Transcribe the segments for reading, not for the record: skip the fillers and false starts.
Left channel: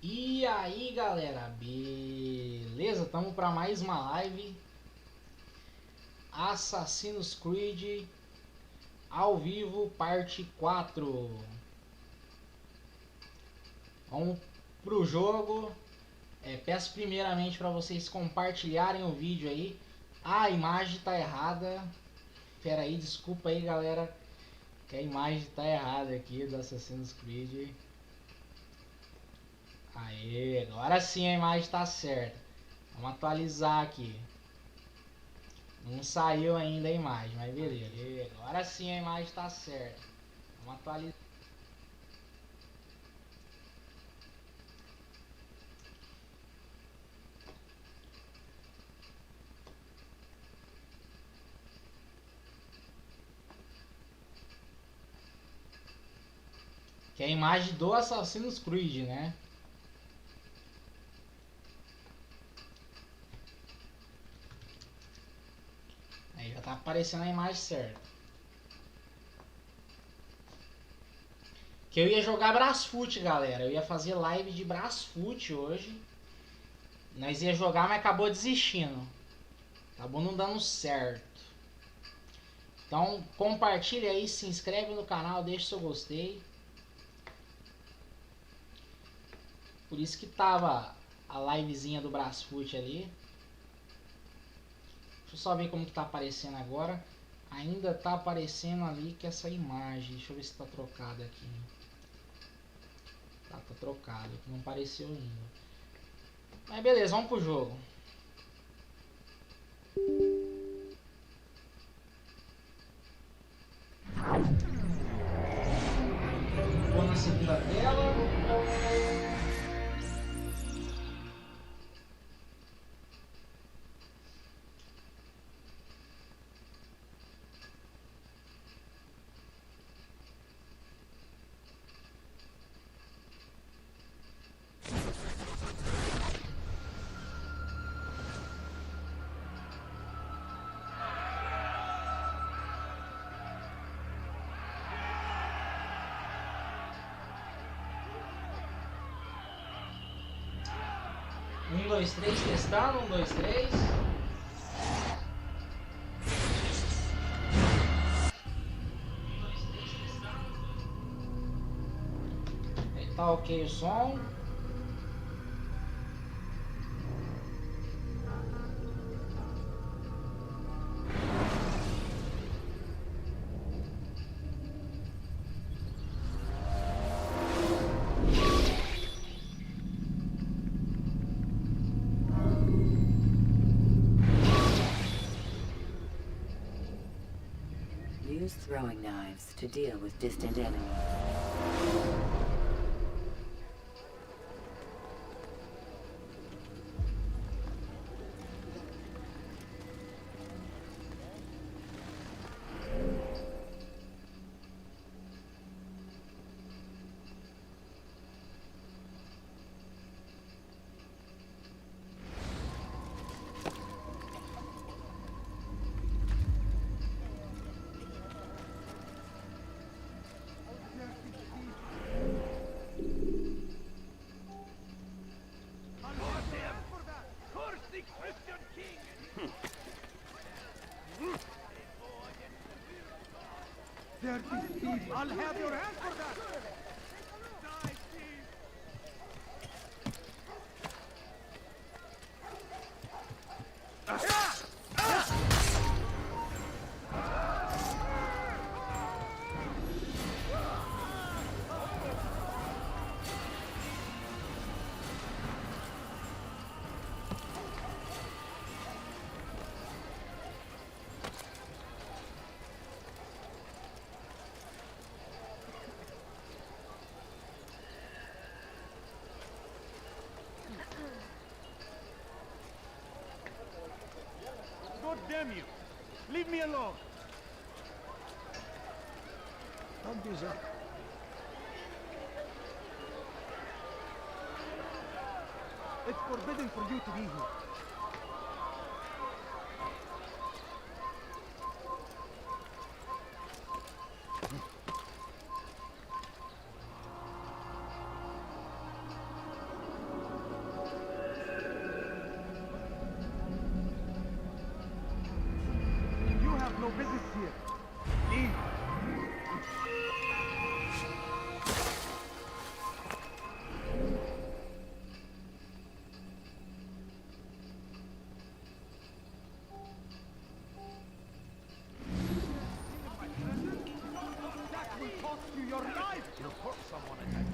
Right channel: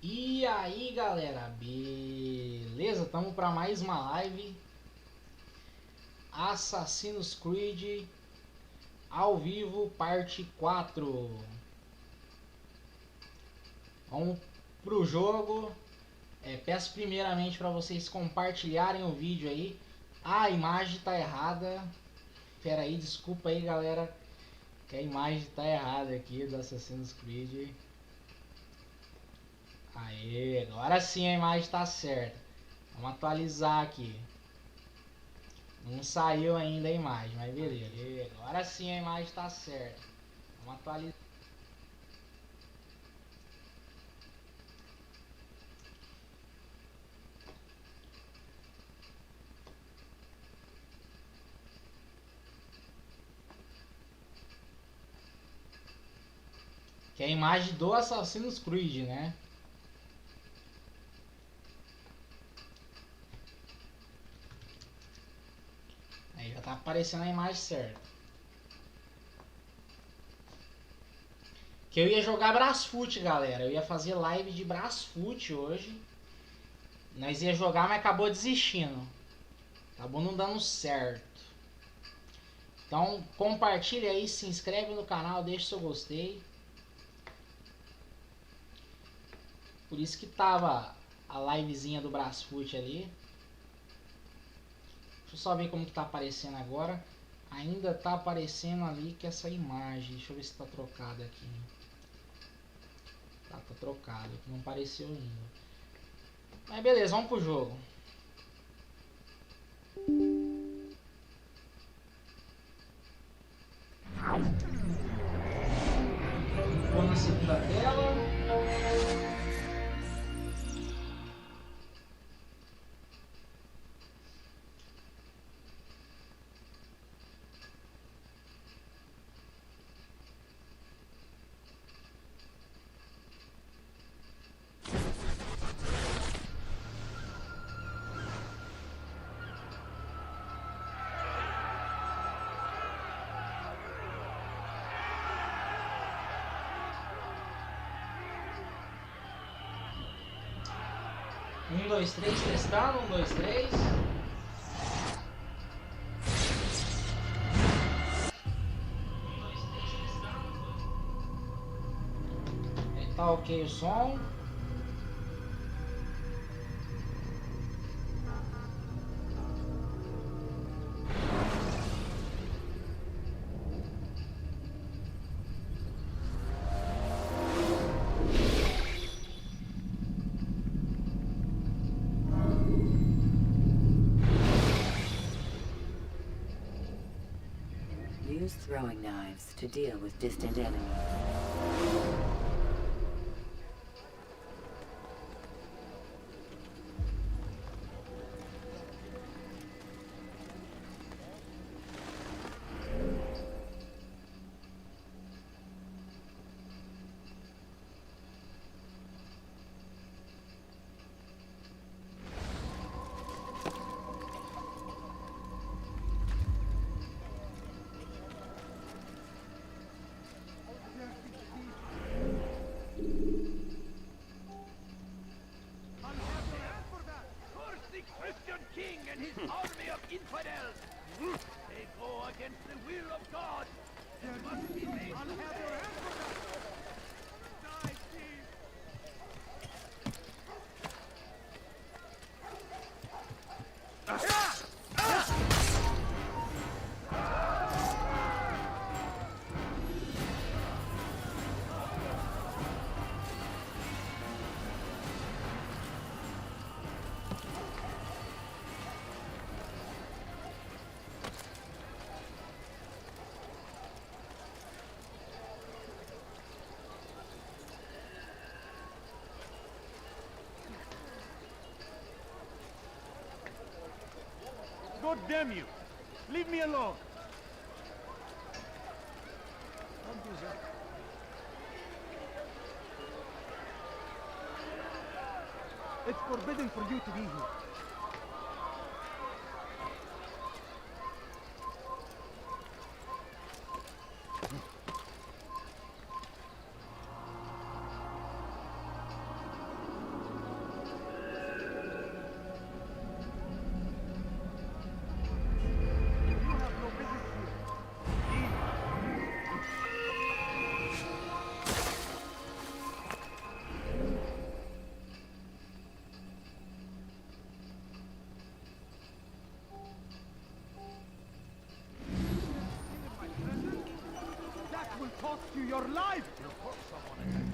E aí galera, beleza? Estamos para mais uma live Assassin's Creed ao vivo, parte 4. Vamos pro jogo. Peço primeiramente para vocês compartilharem o vídeo aí. A imagem tá errada. Pera aí, desculpa aí galera, que a imagem tá errada aqui do Assassin's Creed. Aê, agora sim a imagem tá certa. Vamos atualizar aqui. Não saiu ainda a imagem, mas beleza. E agora sim a imagem está certa. Vamos atualizar. Que é a imagem do Assassin's Creed, né? Aí já tá aparecendo a imagem certa. Que eu ia jogar Brasfoot, galera. Eu ia fazer live de Brasfoot hoje. Nós ia jogar, mas acabou desistindo. Acabou não dando certo. Então compartilha aí, se inscreve no canal, deixa seu gostei. Por isso que tava a livezinha do Brasfoot ali. Deixa eu só ver como que tá aparecendo agora. Ainda tá aparecendo ali que essa imagem. Deixa eu ver se tá trocada aqui. Tá trocado. Não apareceu ainda. Mas beleza, vamos pro jogo. Vou na segunda tela. Um, dois, três, testando. Um, dois, três. Tá ok o som. Use throwing knives to deal with distant enemies. I'll have your hand for that! Die, thief! God damn you! Leave me alone! Don't do that. It's forbidden for you to be here. cost you your life! You'll hurt someone again.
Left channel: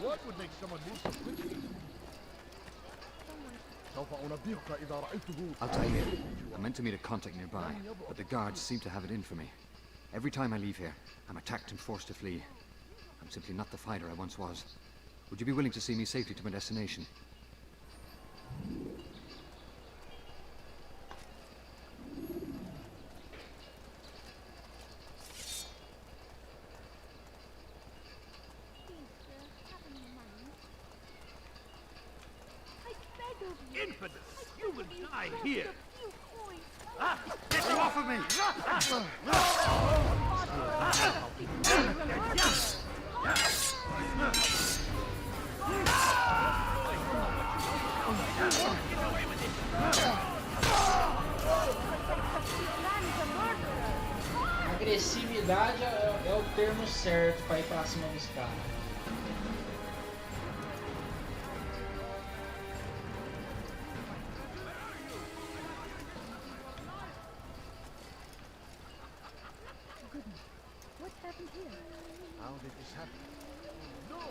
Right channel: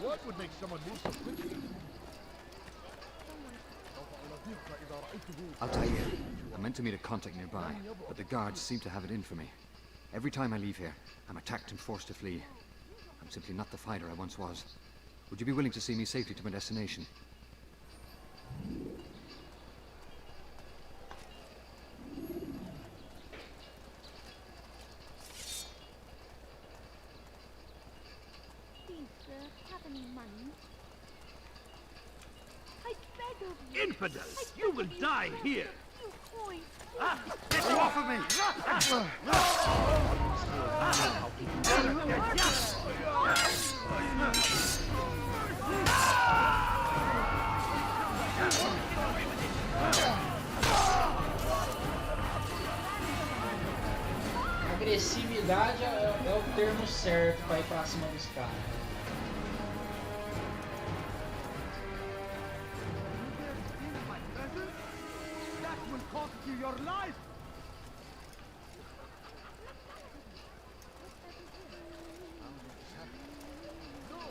What would make someone move so quickly? Altair, I meant to meet a contact nearby, but the guards seem to have it in for me. Every time I leave here, I'm attacked and forced to flee. I'm simply not the fighter I once was. Would you be willing to see me safely to my destination? Please, sir, have any money? I beg of you. Infidels! You will die here! A few coins. Get you off of me! Agressividade é o termo certo pra ir pra cima dos caras. That will cost you your life! What happened here? How did this happen? No!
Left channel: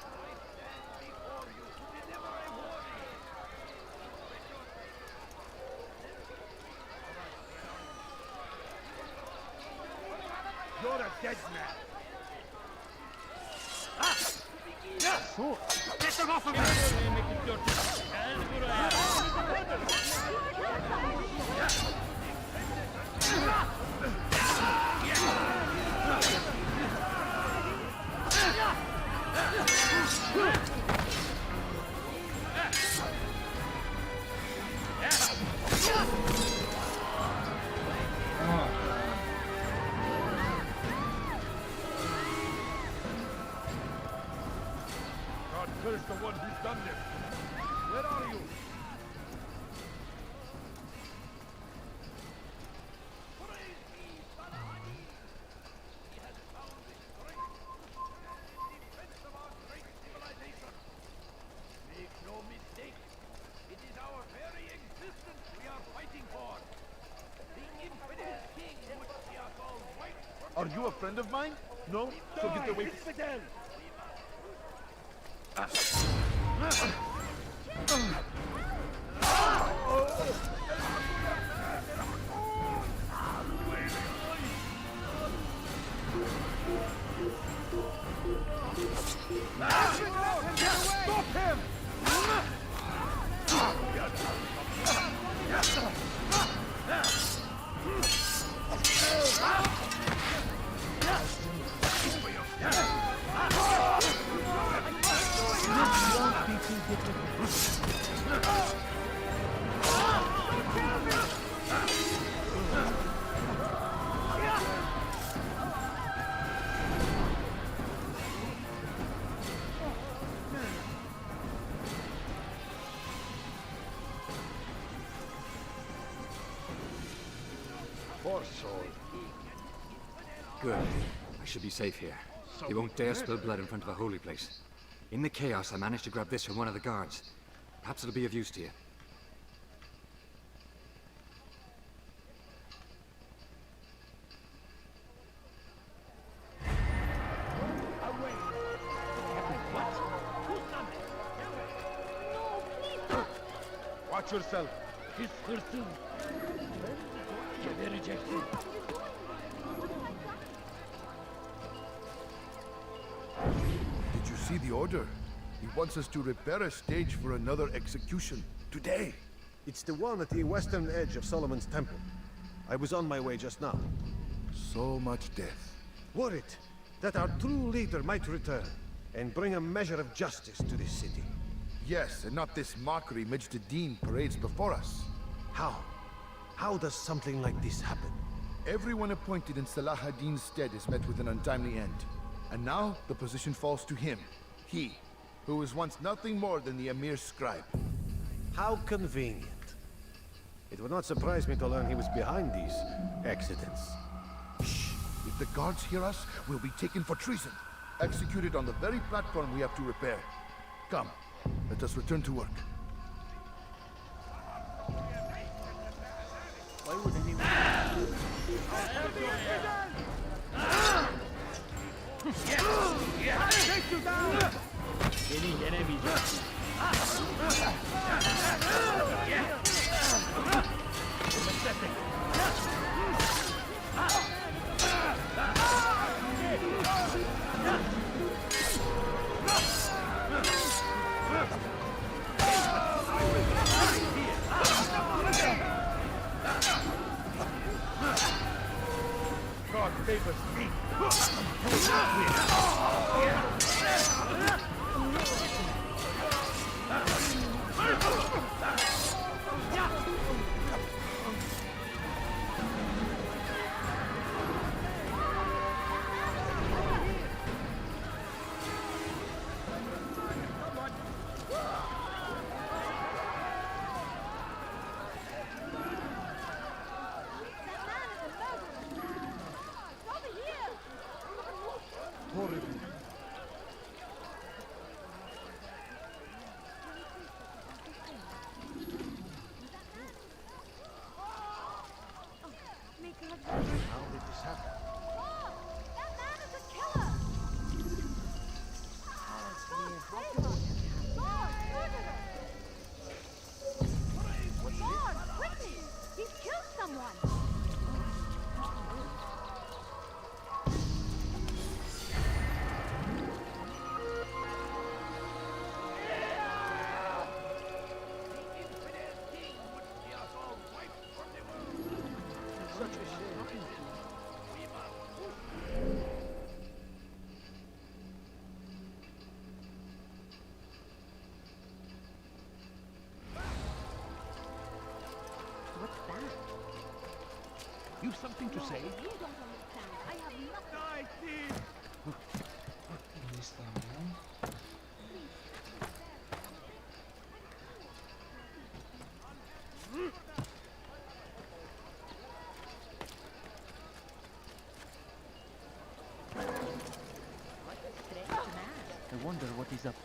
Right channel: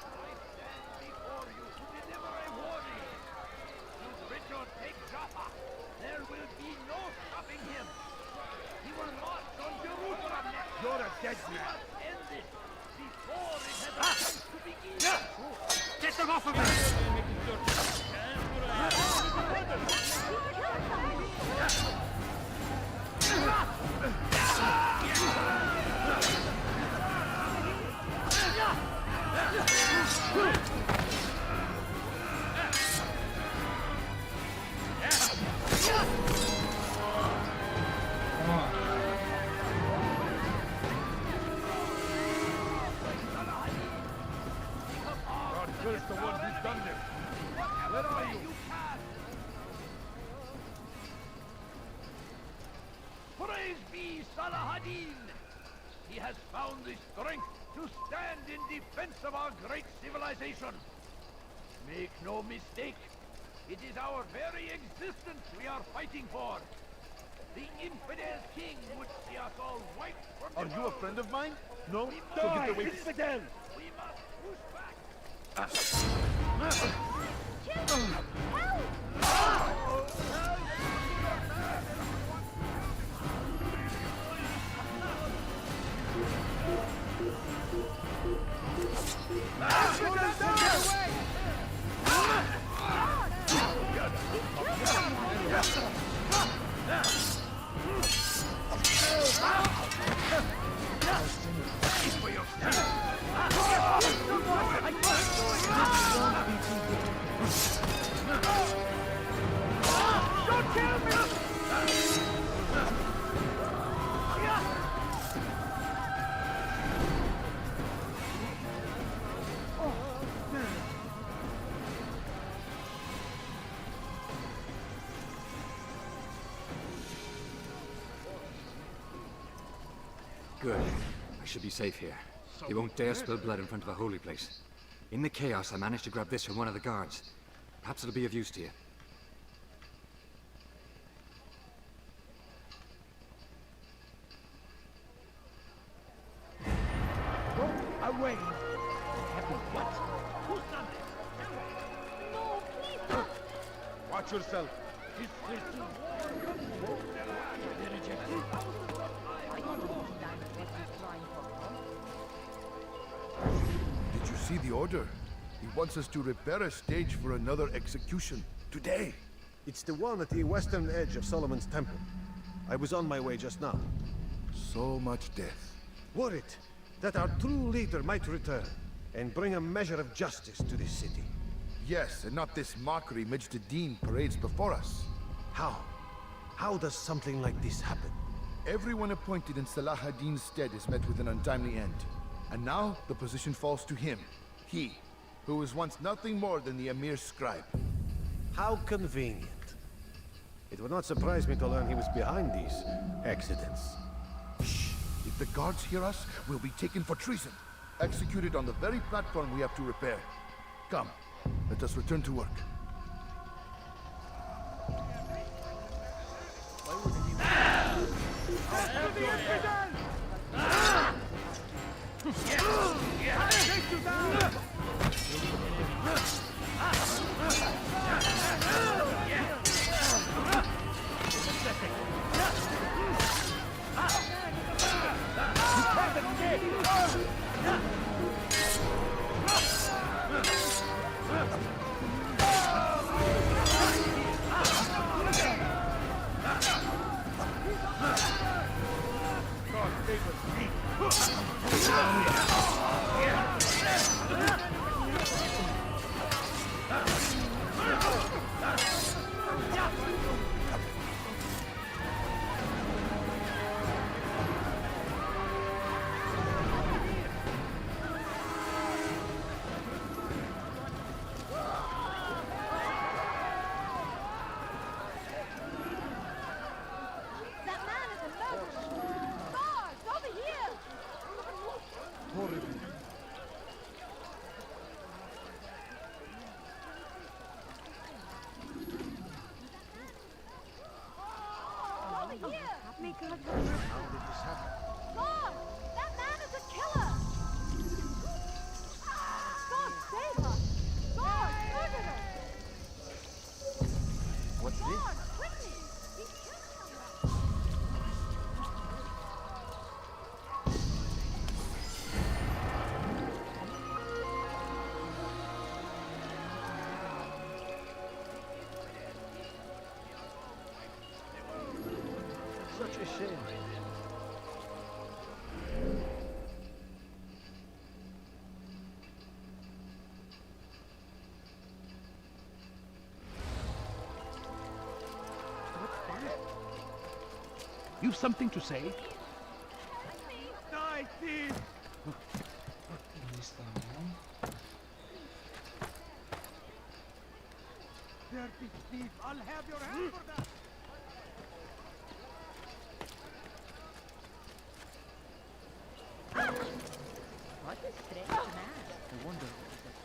I stand before you to deliver a warning! You Britons take Jaffa! There will be no stopping him! You are lost on Jerusalem! You're a dead man! Get them off of me! God curse the one who's done this! Where are you? Praise be Salahadin! He has found the strength to stand in defense of our great civilization. Make no mistake, it is our very existence we are fighting for. The infidel king would see us all wiped from Are you a friend of mine? No? So get away. infidel! We must push back. Good. I should be safe here. He won't dare spill blood in front of a holy place. In the chaos, I managed to grab this from one of the guards. Perhaps it'll be of use to you. Away! What? Who's done this? No, please. Watch yourself. He's 13. They rejected. Did you see the order? He wants us to repair a stage for another execution. Today. It's the one at the western edge of Solomon's Temple. I was on my way just now. So much death. Worried that our true leader might return and bring a measure of justice to this city. Yes, and not this mockery Majd parades before us. How? How does something like this happen? Everyone appointed in Salah ad-Din's stead is met with an untimely end. And now, the position falls to him. He, who was once nothing more than the Emir's scribe. How convenient. It would not surprise me to learn he was behind these accidents. Shh! If the guards hear us, we'll be taken for treason. Executed on the very platform we have to repair. Come, let us return to work. God favors me. That man is a murderer. Guards, over here! Over here! May God have mercy. How did this happen? God! That man is a killer! God, save us! God, murderer! What's this? God, quickly! He killed someone! Such a shame. What's that? You've something to say? Die, thief! Eles também. I'll have your hand for that! I wonder what he's up to.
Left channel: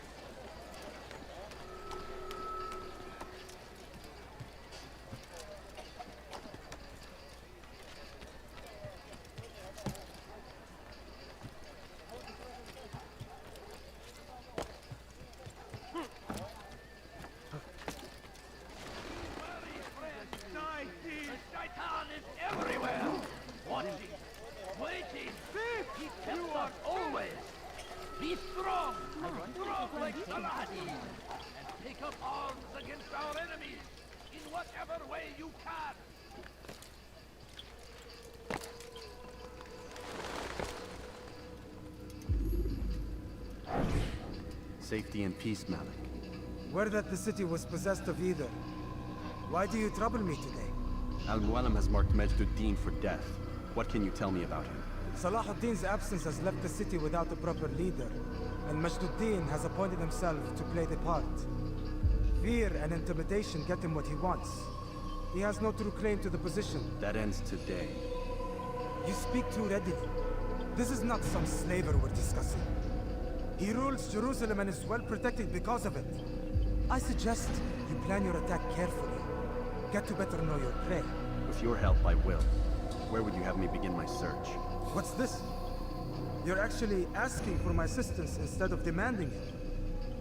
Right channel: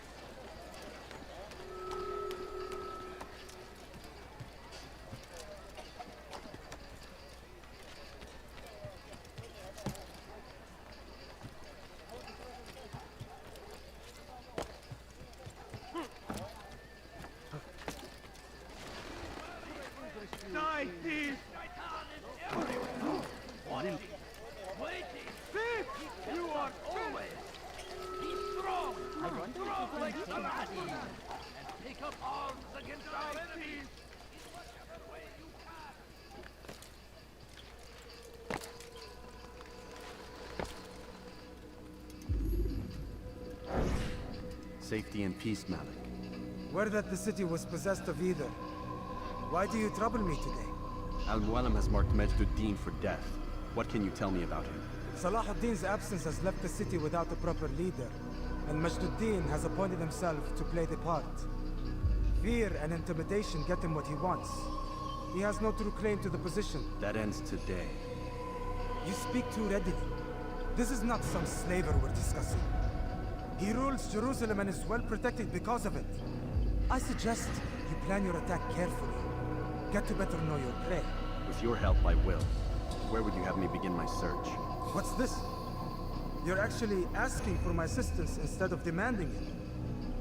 Die, thief! Shaitan is everywhere! Watching, waiting! Thief! You are always! Be strong! Strong like Saladin! And take up arms against our enemies in whatever way you can! Safety and peace, Malik. Word that the city was possessed of either. Why do you trouble me today? Al-Mualim has marked Majduddin for death. What can you tell me about him? Salah ad-Din's absence has left the city without a proper leader, and Majduddin has appointed himself to play the part. Fear and intimidation get him what he wants. He has no true claim to the position. That ends today. You speak too readily. This is not some slaver we're discussing. He rules Jerusalem and is well protected because of it. I suggest you plan your attack carefully. Get to better know your prey. With your help, I will. Where would you have me begin my search? What's this? You're actually asking for my assistance instead of demanding it.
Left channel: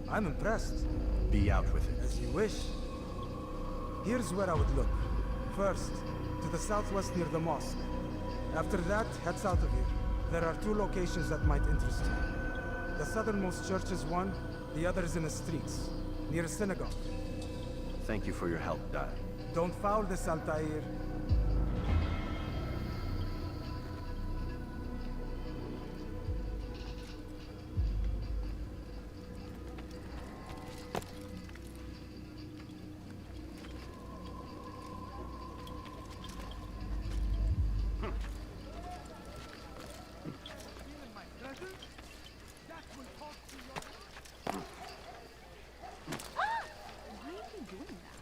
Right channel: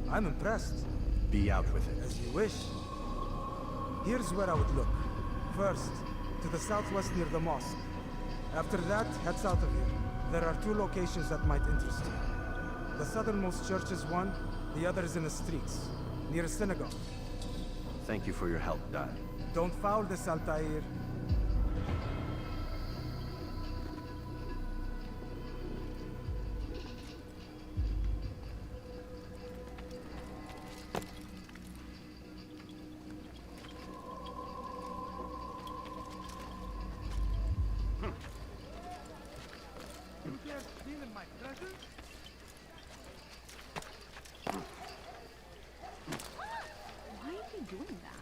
I'm impressed. Be out with it. As you wish. Here's where I would look. First, to the southwest near the mosque. After that, head south of here. There are 2 locations that might interest you. The southernmost church is one, the other is in the streets, near a synagogue. Thank you for your help, Dad. Don't foul this, Altair. Why is he doing that?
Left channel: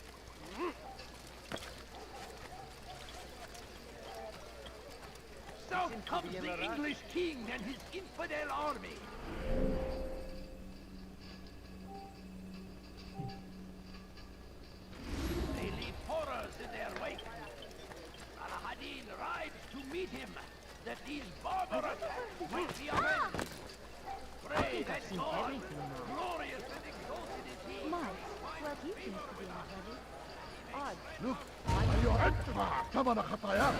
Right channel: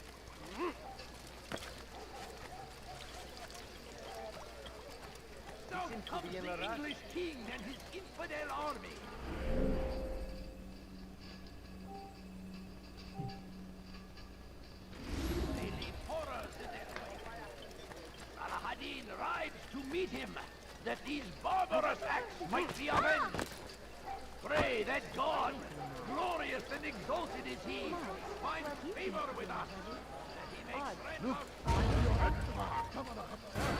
South comes the English king and his infidel army! They leave horrors in their wake. Salah ad-Din rides to meet him. These barbarous acts might be avenged. Pray that God, glorious and exalted is He, finds favor with us. Look, your head. Come on, Akhataya.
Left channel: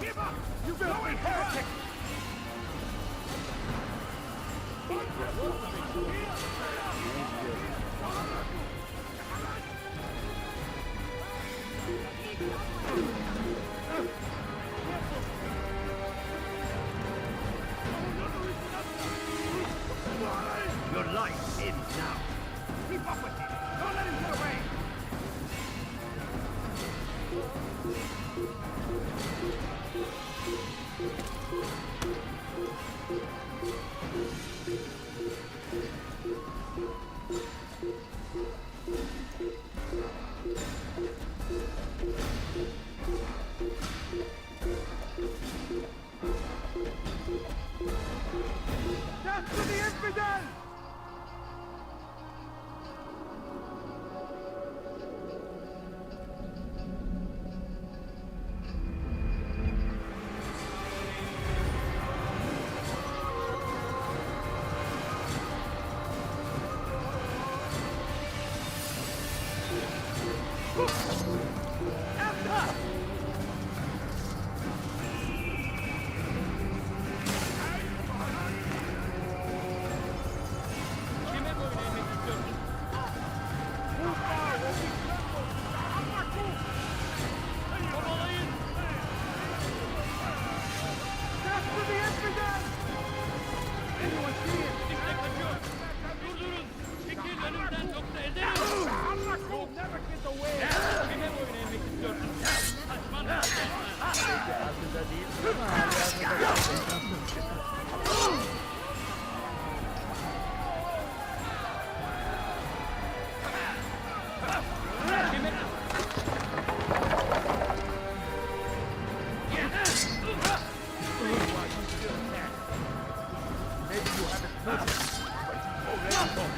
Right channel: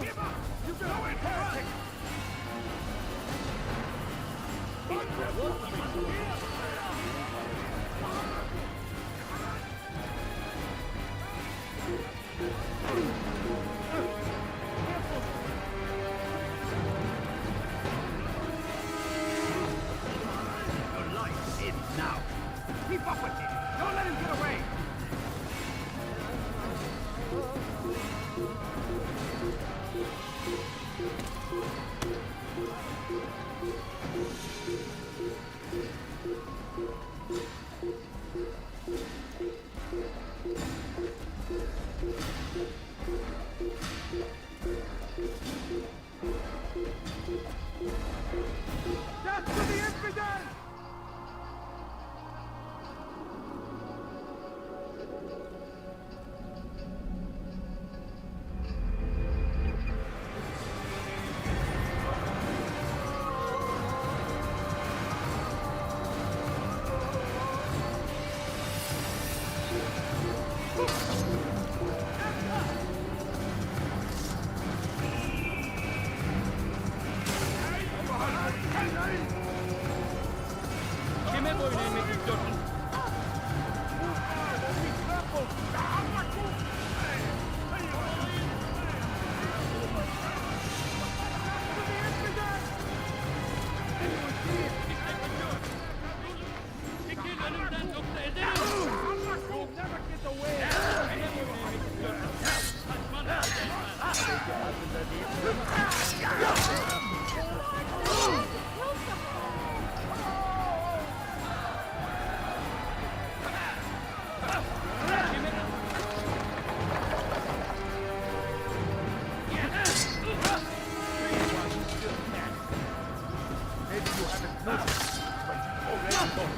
Give up! You going heretic! Your life ends now. Keep up with him! Don't let him get away! Death to the infidel! You'll never get away! Maybe you haven't noticed, but you've already gone.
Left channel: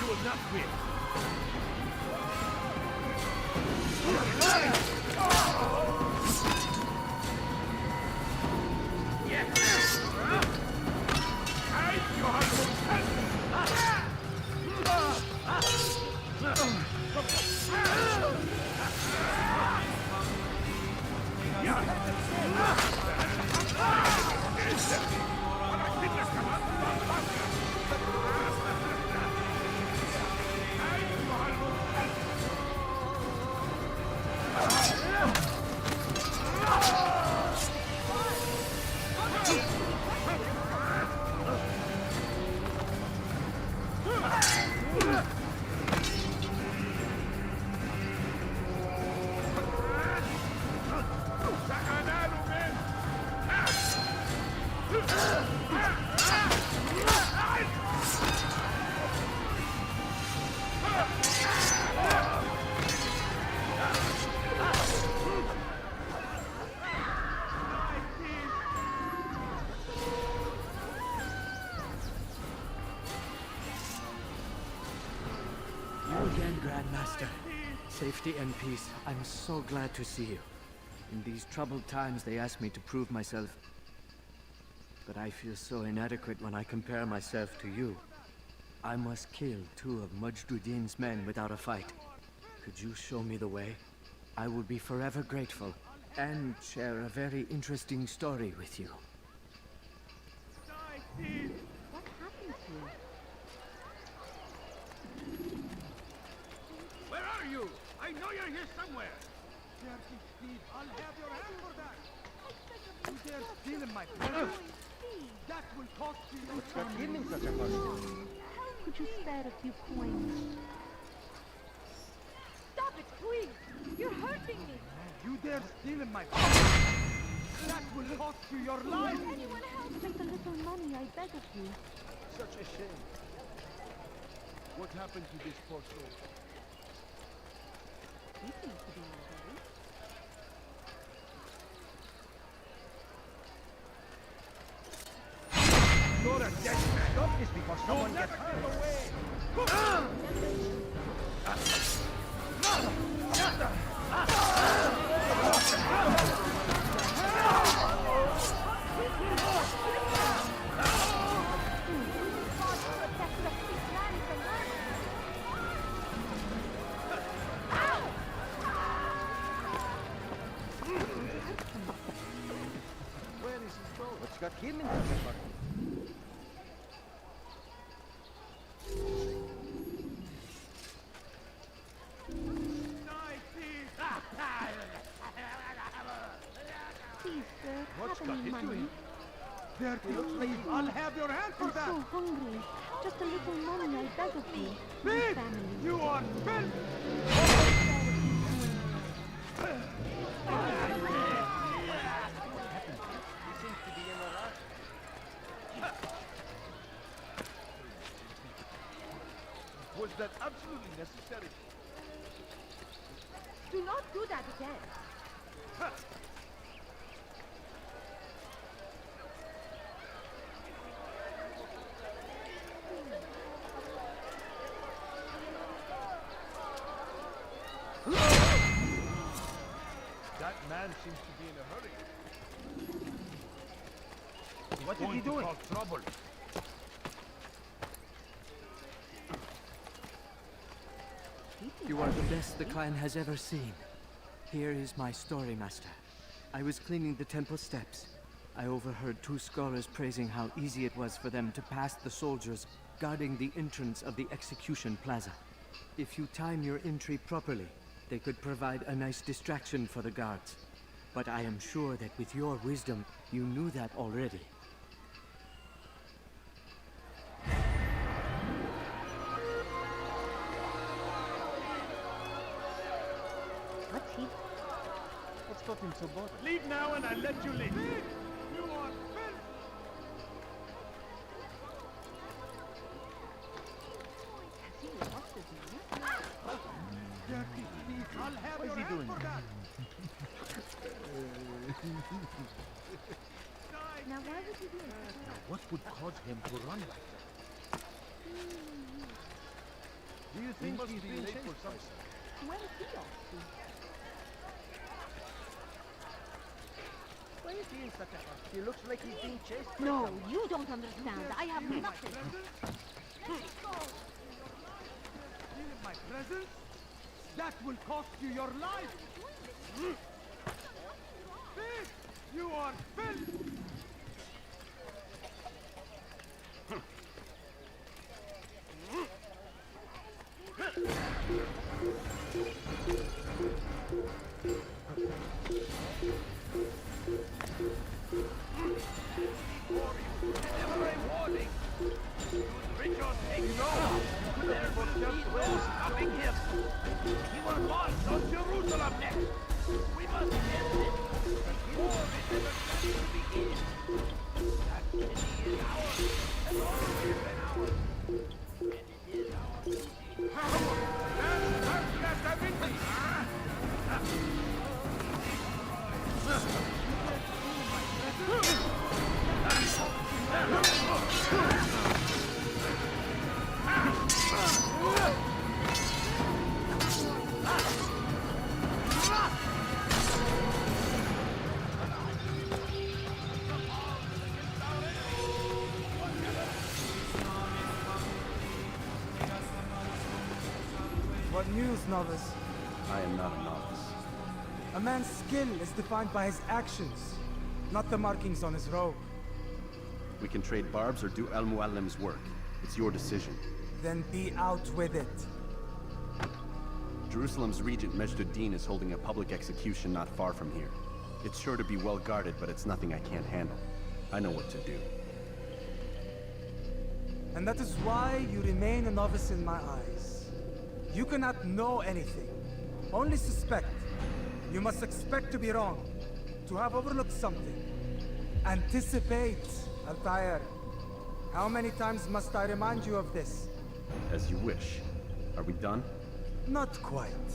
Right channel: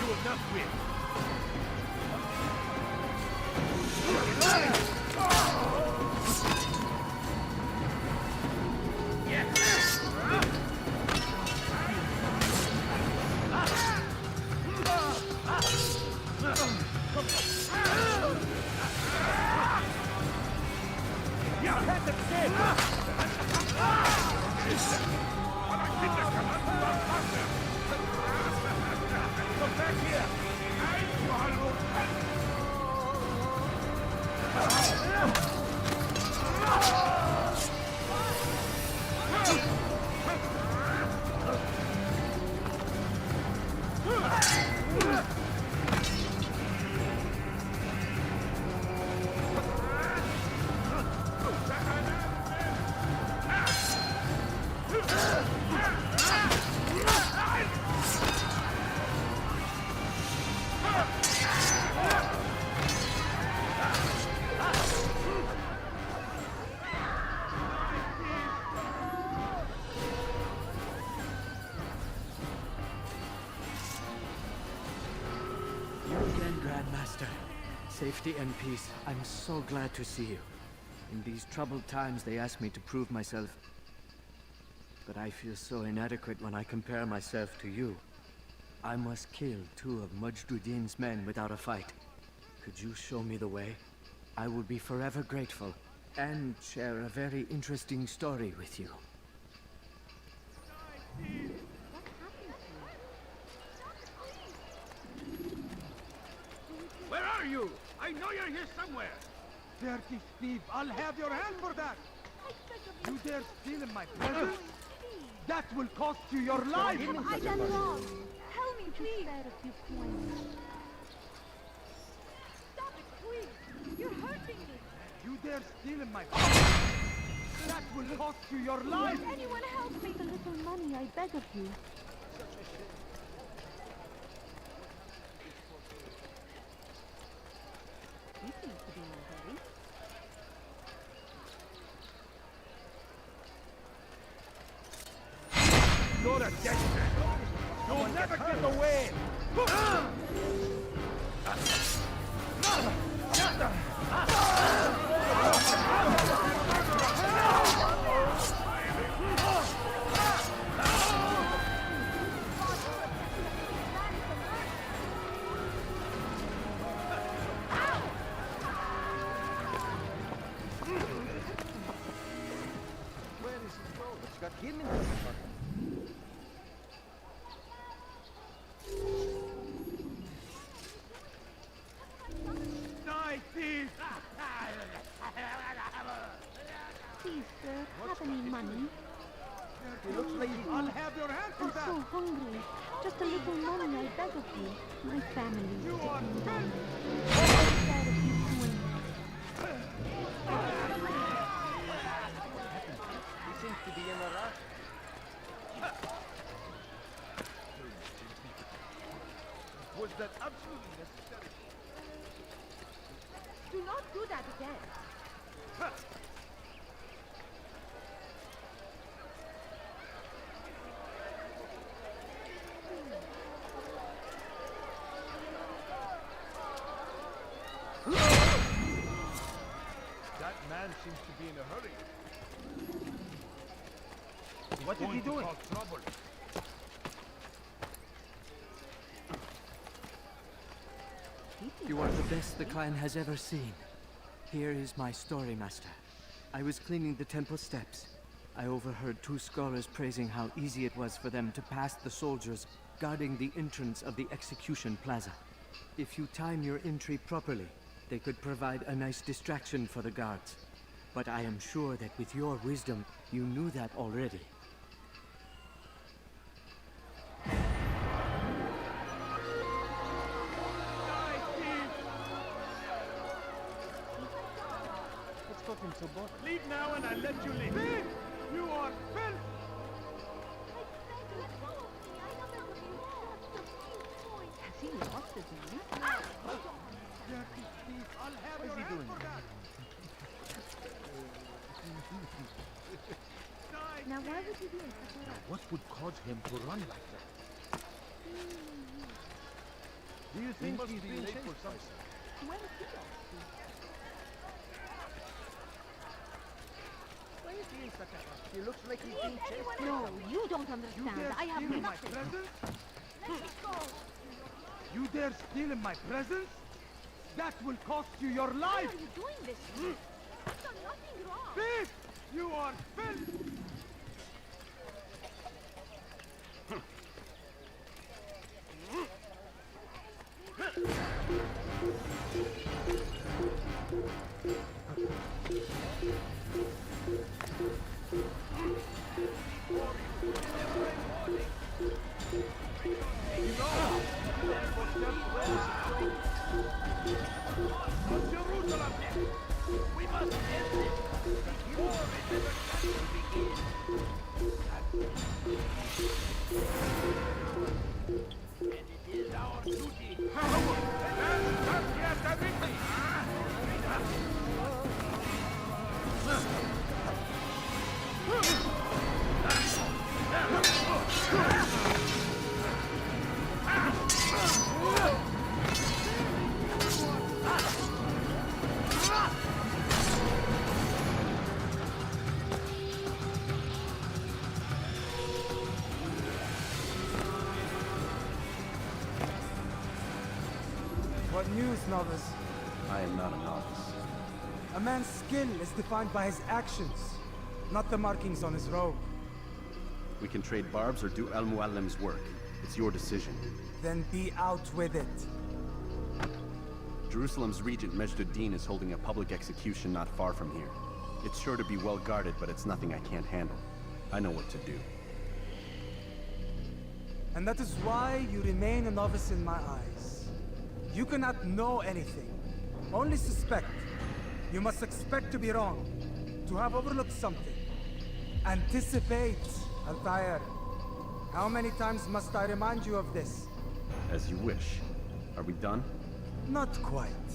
You will not win. You again, Grandmaster. Safety and peace. I'm so glad to see you. In these troubled times, they ask me to prove myself. But I feel so inadequate when I compare myself to you. I must kill 2 of Majduddin's men without a fight. Could you show me the way? I will be forever grateful, and share a very interesting story with you. What happened to you? Where are you? I know you're here somewhere! Dirty thief, I'll have your hand for that! You dare steal in my presence? That will cost you your life! I've done wrong. Help me, please. Spare a few coins. Stop it, please! You're hurting me! You dare steal in my presence? That will cost you your life! Anyone help me? The little money, I beg of you. Such a shame. What happened to this poor soul? He seems to be all right. You're a dead man. Stop this before someone gets hurt. You'll never get away. Where is his boat? What's got him into the fucking... Please, sir, have any money? It looks like I'll have your hand for I'm that. so hungry. Just a little money, I beg of you. My Big, family. you are filth. He seems to be in a rush. Was that absolutely necessary? Do not do that again. That man seems to be in a hurry. What is he doing? Cause trouble. You are the best the clan has ever seen. Here is my story, Master. I was cleaning the temple steps. I overheard two scholars praising how easy it was for them to pass the soldiers guarding the entrance of the execution plaza. If you time your entry properly, they could provide a nice distraction for the guards. But I am sure that with your wisdom, you knew that already. What's got him so bothered? Leave now and I'll let you leave. Leave! You are filth! Has he lost his mind? Dirty thief! I'll have What is your he hand doing? for that! Now why would he do it? What would cause him to run like that? Do you He think must he's be being late chased for by something. Where is he off to? Why is he in such a hurry? He looks like he's being chased by No, someone. you don't understand. I have Steal in my nothing. presence? You dare steal in my presence? That will cost you your Why life! are you doing this? You've done nothing wrong. Thief! You are filth! Jerusalem next! We must end this before it ever starts to begin! That city is ours. And it is our duty. What news, novice? I am not a novice. A man's skill is defined by his actions, not the markings on his robe. We can trade barbs or do Al Muallim's work. It's your decision. Then be out with it. Jerusalem's regent Majd-ud-Din is holding a public execution not far from here. It's sure to be well guarded, but it's nothing I can't handle. I know what to do. And that is why you remain a novice in my eyes. You cannot know anything, only suspect. You must expect to be wrong, to have overlooked something. Anticipate, Altair. How many times must I remind you of this? As you wish. Are we done? Not quite.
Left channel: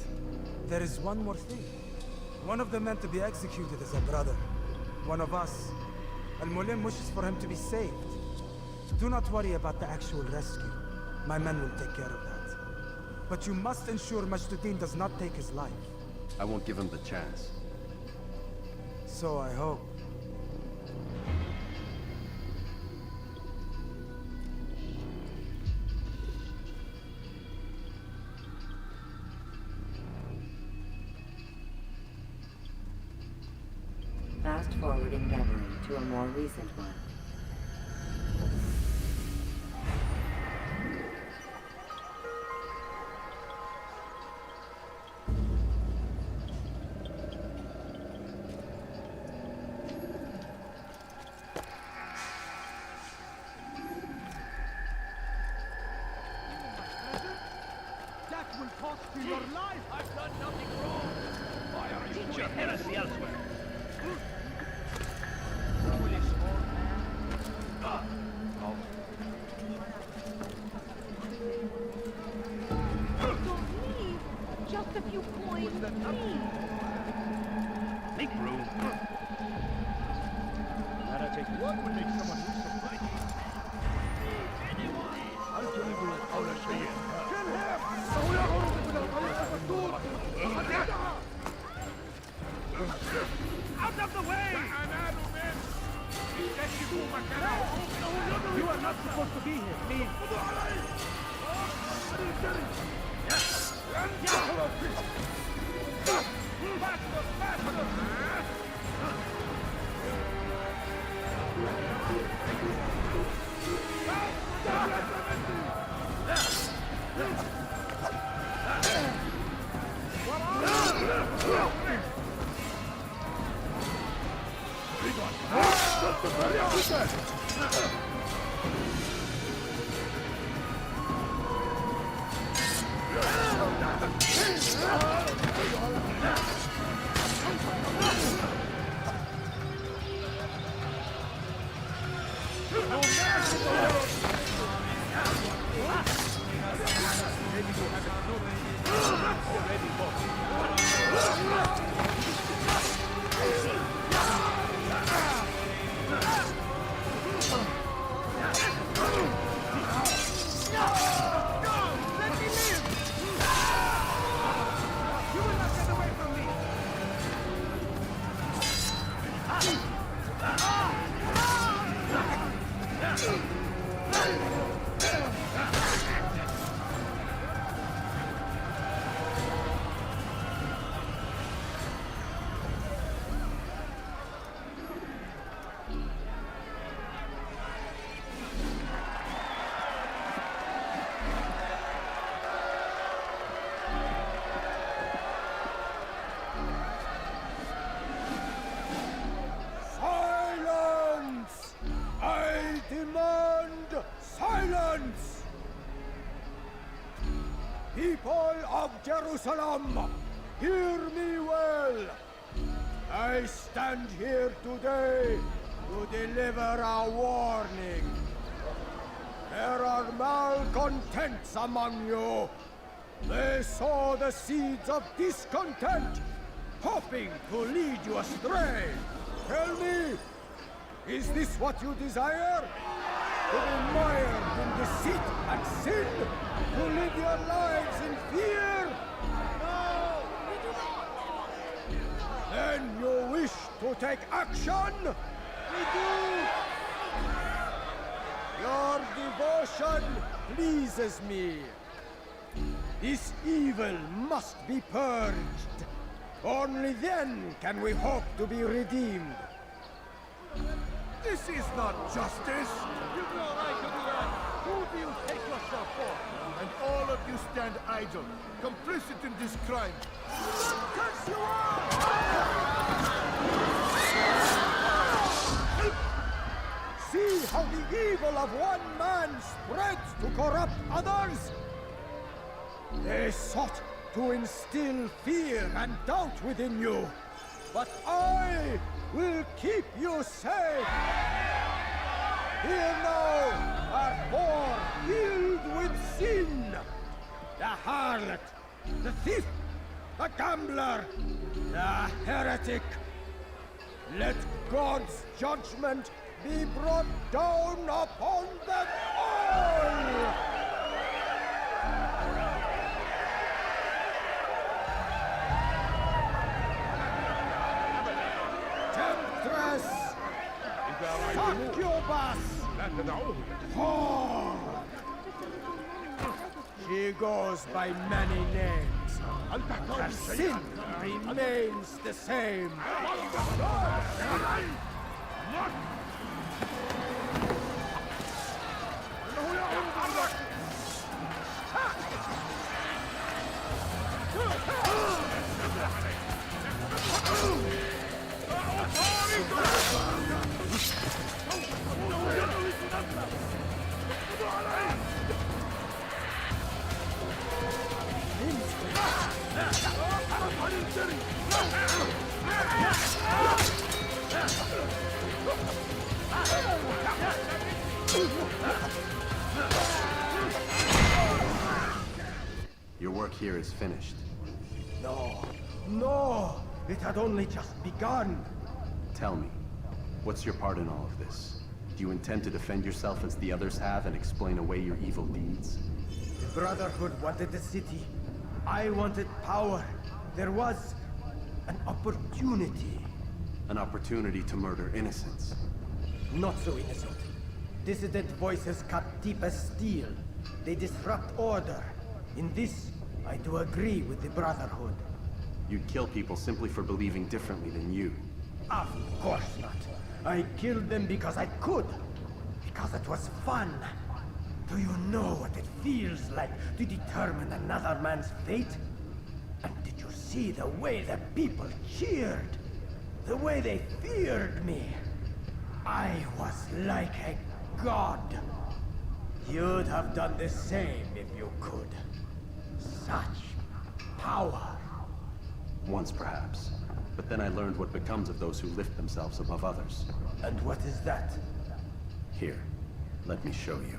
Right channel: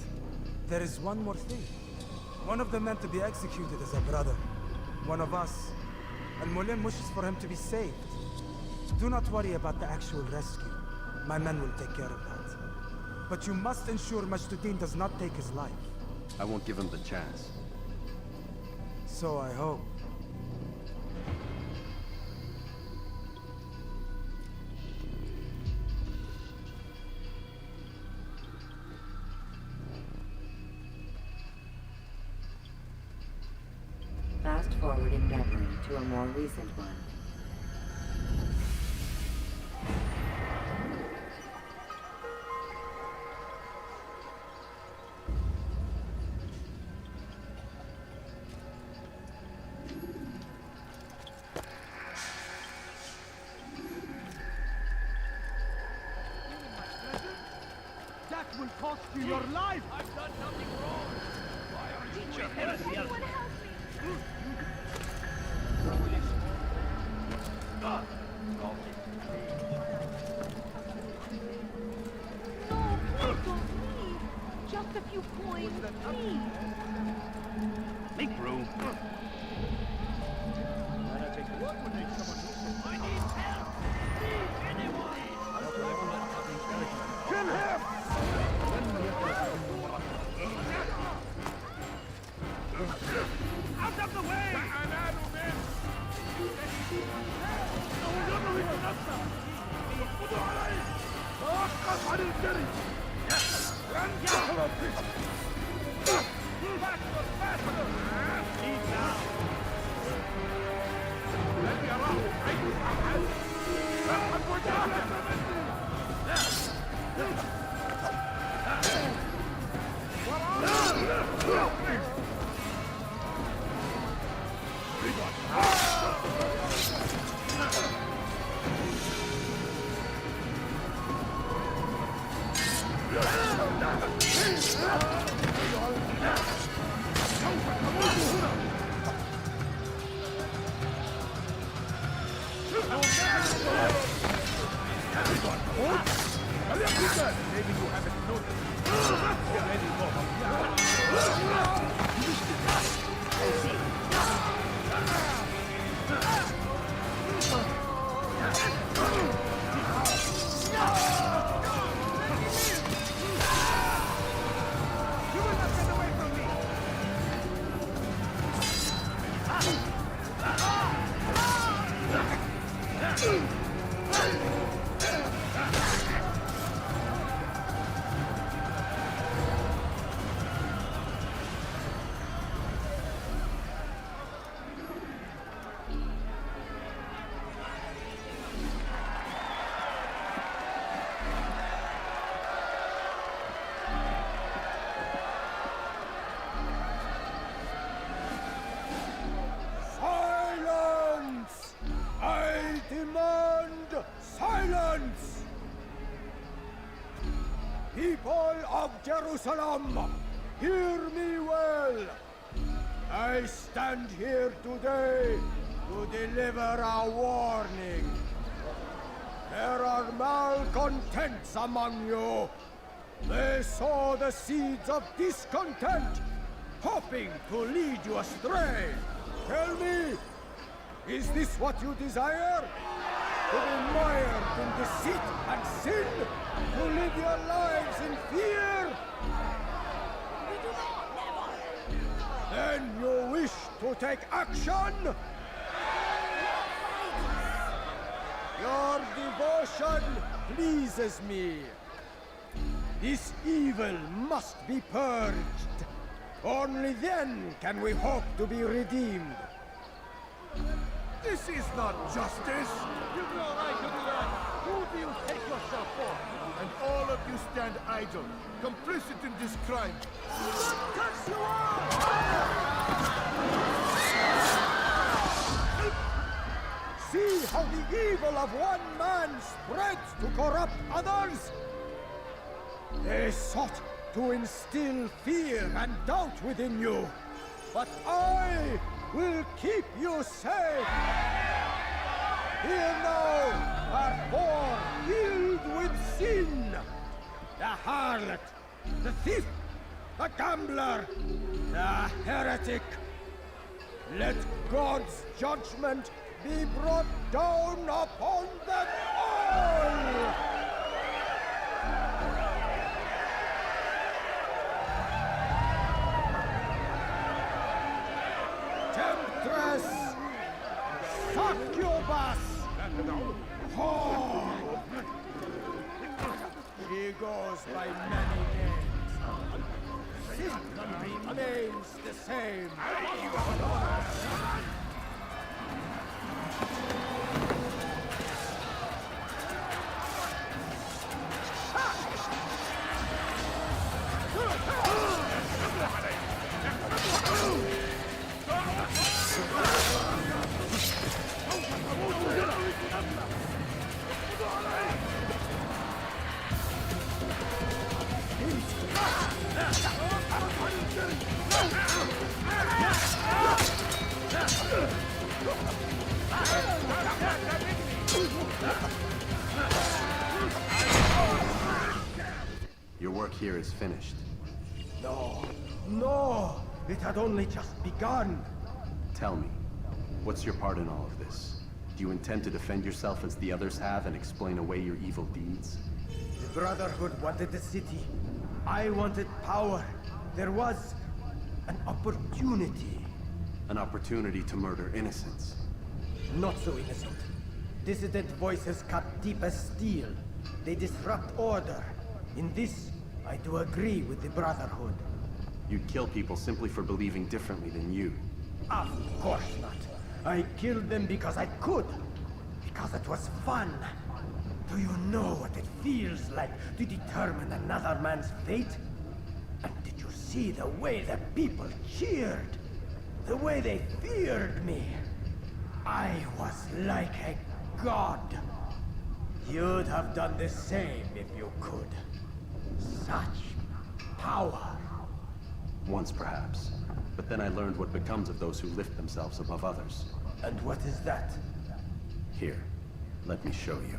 There is one more thing. One of the men to be executed is a brother. One of us. Al-Mulim wishes for him to be saved. Do not worry about the actual rescue. My men will take care of that. But you must ensure Majduddin does not take his life. I won't give him the chance. So I hope. Fast forwarding memory to a more recent one. That will cost you your life! I've done nothing wrong! Why are you doing heresy elsewhere? Don't leave. Just a few coins, please. Make room. That'll take what would make someone lose some money? I need help! Need anyone! Kill him! Out of the way! You are not supposed to be here. Please. Faster! Faster! Maybe you haven't noticed. Already You will not get away from me! Silence! I demand silence! People of Jerusalem, hear me well. I stand here today to deliver a warning. There are malcontents among you. They sow the seeds of discontent, hoping to lead you astray. Tell me, is this what you desire? To be mired in deceit and sin? To live your lives in fear? Then you wish to take action? Your devotion pleases me. This evil must be purged. Only then can we hope to be redeemed. This is not justice! You've no right to do that! Who do you take yourself for? And all of you stand idle, complicit in this crime. Touch you all! See how the evil of one man spreads to corrupt others? They sought to instill fear and doubt within you, but I will keep you safe. Here now are four filled with sin. The harlot, the thief, the gambler, the heretic. Let God's judgment be brought down upon them all! Temptress! Succubus! Whore! She goes by many names. Her sin remains the same. Your work here is finished. No, no! It had only just begun. Tell me, what's your part in all of this? Do you intend to defend yourself as the others have and explain away your evil deeds? The Brotherhood wanted the city. I wanted power. There was an opportunity. An opportunity to murder innocents. Not so innocent. Dissident voices cut deep as steel. They disrupt order. In this, I do agree with the Brotherhood. You'd kill people simply for believing differently than you. Of course not. I killed them because I could. Because it was fun. Do you know what it feels like to determine another man's fate? And did you see the way the people cheered? The way they feared me? I was like a god. You'd have done the same if you could. Such power. Once perhaps. But then I learned what becomes of those who lift themselves above others. And what is that? Here, let me show you.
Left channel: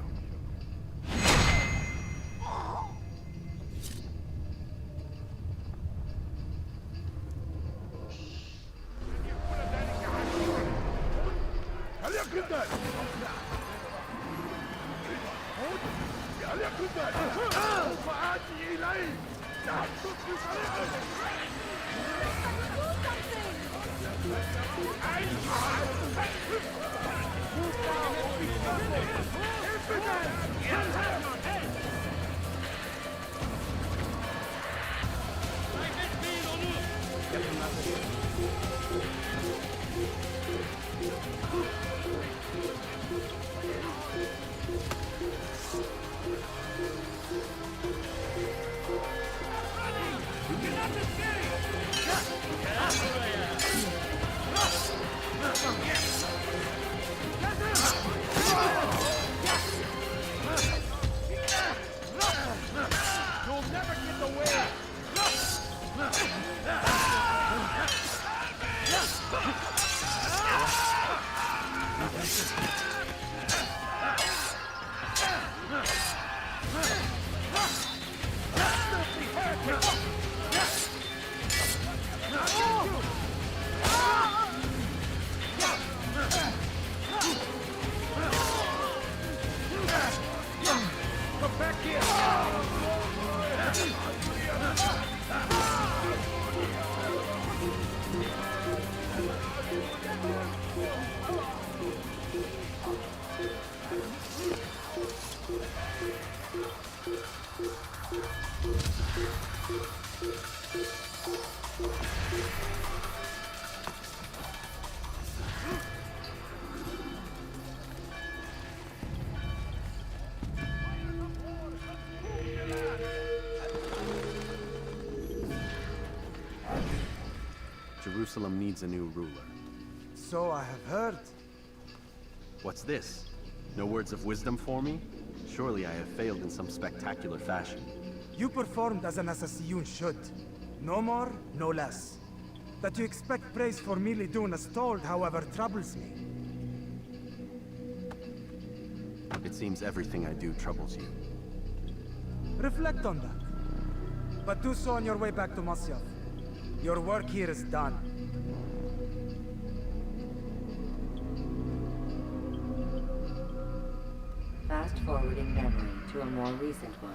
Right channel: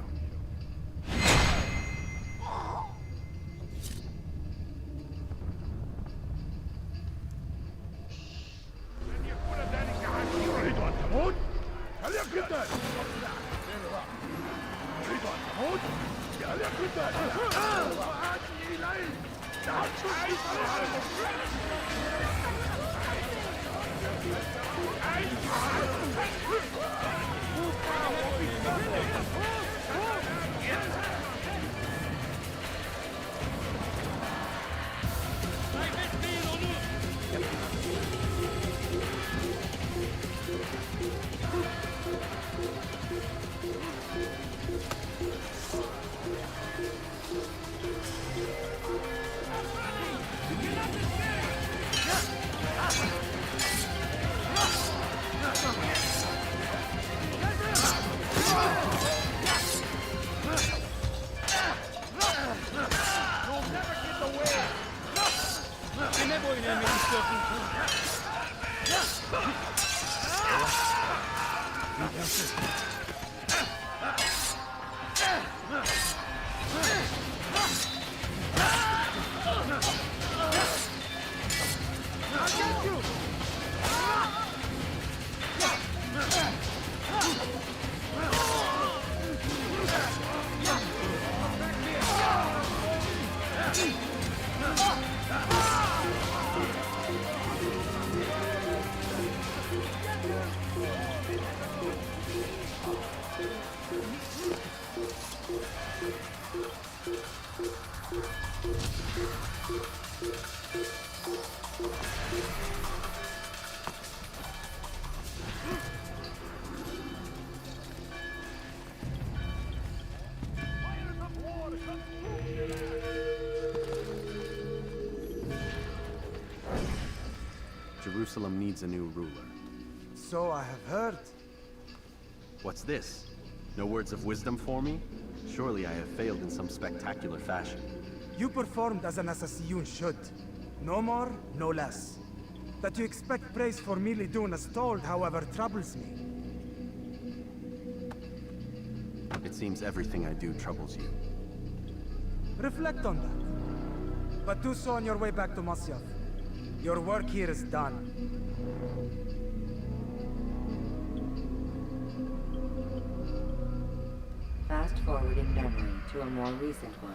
Jerusalem needs a new ruler. So I have heard. What's this? No words of wisdom for me? Surely I have failed in some spectacular fashion. You performed as an assassin should. No more, no less. That you expect praise for merely doing as told, however, troubles me. It seems everything I do troubles you. Reflect on that. But do so on your way back to Masyaf. Your work here is done. Fast forwarding memory to a more recent one.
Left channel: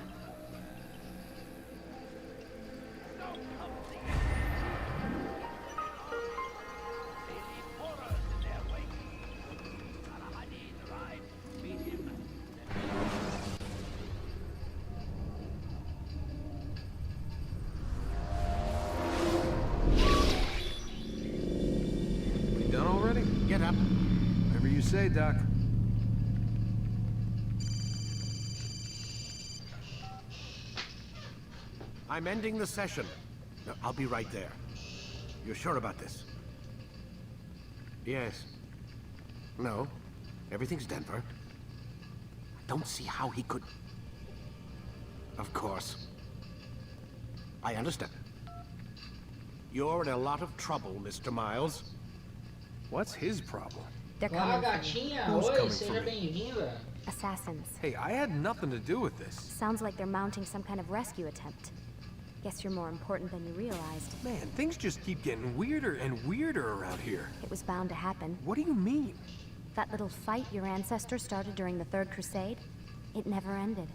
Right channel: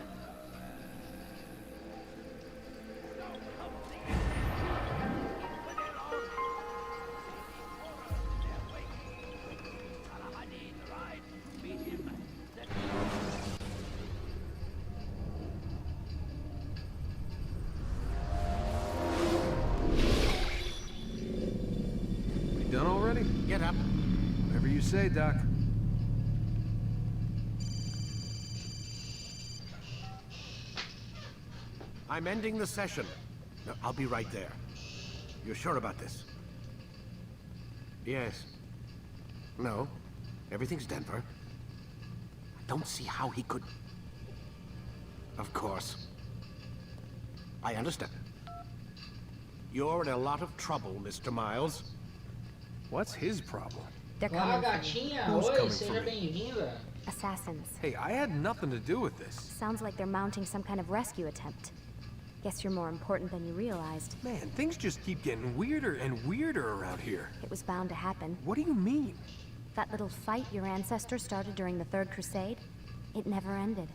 We done already? Get up. Whatever you say, Doc. I'm ending the session. No, I'll be right there. You're sure about this? Yes. No. Everything's Denver. I don't see how he could... Of course. I understand. You're in a lot of trouble, Mr. Miles. What's his problem? They're Olá, coming for me. gatinha. Who's Oi, coming seja for me? bem-vinda. Assassins. Hey, I had nothing to do with this. Sounds like they're mounting some kind of rescue attempt. Guess you're more important than you realized. Man, things just keep getting weirder and weirder around here. It was bound to happen. What do you mean? That little fight your ancestors started during the Third Crusade, it never ended.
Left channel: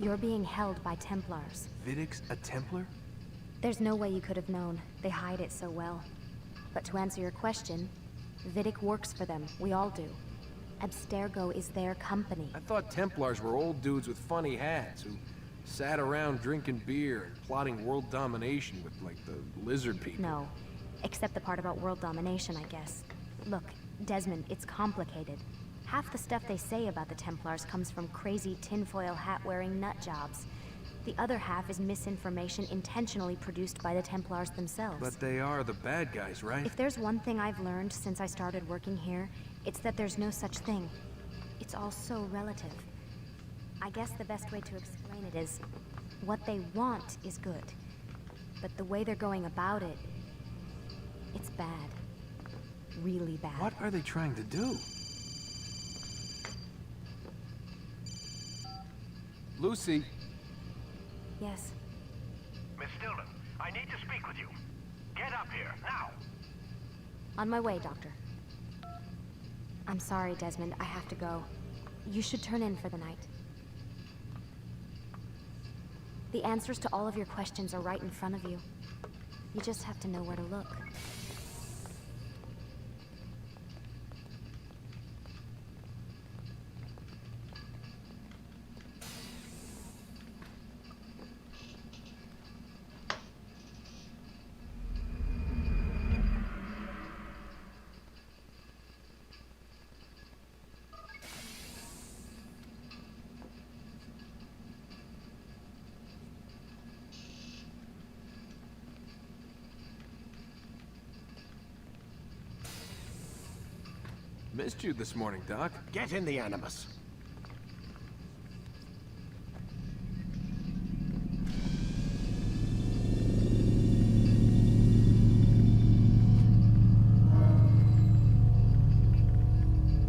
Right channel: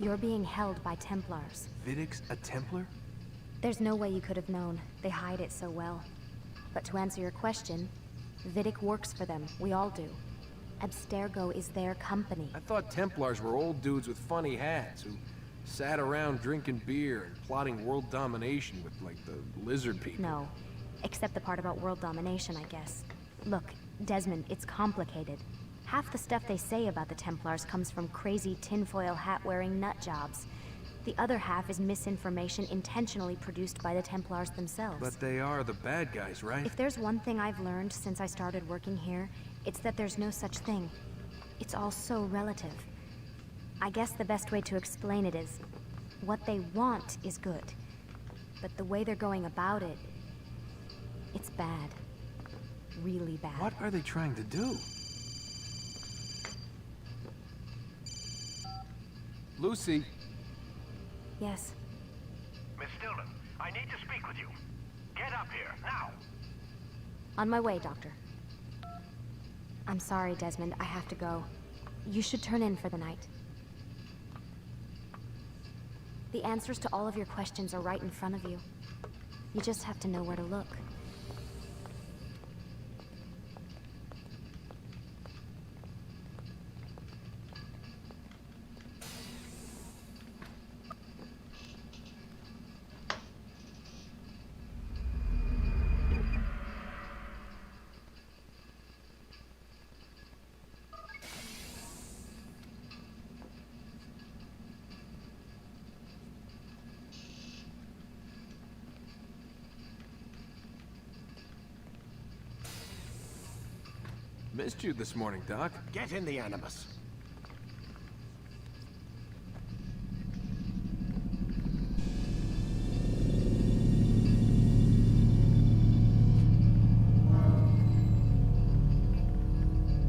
You're being held by Templars. Vidic's a Templar? There's no way you could have known. They hide it so well. But to answer your question, Vidic works for them. We all do. Abstergo is their company. I thought Templars were old dudes with funny hats who sat around drinking beer and plotting world domination with, like, the lizard people. No. Except the part about world domination, I guess. Look, Desmond, it's complicated. Half the stuff they say about the Templars comes from crazy tinfoil hat-wearing nut jobs. The other half is misinformation intentionally produced by the Templars themselves. But they are the bad guys, right? If there's one thing I've learned since I started working here, it's that there's no such thing. It's all so relative. I guess the best way to explain it is, what they want is good. But the way they're going about it, it's bad. Really bad. What are they trying to do? Lucy. Yes. Miss Stillman, I need to speak with you. Get up here, now! On my way, Doctor. I'm sorry, Desmond. I have to go. You should turn in for the night. The answers to all of your questions are right in front of you. You just have to know where to look. Missed you this morning, Doc. Get in the Animus.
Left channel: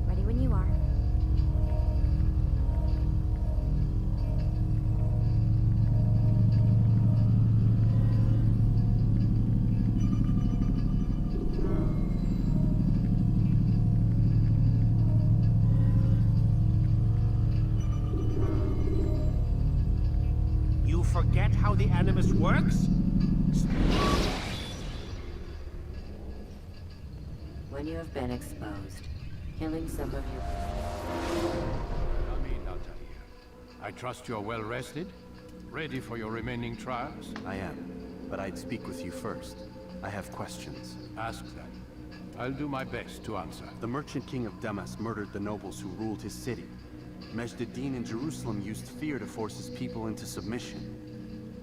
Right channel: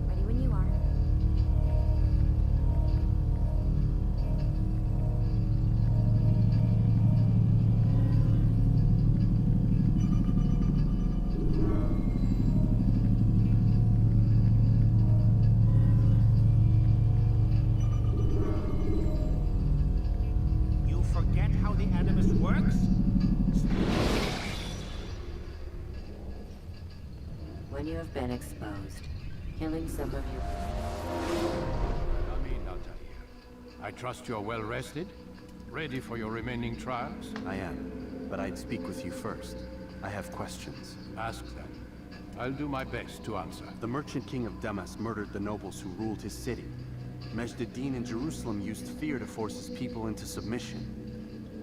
Ready when you are. You forget how the Animus works? When you have been exposed, killing some of your... Come in, Altair. I trust you're well rested? Ready for your remaining trials? I am, but I'd speak with you first. I have questions. Ask them. I'll do my best to answer. The merchant king of Damas murdered the nobles who ruled his city. Majd-ad-Din in Jerusalem used fear to force his people into submission.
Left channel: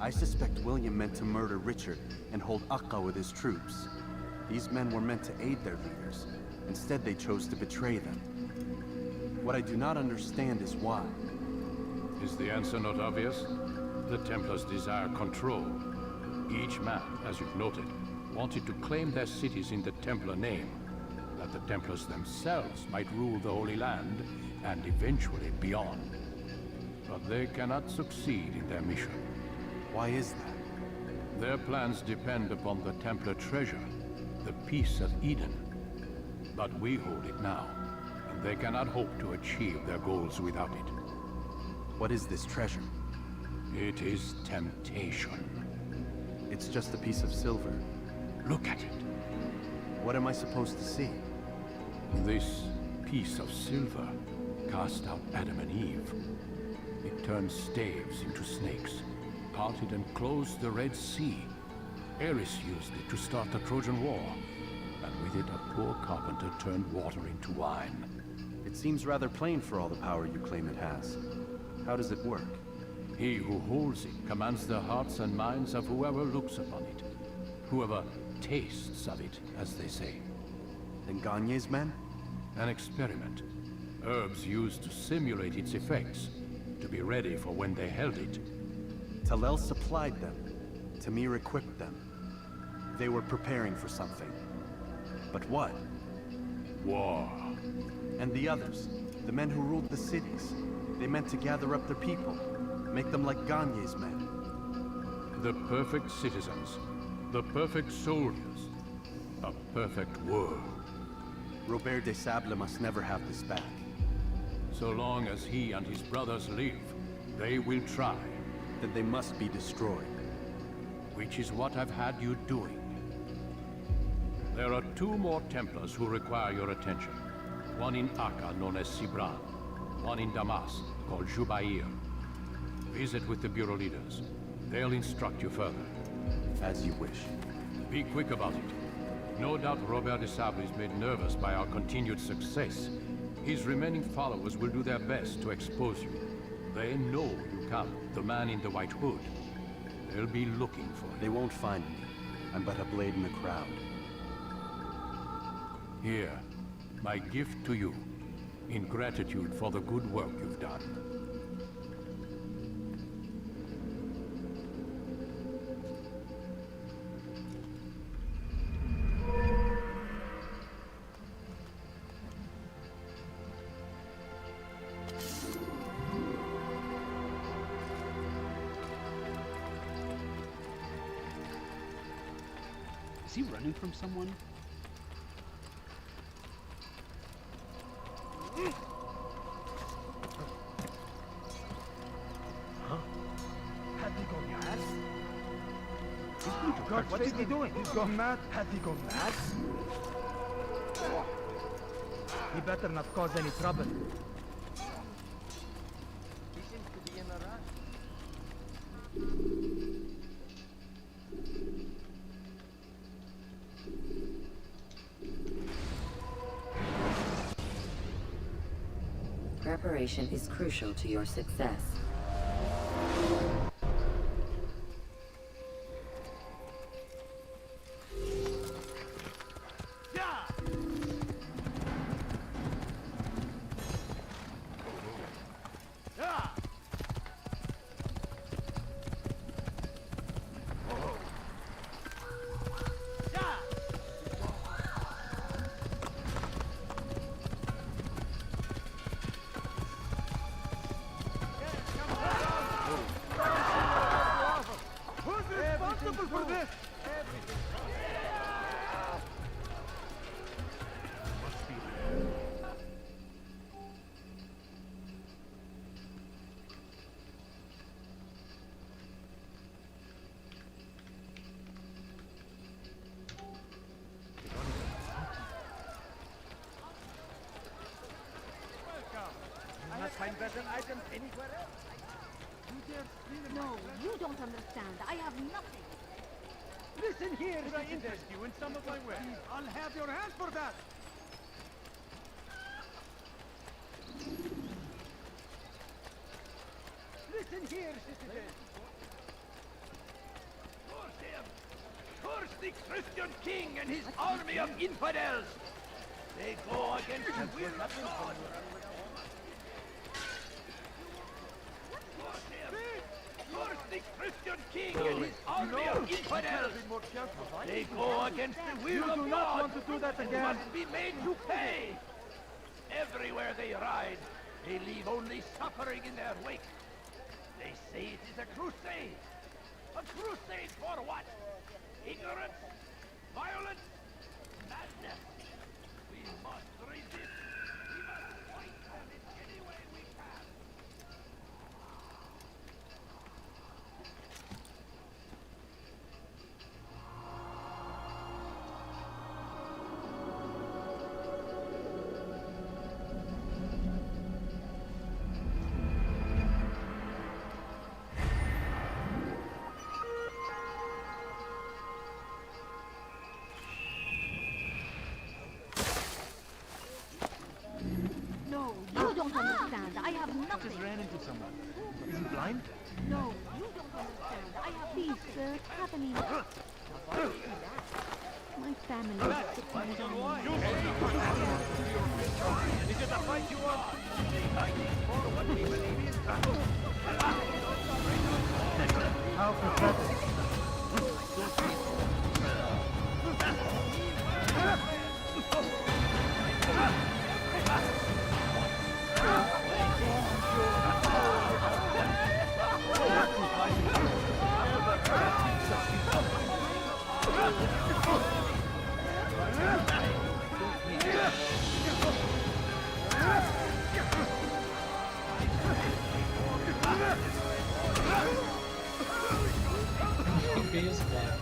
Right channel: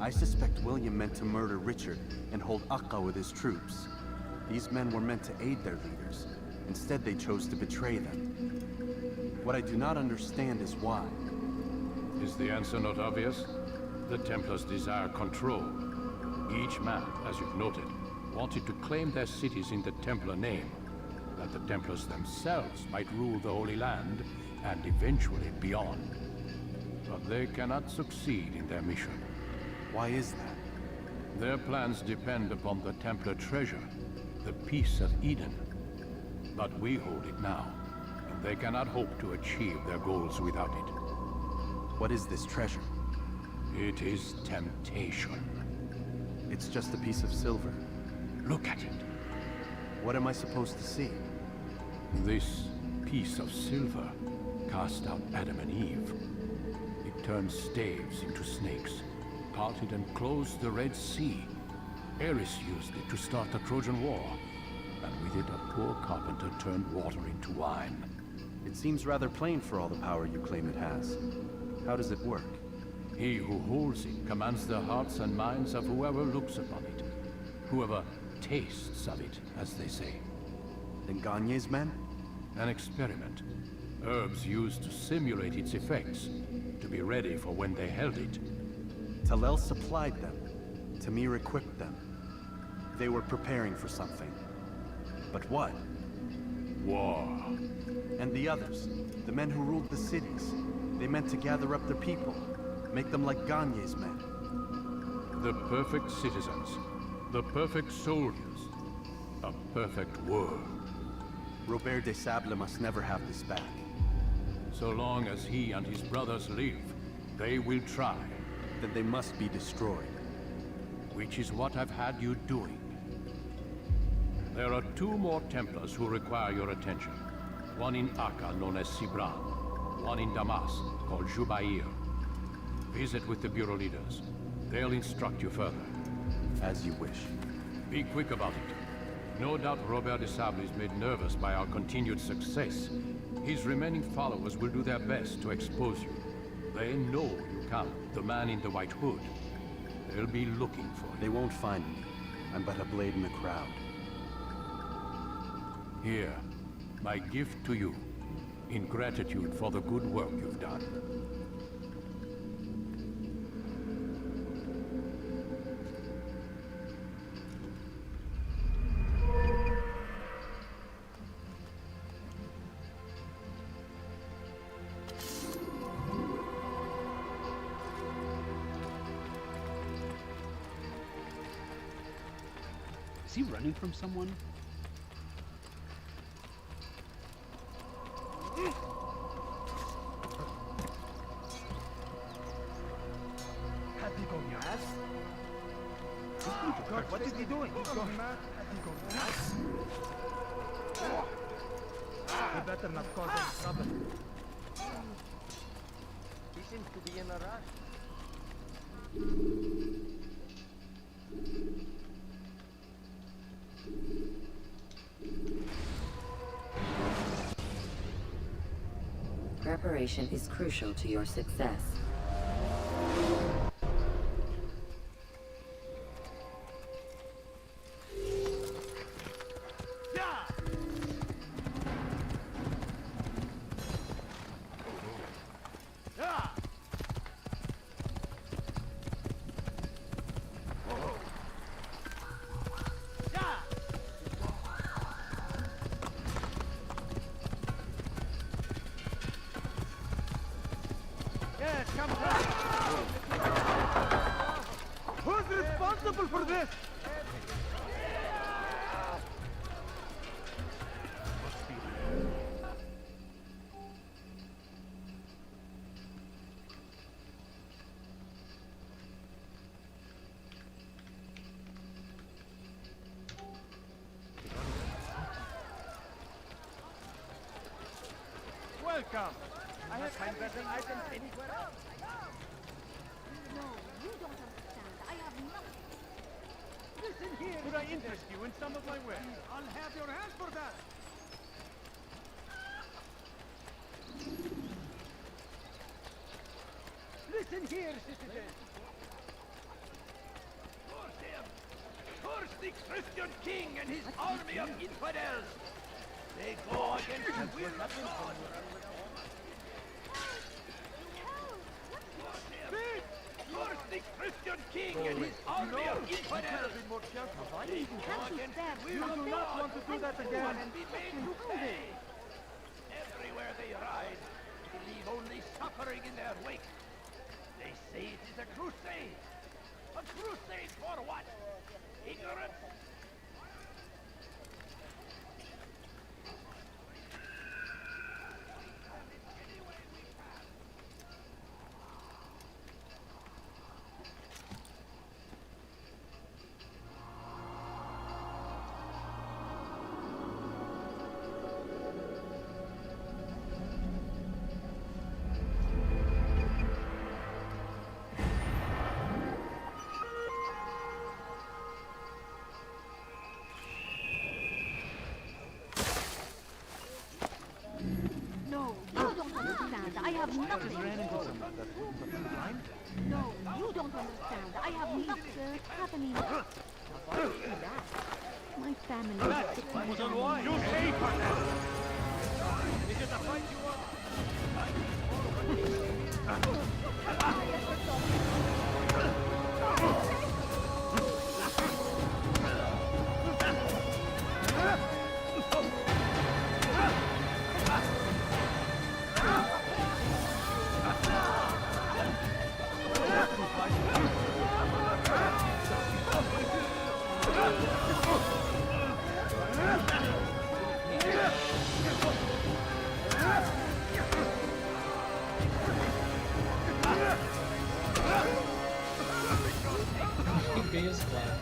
I suspect William meant to murder Richard and hold Akka with his troops. These men were meant to aid their leaders. Instead, they chose to betray them. What I do not understand is why. Is the answer not obvious? The Templars desire control. Each man, as you've noted, wanted to claim their cities in the Templar name, that the Templars themselves might rule the Holy Land and eventually beyond. But they cannot succeed in their mission. Why is that? Their plans depend upon the Templar treasure, the Peace of Eden. But we hold it now, and They cannot hope to achieve their goals without it. What is this treasure? It is temptation. It's just a piece of silver. Look at it. What am I supposed to see? This piece of silver cast out Adam and Eve. It turned staves into snakes, parted and closed the Red Sea. Ares used it to start the Trojan War, and with it a poor carpenter turned water into wine. It seems rather plain for all the power you claim it has. How does it work? He who holds it commands the hearts and minds of whoever looks upon it. Whoever tastes of it, as they say. And Gagne's men? An experiment. Herbs used to simulate its effects, to be ready for when they held it. Talel supplied them. Tamir equipped them. They were preparing for something. But what? War. And the others, the men who ruled the cities, they meant to gather up their people, make them like Gagne's men. The perfect citizens, the perfect soldiers, a perfect world. Robert de Sable must never have this back. So long as he and his brothers live, they will try. Then they must be destroyed. Which is what I've had you doing. There are 2 more Templars who require your attention. One in Akka, known as Sibran. One in Damas, called Jubair. Visit with the Bureau leaders. They'll instruct you further. As you wish. Be quick about it. No doubt Robert de Sable is made nervous by our continued success. His remaining followers will do their best to expose you. They know you come, the man in the white hood. They'll be looking for you. They won't find me. I'm but a blade in the crowd. Here, my gift to you, in gratitude for the good work you've done. Is he running from someone? God, what is he doing? He's gone mad. Has he gone mad? He better not cause any trouble. He seems to be in a rush. Preparation is crucial to your success. For this! Welcome! I have find better items anywhere else. No, you don't understand. I have nothing. Listen here! Could I interest you in some of my wares? I'll have your hands for that! Listen here, citizen! Curse him! Curse the Christian king and his army of infidels! They go against the will of God! Curse him! Curse the Christian king and his army of infidels! They go against the will of God! Want to do that again? Must be made to pay! Everywhere they ride, they leave only suffering in their wake. They say it is a crusade. A crusade for what? Ignorance? Violence? Madness? We must resist. I have nothing. Just ran into someone. Is he blind? No, you don't understand. I have nothing. Sir, Kathleen. My family is sick and dying. You say, is it a fight you want? Beijo, cara.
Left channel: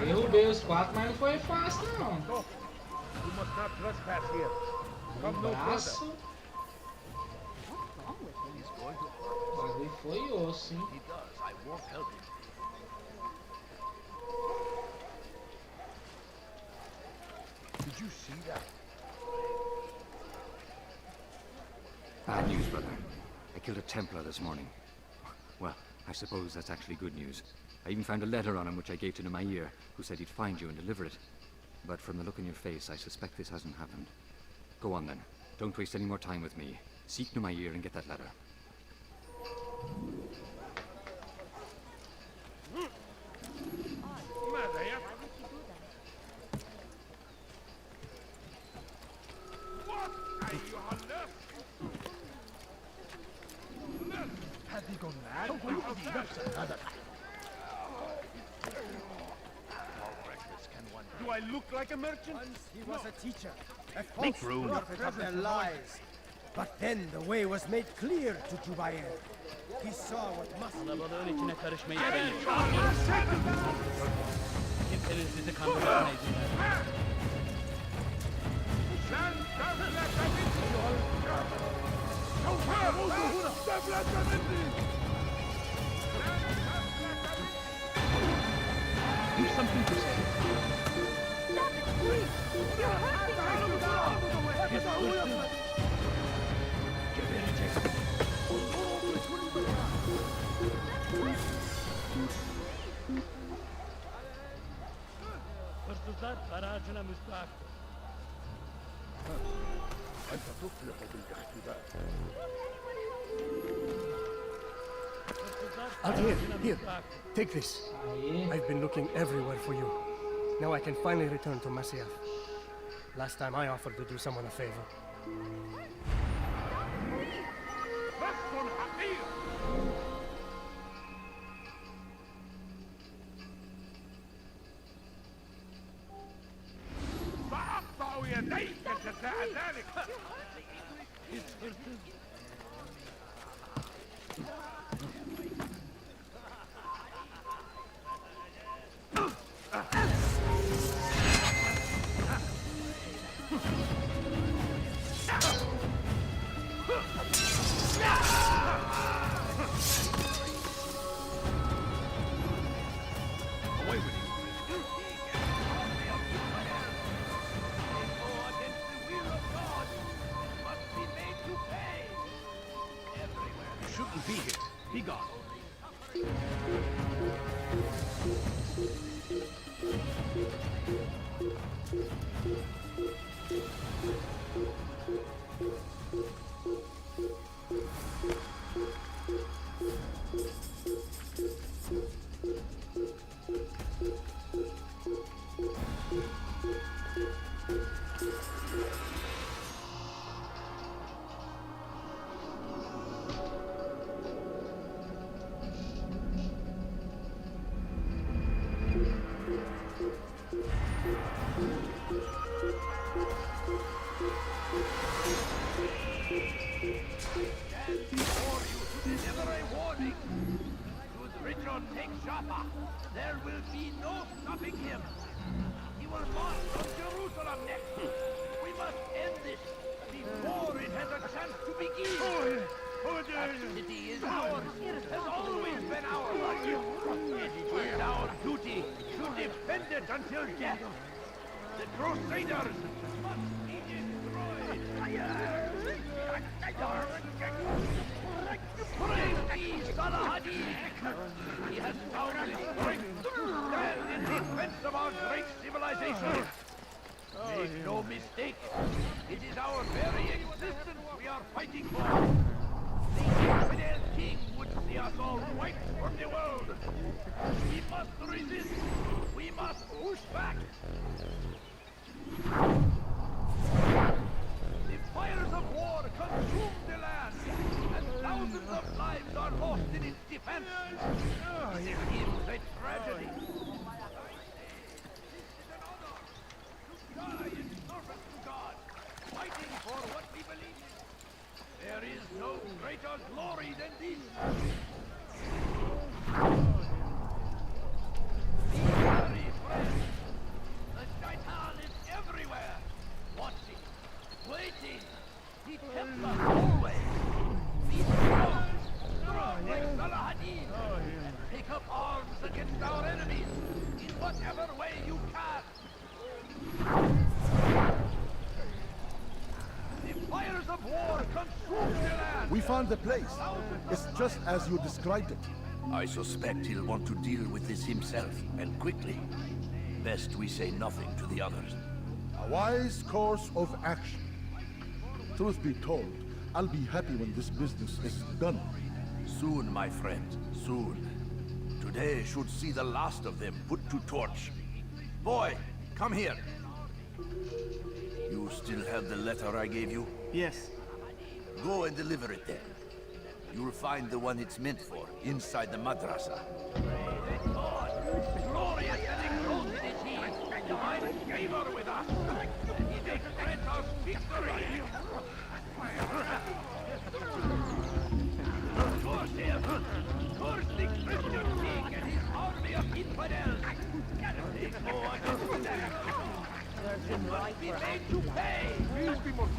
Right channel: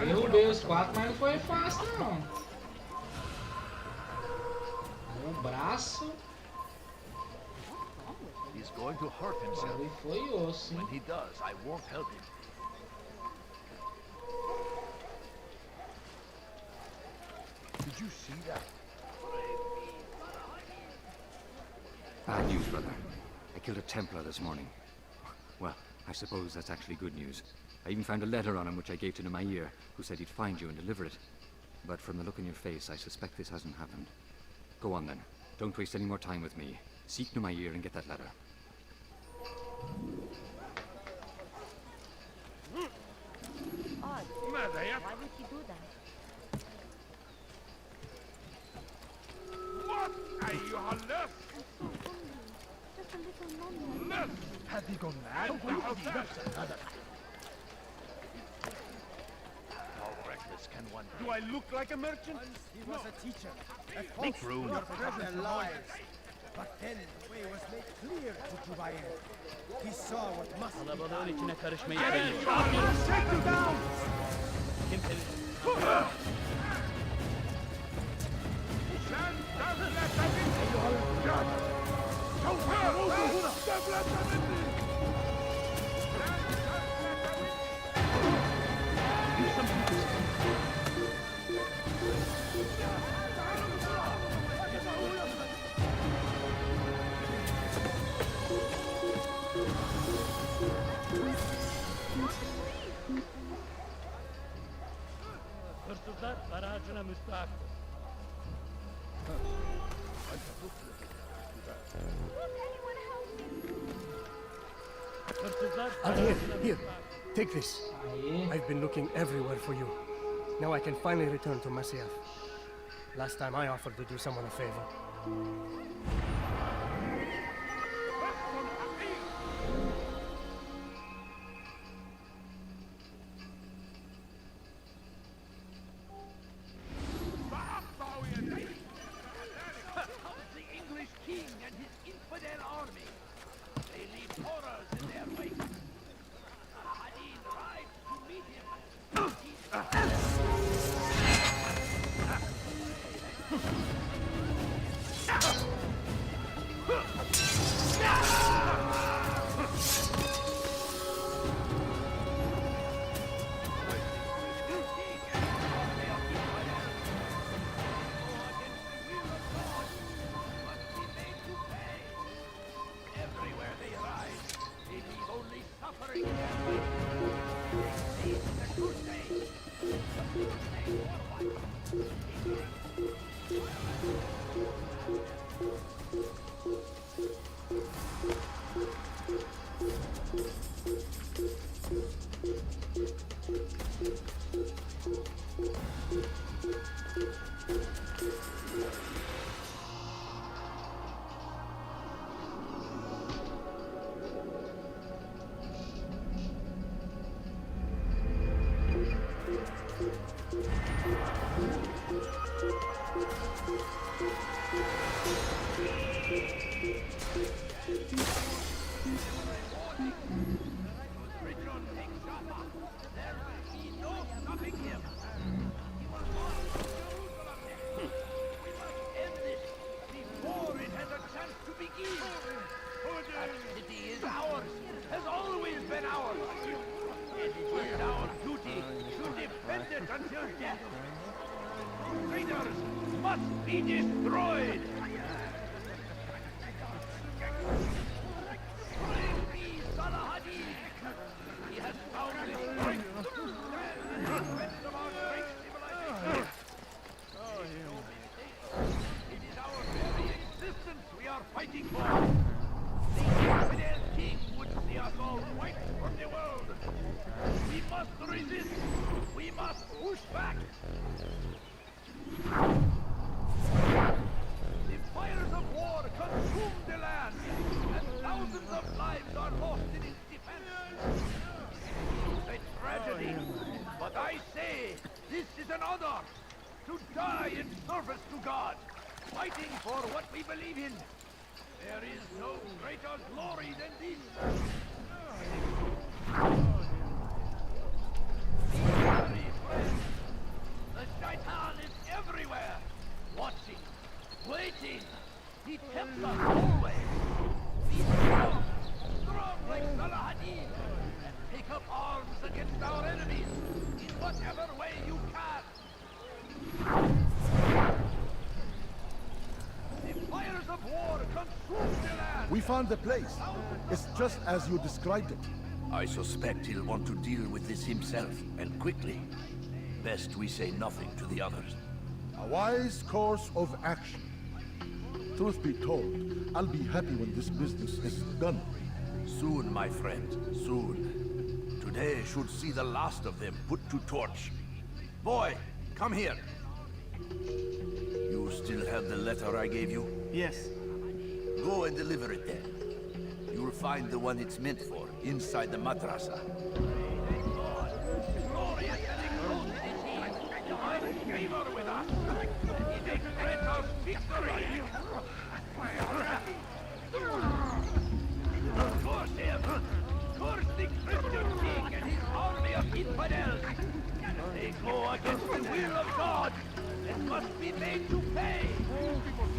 Eu derrubei os 4, mas não foi fácil não. O braço. He's going to hurt O himself. bagulho foi osso, hein? When he does, I won't help him. Did you see that? Bad news, brother. I killed a Templar this morning. Well, I suppose that's actually good news. I even found a letter on him which I gave to Nemair, who said he'd find you and deliver it. But from the look on your face, I suspect this hasn't happened. Go on then. Don't waste any more time with me. Seek Nemair and get that letter. Why would you do that? What? أيها اللص! Just a little longer. Have you gone mad? How reckless can one be? Do I look like a merchant? Once he was a teacher, a Make false room. prophet of their lies. But then the way was made clear to Jubair. He saw what must be Kalabalığın içine karışmayı Get sevmiyorum. in, Charlie! Take him down! Kimsenin sizi kandırmasına izin vermem. Sen devlete bindi! Şoför! Devlete bindi! Do something to say. Hırsızlar aracına müstahaktır. Hırsızlar Here, aracına here. müstahaktır. Take this. Aí. I've been looking everywhere for you. Now I can finally return to Masyaf. Last time I offered to do someone a favor. بس حقير! سأقطع يديك جزاء ذلك! The English king and his infidel army. They leave horrors in their wake. Away with you, English king and his army of infidels. They go against the will of God. Must be made to pay. Everywhere they are. He got only suffering. Never a warning. Should Richard take Jaffa, there will be no stopping him. He will march from Jerusalem next. We must end this before it has a chance to begin. That city is ours, has always been ours. It is our duty to defend it until death. The Crusaders must be destroyed! Praise be Salahadin! He has found the strength to stand in defense of our great civilization! Make no mistake, it is our very existence we are fighting for! The infidel king would see us all wiped from the world! We must resist! We must push back! The fires of war consume the land, and thousands of lives are lost in its defense. It is a tragedy, but I say this is an honor to die in service to God, fighting for what we believe in. There is no greater glory than this. Be wary, friends. The Shaitan is everywhere, watching, waiting. He tempts us always. Be strong, strong like Salahadin, and take up arms against our enemies in whatever way you can. The fires of war consume the land. We found the place. It's just as you described it. I suspect he'll want to deal with this himself, and quickly. Best we say nothing to the others. A wise course of action. Truth be told, I'll be happy when this business is done. Soon, my friend, soon. Today should see the last of them put to torch. Boy, come here. You still have the letter I gave you? Yes. Go and deliver it then. You'll find the one it's meant for, inside the madrasa. Glorious and exalted is he, divine favor with us. He makes grant us victory. Curse him! Curse the Christian king and his army of infidels! They go against the will of God and must be made to pay!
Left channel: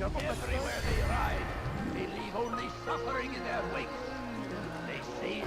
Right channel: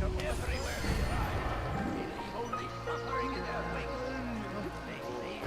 Everywhere they ride, they leave only suffering in their wake. They say...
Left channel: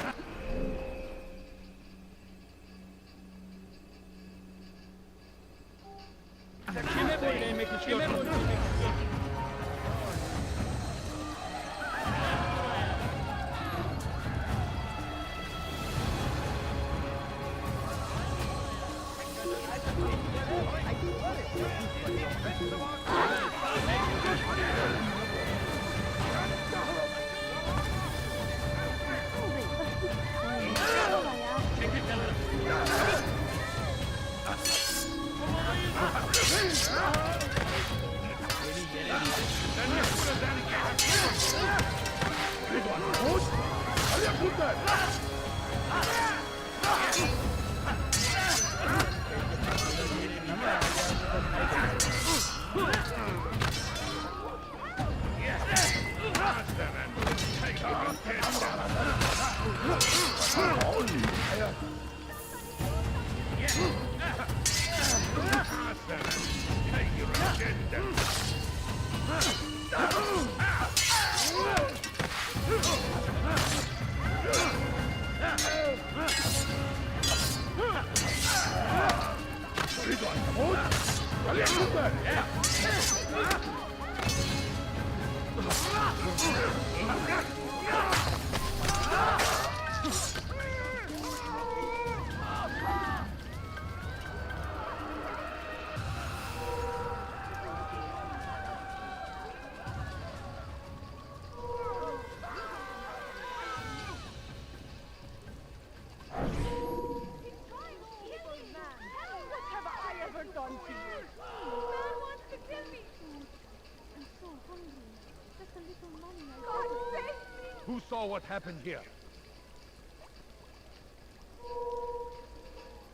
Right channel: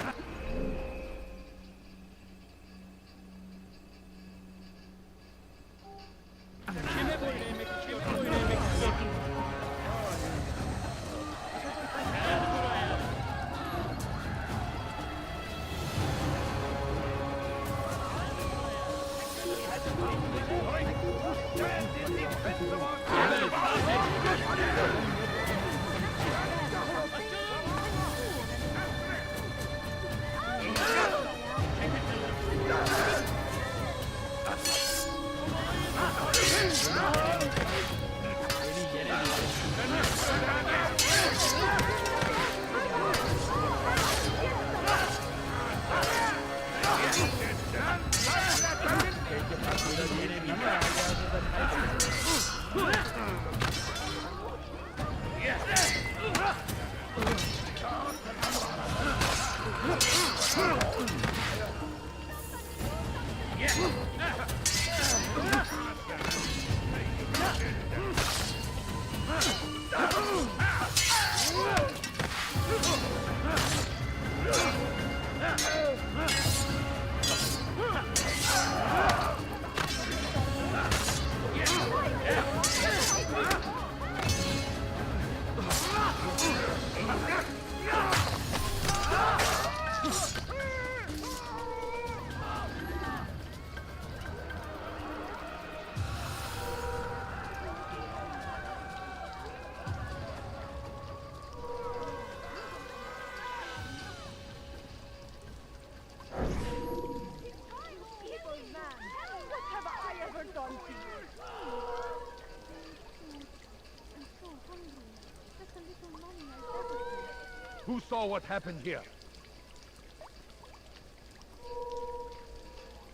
Who saw what happened here?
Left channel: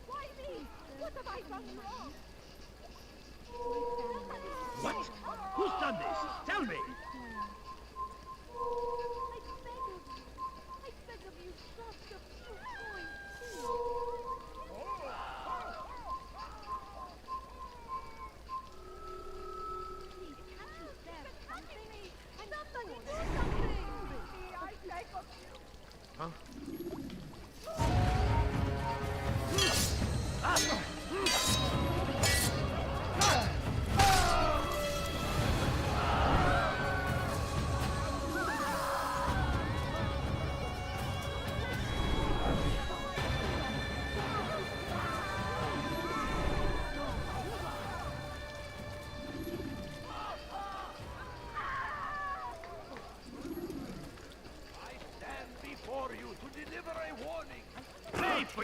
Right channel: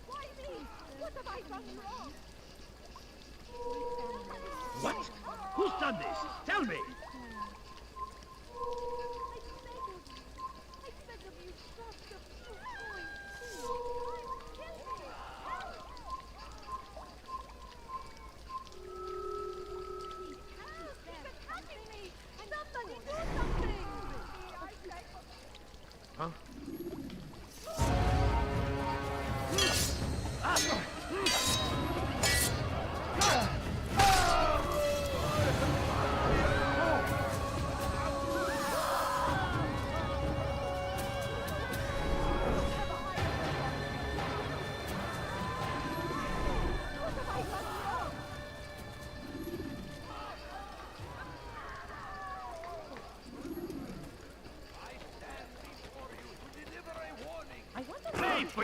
Why me? What have I done wrong? What? Who's done this? Tell me! I beg of you, just a few points. Please, can't you spare something? Somebody do something! Huh?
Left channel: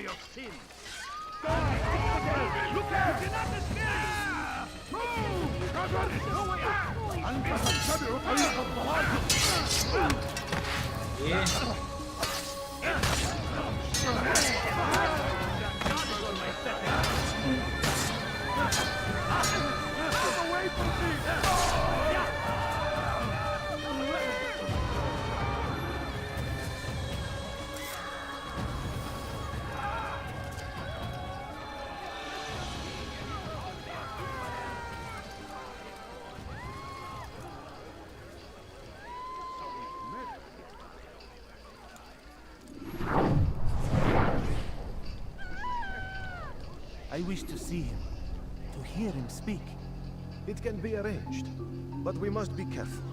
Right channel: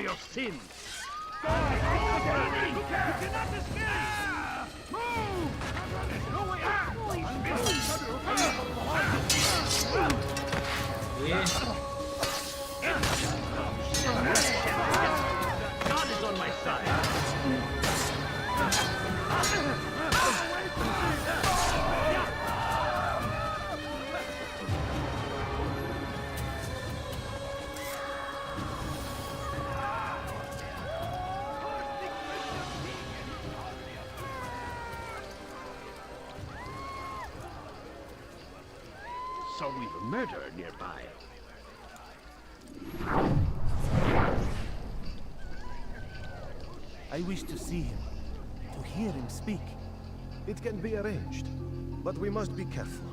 your sins. Go ahead! Look out! You cannot escape! Move! No way out! God is on my side. Away from me! So we've murder nearby. I wish to see him, to hear him speak. It can be arranged, but we must be careful.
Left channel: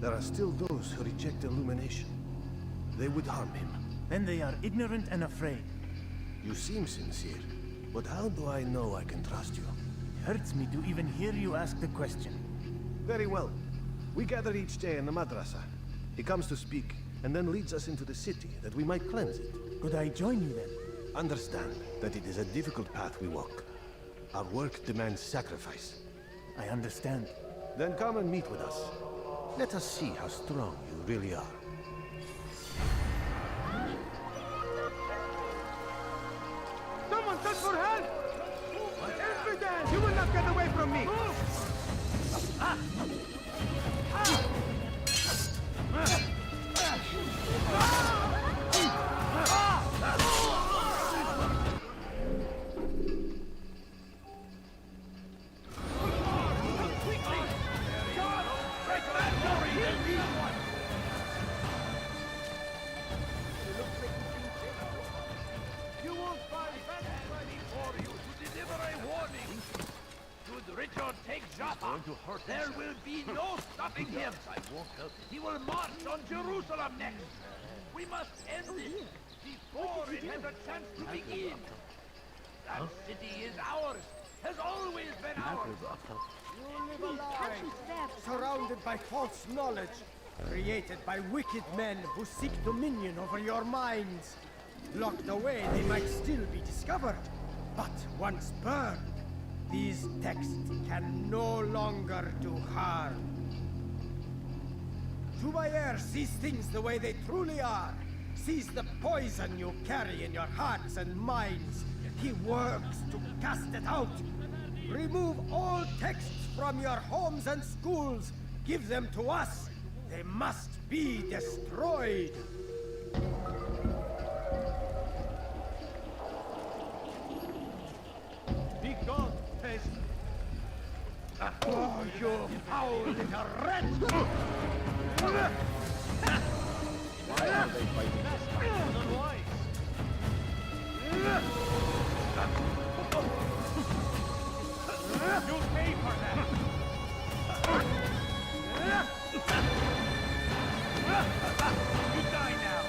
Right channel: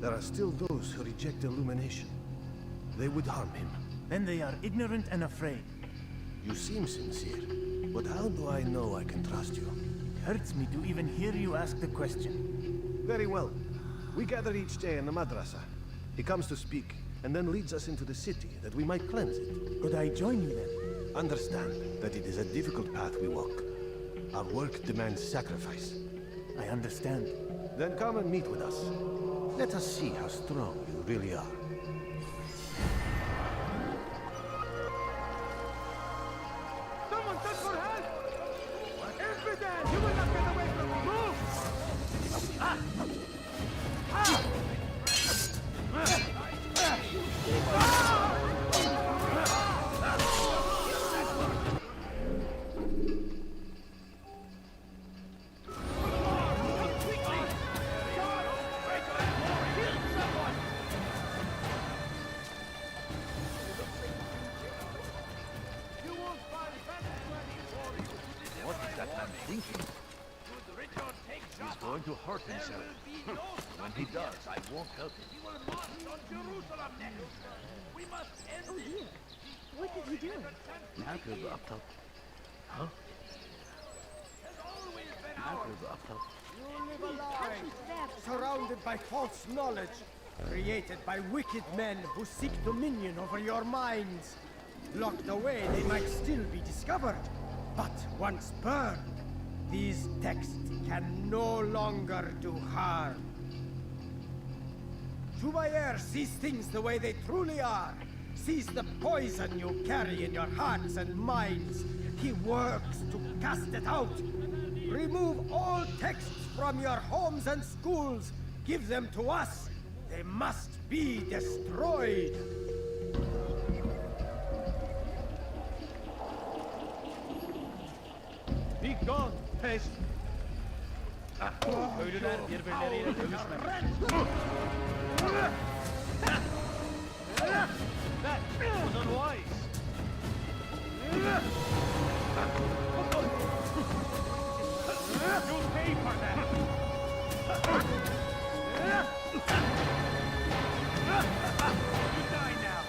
There are still those who reject illumination. They would harm him. Then they are ignorant and afraid. You seem sincere, but how do I know I can trust you? It hurts me to even hear you ask the question. Very well. We gather each day in the madrasa. He comes to speak, and then leads us into the city, that we might cleanse it. Could I join you then? Understand that it is a difficult path we walk. Our work demands sacrifice. I understand. Then come and meet with us. Let us see how strong you really are. Someone send for help! Infidel! You will not get away from me! Move! Ah! Ah! There will be no stopping him. I won't help him. He will march on Jerusalem next. We must end this before it has a chance to begin. That city is ours. Has always been ours. You live a lie, surrounded by false knowledge, created by wicked men who seek dominion over your minds. Locked away, they might still be discovered, but once burned, these texts can no longer do harm. Jubayer sees things the way they truly are, sees the poison you carry in your hearts and minds. He works to cast it out. Remove all texts from your homes and schools. Give them to us. They must be destroyed. Be gone, pest! Oh, you foul little wretch! That was unwise. You'll pay for that! You die now!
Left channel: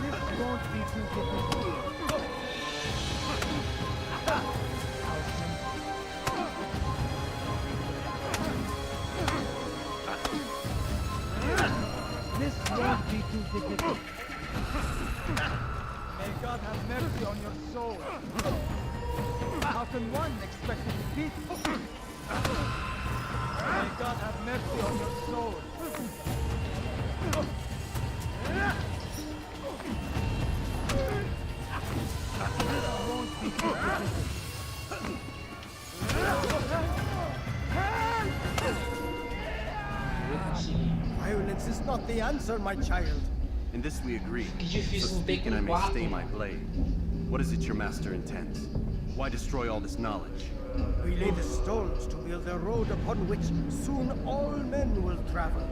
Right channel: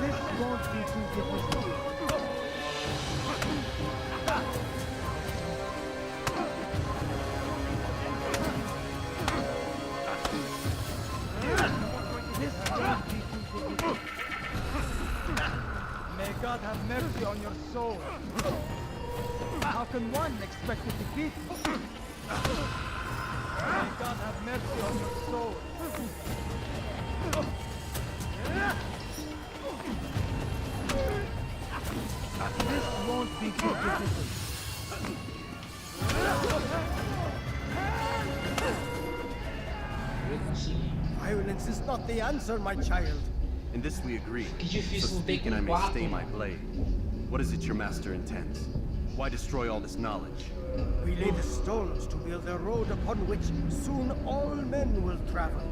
This won't be too difficult. This won't be too difficult. May God have mercy on your soul. How can one expect to defeat? May God have mercy on your soul. This won't be too difficult. Violence is not the answer, my child. In this we agree. Que difícil So não ter speak and I com may quatro, stay my mano. blade. What is it your master intends? Why destroy all this knowledge? We lay the stones to build a road upon which soon all men will travel.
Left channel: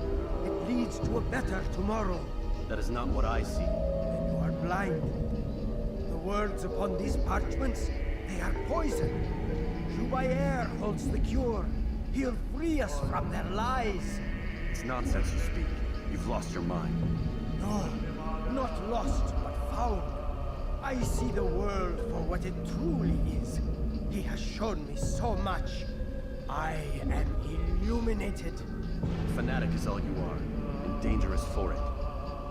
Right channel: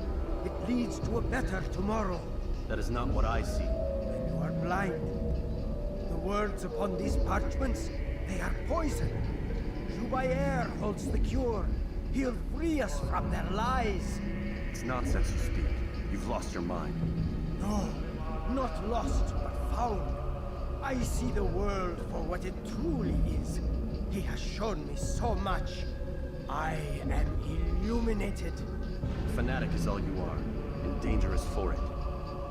It leads to a better tomorrow. That is not what I see. Then you are blind. The words upon these parchments, they are poison. Jubayer holds the cure. He'll free us from their lies. It's nonsense you speak. You've lost your mind. No, not lost, but found. I see the world for what it truly is. He has shown me so much. I am illuminated. Fanatic is all you are, and dangerous for it.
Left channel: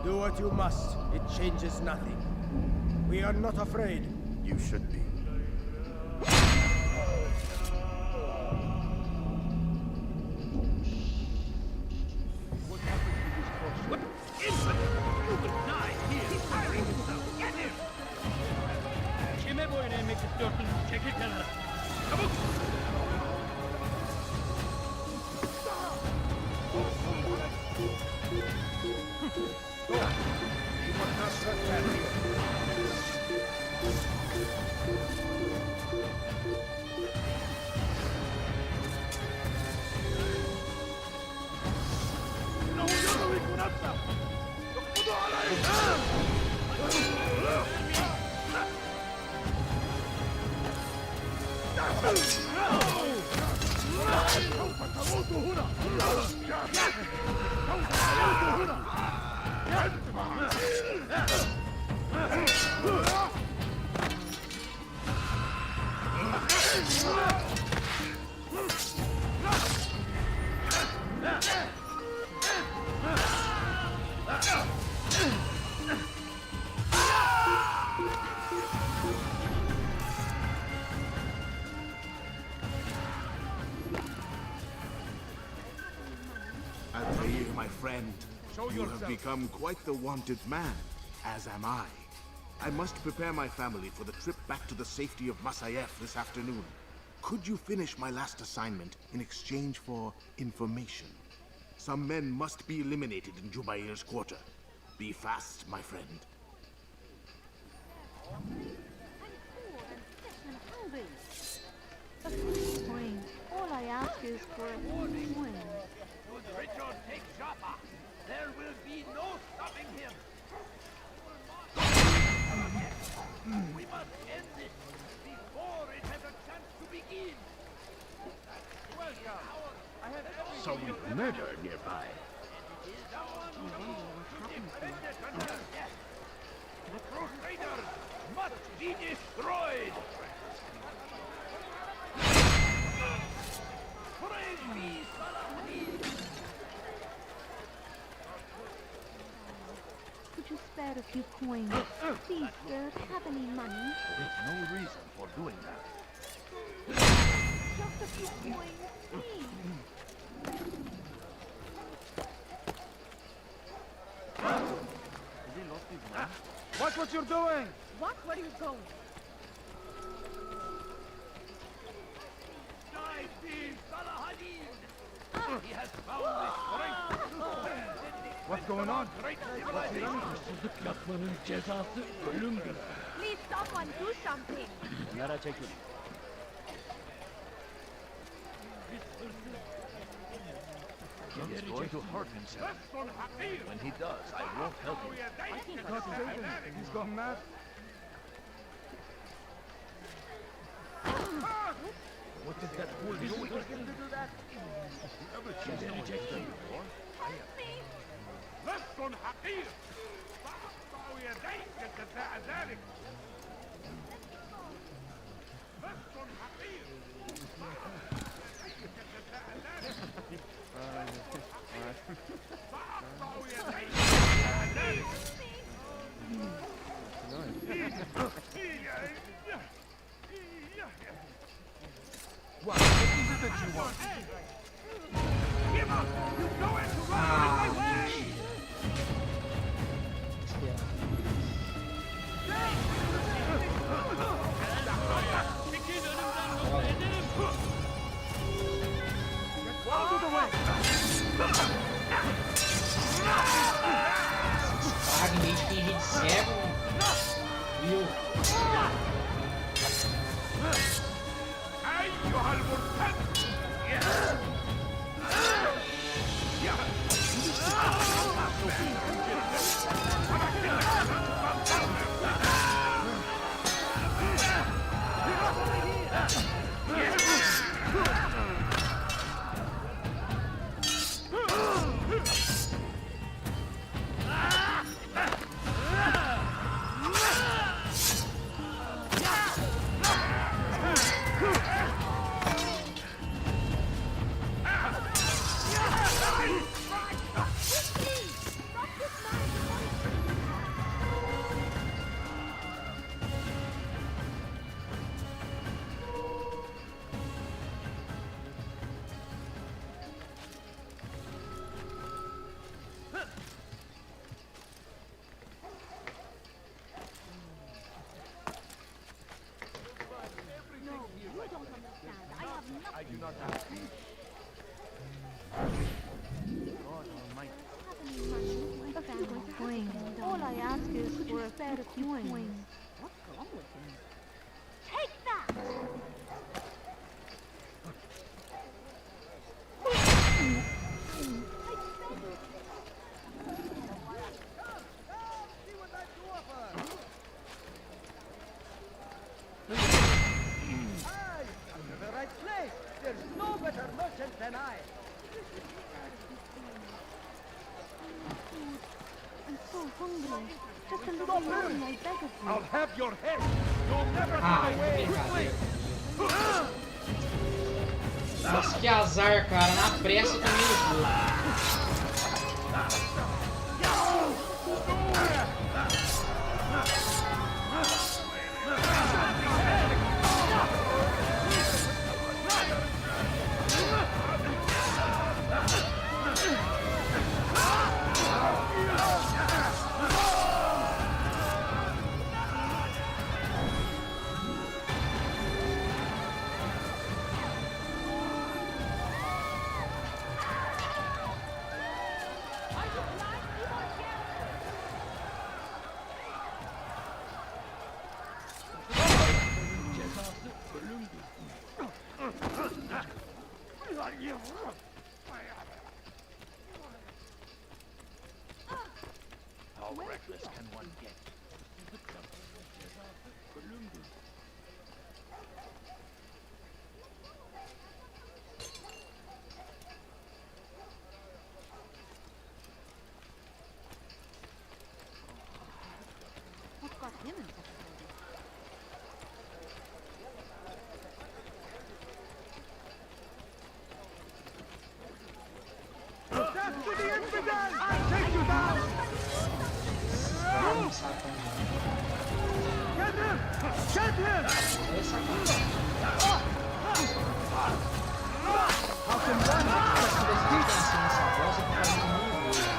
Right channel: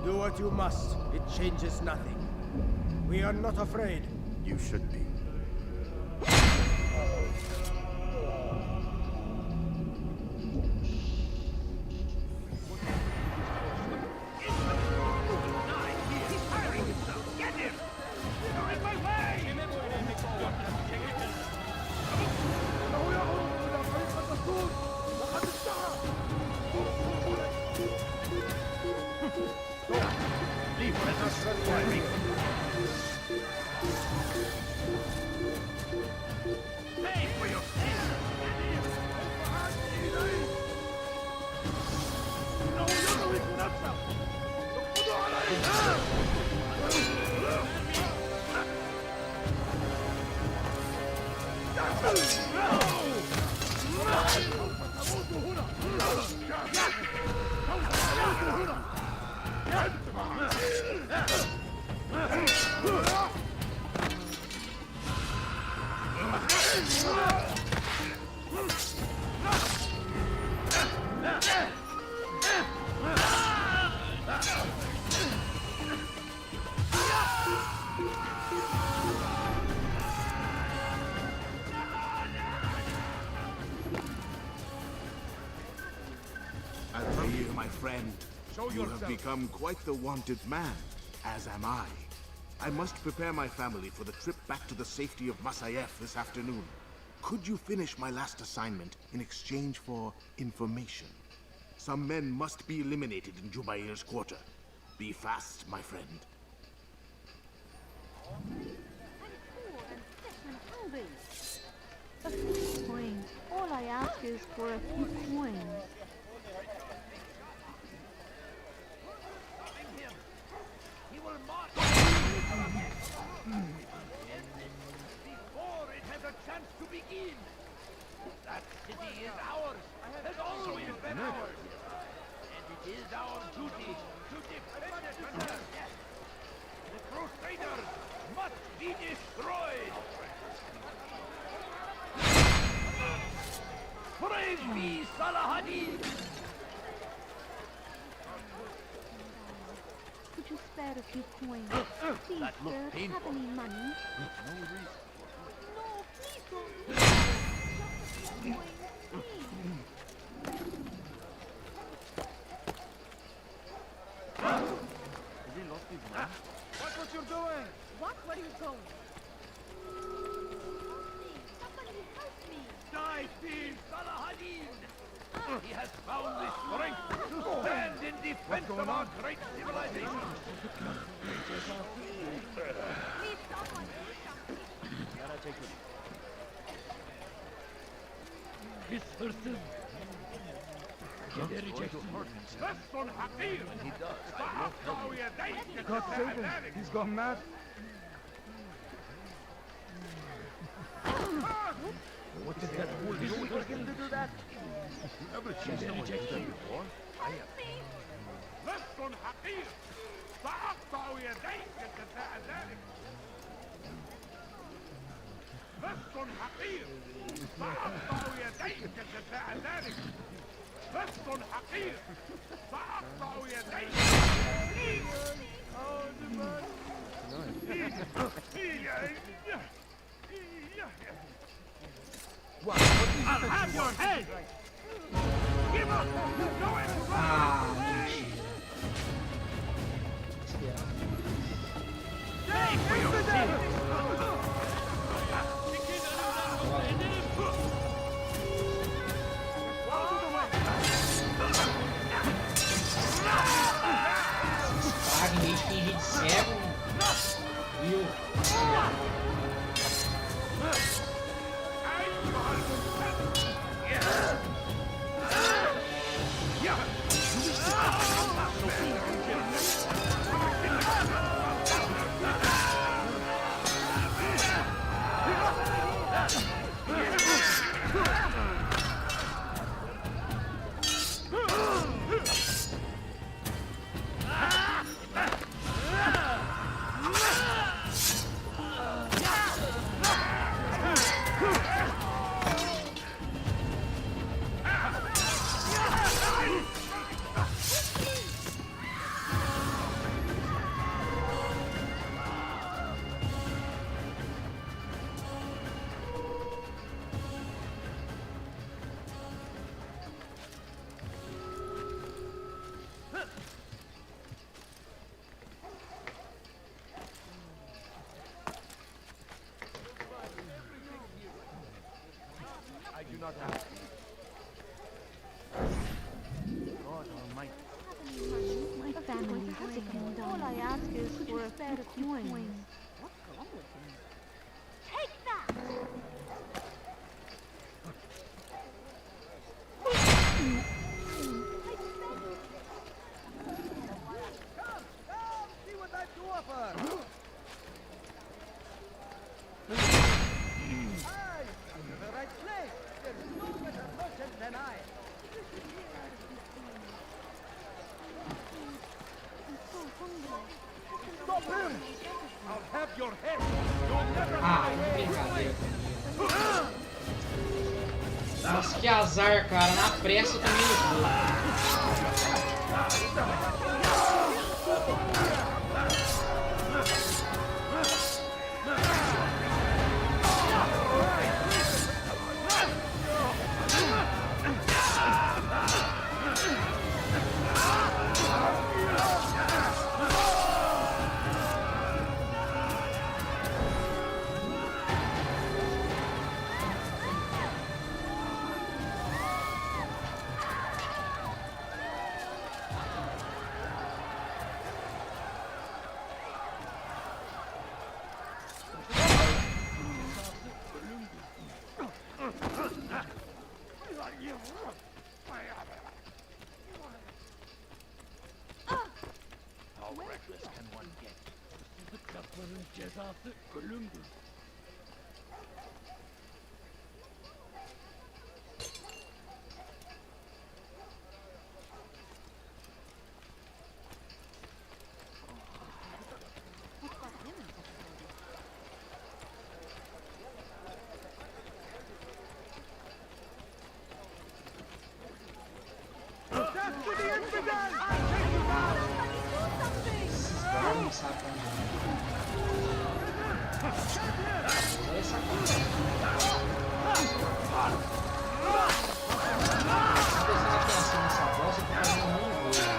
Do what you must. It changes nothing. We are not afraid. You should be. Altair, my friend, you have become quite the wanted man, as am I. I must prepare my family for the trip back to the safety of Masayef this afternoon. Could you finish my last assignment in exchange for information? Some men must be eliminated in Jubair's quarter. Be fast, my friend. A few coins. All I ask is for a few coins. Richard, take Jaffa. There will be no stopping him. He will march We must end this before it has a chance to begin. That city is ours. Someone's murder nearby. And it is our duty to defend it until death. The Crusaders must be destroyed. Praise be Salahadin! Could you spare a few coins? Please, sir, have any money? There's no reason for doing that. Just a few coins, please. Has he lost his mind? Watch what you're doing! What? Where are you going? Die, Steve Salahadin! He has found the strength to stand in defense of our great civilization. Please, someone do something. This person is going to hurt himself. When he does, I won't help him. God save him! He's gone mad! What is that fool doing? Him to do that? Ever seen someone do that before? I have. لست حقير سأقطع يديك جزاء ذلك لست حقير سأقطع يديك جزاء ذلك لست حقير سأقطع يديك What is it that you want? Head! Give up! You know it! Run away! Praga, em vez de fingir de cego, viu? أيها المرتد! not have peace. God Almighty. My family going. All I ask is for a few coins. What's wrong with him? Take that! See what I've to offer! Aye, I'm in the right place. There's no better merchant than I. I'm so hungry. Just a little Stop more him! and I beg of you. I'll have your head. You'll never Ah, get away. brincadeira comigo. Nossa, que azar, cara. Na pressa eu tomei o jogo. How reckless can one get? What got him in such a hurry? Death to the infidel! I'll take you down! Não sabe pra onde ir. Get him! Get him! Essa coisa. Se você assim nessa bosta, eu tô fazendo muito gol.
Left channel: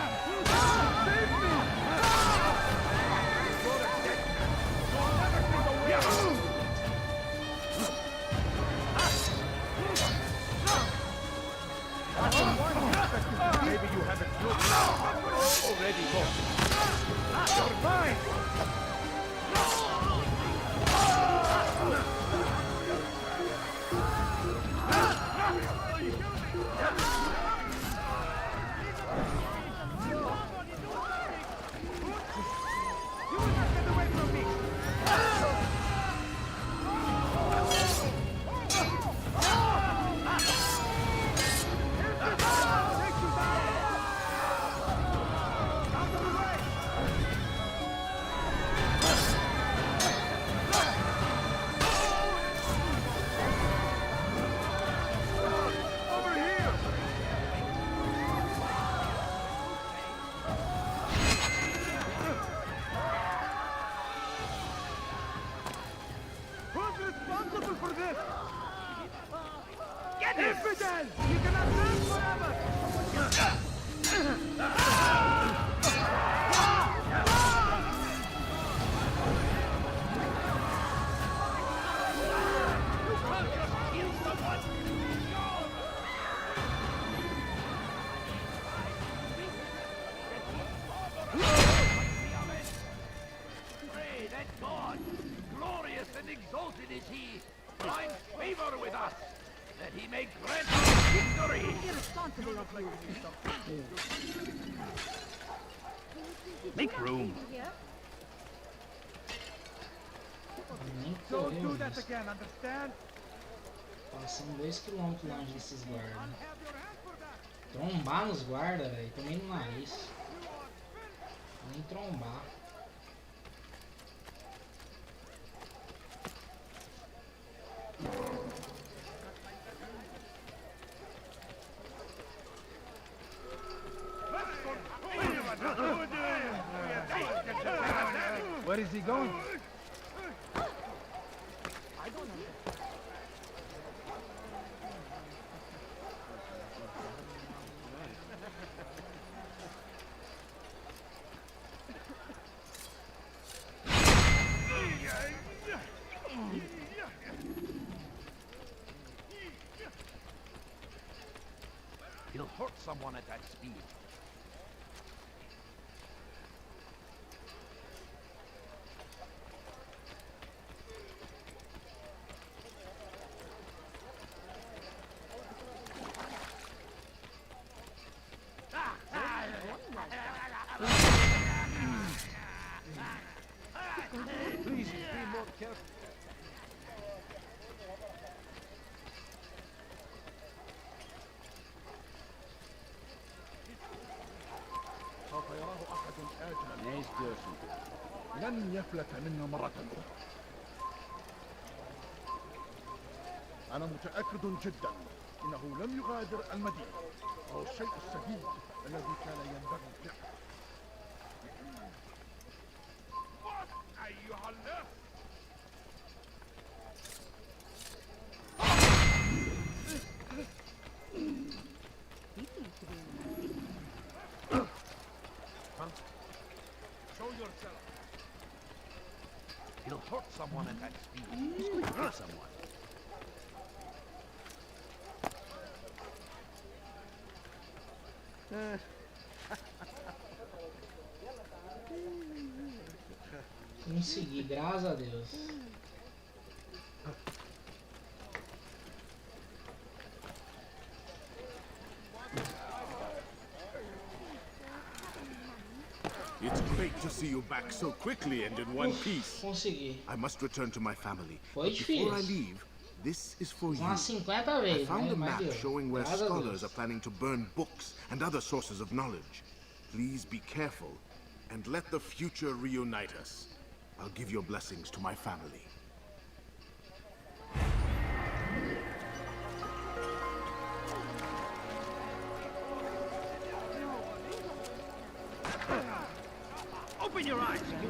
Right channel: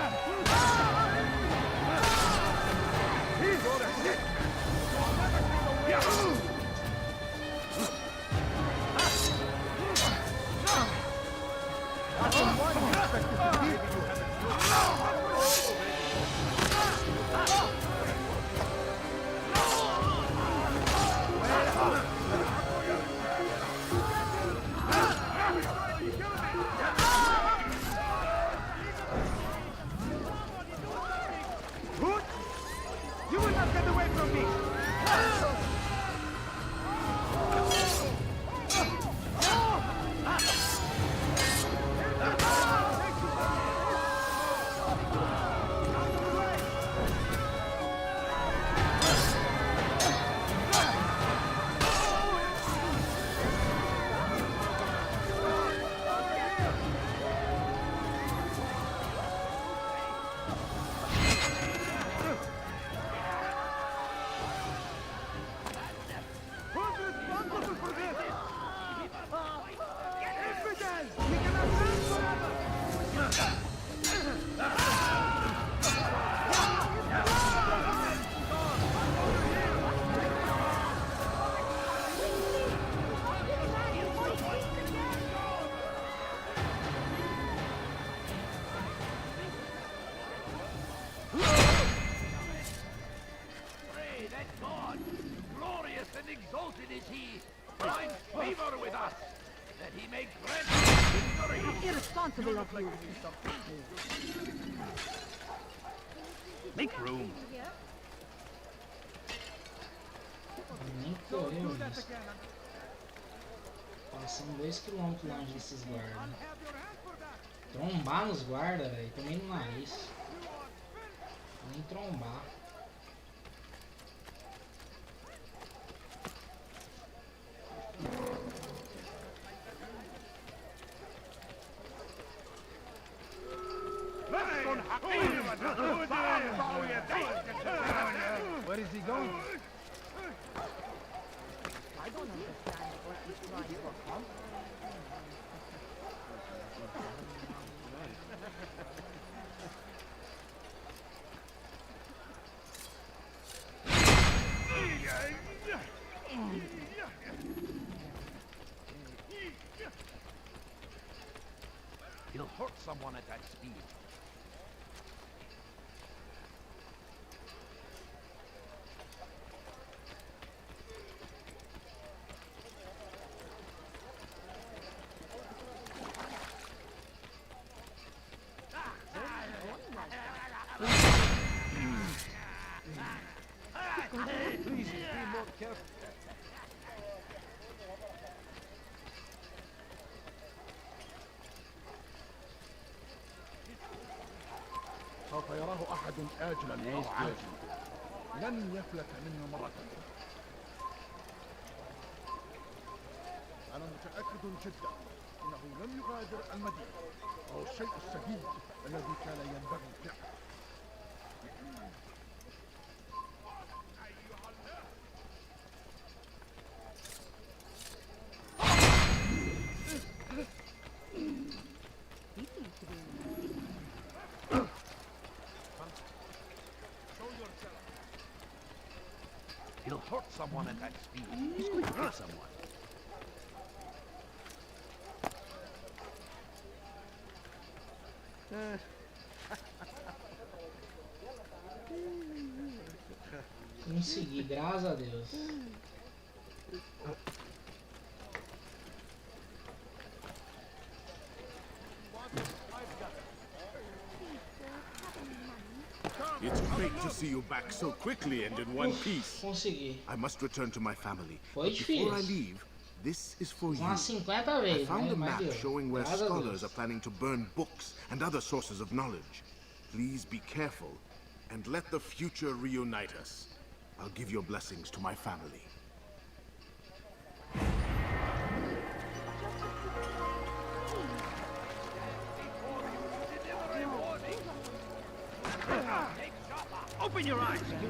He's all a dick! You'll never see the way! That's the one expected to be. Maybe you haven't looked. Already lost. Fine! You will not get away from me! Who's responsible for this? Get him! Infidel! You cannot run forever! Pray that God, glorious and exalted is he, find favor with us, that he may grant us victory. Irresponsible of you. Make room. Nem Don't correu do that isso. again, understand? Passando 2 km longe desses guardas. I'll have your hand for that. Trombar nos guardas, velho. Tomei no nariz. Nem trombar. Where is he going? I don't understand. He'll hurt someone at that speed. Please be more careful. سوف يراه أحد آجلا أو عاجلا. لن يفلت منه مرة أخرى. أنا متأكد جدا إنه لم يغادر المدينة أو الشيء السديد الذي كان ينبغي فعله. أيها الناس show yourself. He'll hurt someone at that speed. He's going to hurt someone. Consegui, graças a Deus. It's great to see you back so quickly and in one piece. Consegui. I must return to my family. Foi But before I difícil. leave, this is for you. Umas 50 I vezes, found a mas map deu. showing where Graças a scholars Deus. are planning to burn books and other sources of knowledge. Please be careful and let the future reunite us. I'll give your blessings to my family. Open your eyes. He's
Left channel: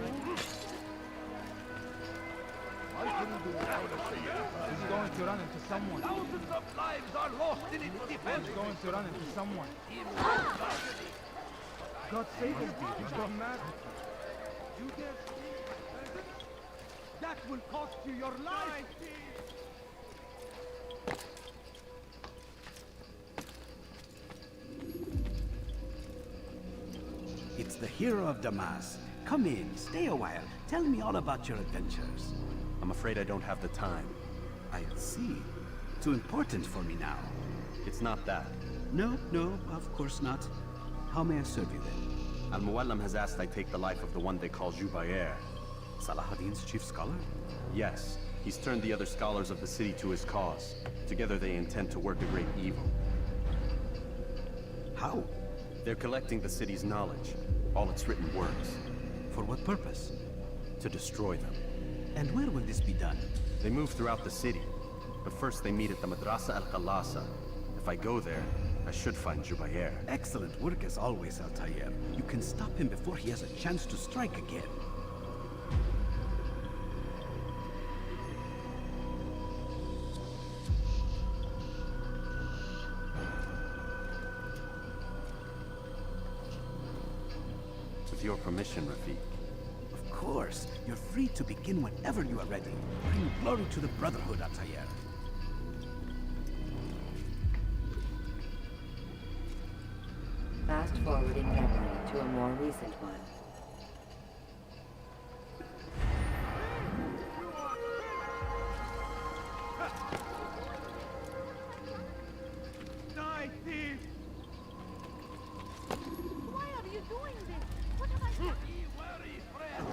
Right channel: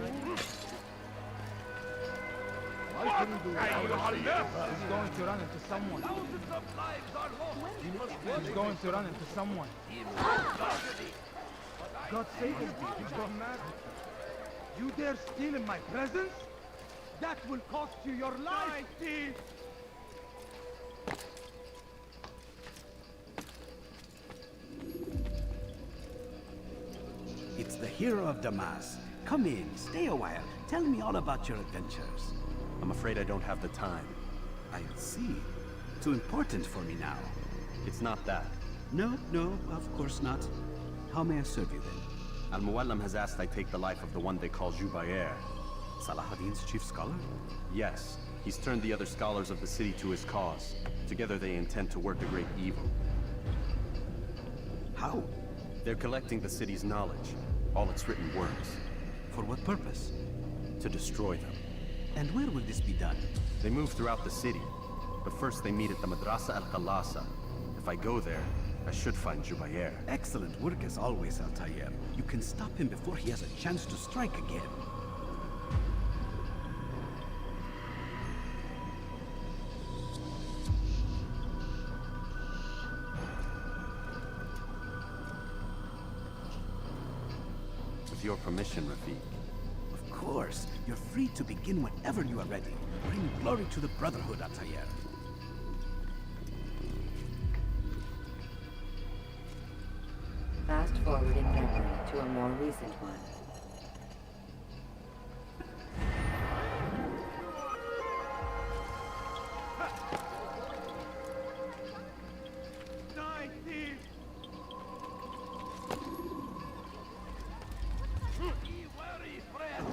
going to run into someone. Thousands of lives are lost in its defense. He's going to run into someone. God save him. He's gone mad. You dare steal in my presence? That will cost you your life. It's the hero of Damas. Come in, stay a while. Tell me all about your adventures. I'm afraid I don't have the time. I see. Too important for me now. It's not that. No, of course not. How may I serve you then? Al-Muallim has asked I take the life of the one they call Jubair. Salahadin's chief scholar? Yes, he's turned the other scholars of the city to his cause. Together they intend to work a great evil. How? They're collecting the city's knowledge, all its written works. For what purpose? To destroy them. And where will this be done? They move throughout the city, but first they meet at the Madrasa al-Khalasa. If I go there, I should find Jubair. Excellent work as always, Altair. You can stop him before he has a chance to strike again. With your permission, Rafiq. Of course. You're free to begin whenever you are ready. Bring glory to the Brotherhood, Altair. Fast forward in memory to a more recent one. Die, thief! Why are you doing this? What have I done? Be wary, friend!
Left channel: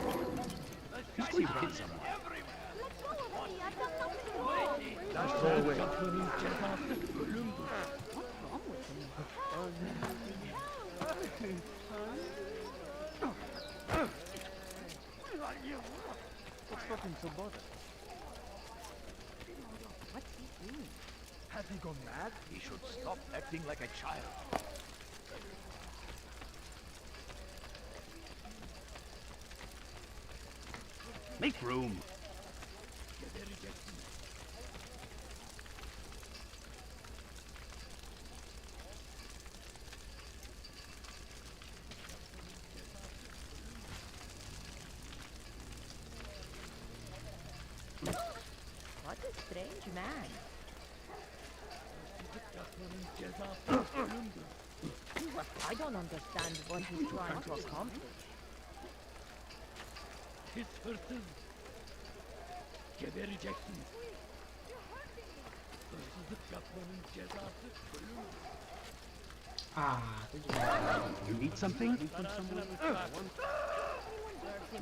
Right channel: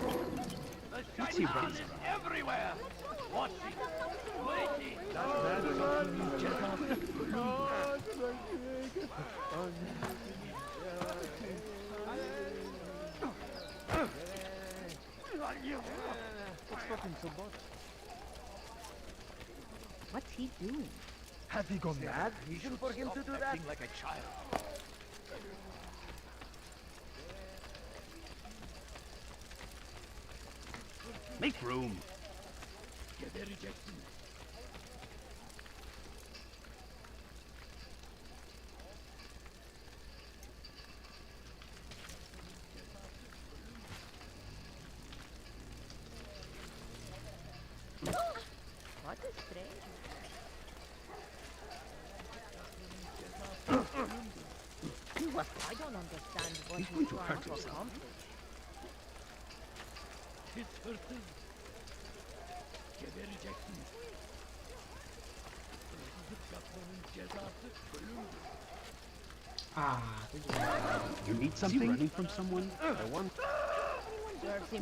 The shiny is everywhere! Let go of me. I've done nothing Waiting! What's he doing? Has he gone mad? He should stop acting like a child. Make room. What a strange man. I don't understand what he's trying to accomplish. His hırsız. Gebereceksiniz. Hırsızlık yapmanın cezası ölümdür. Ah, You need something? Running from someone?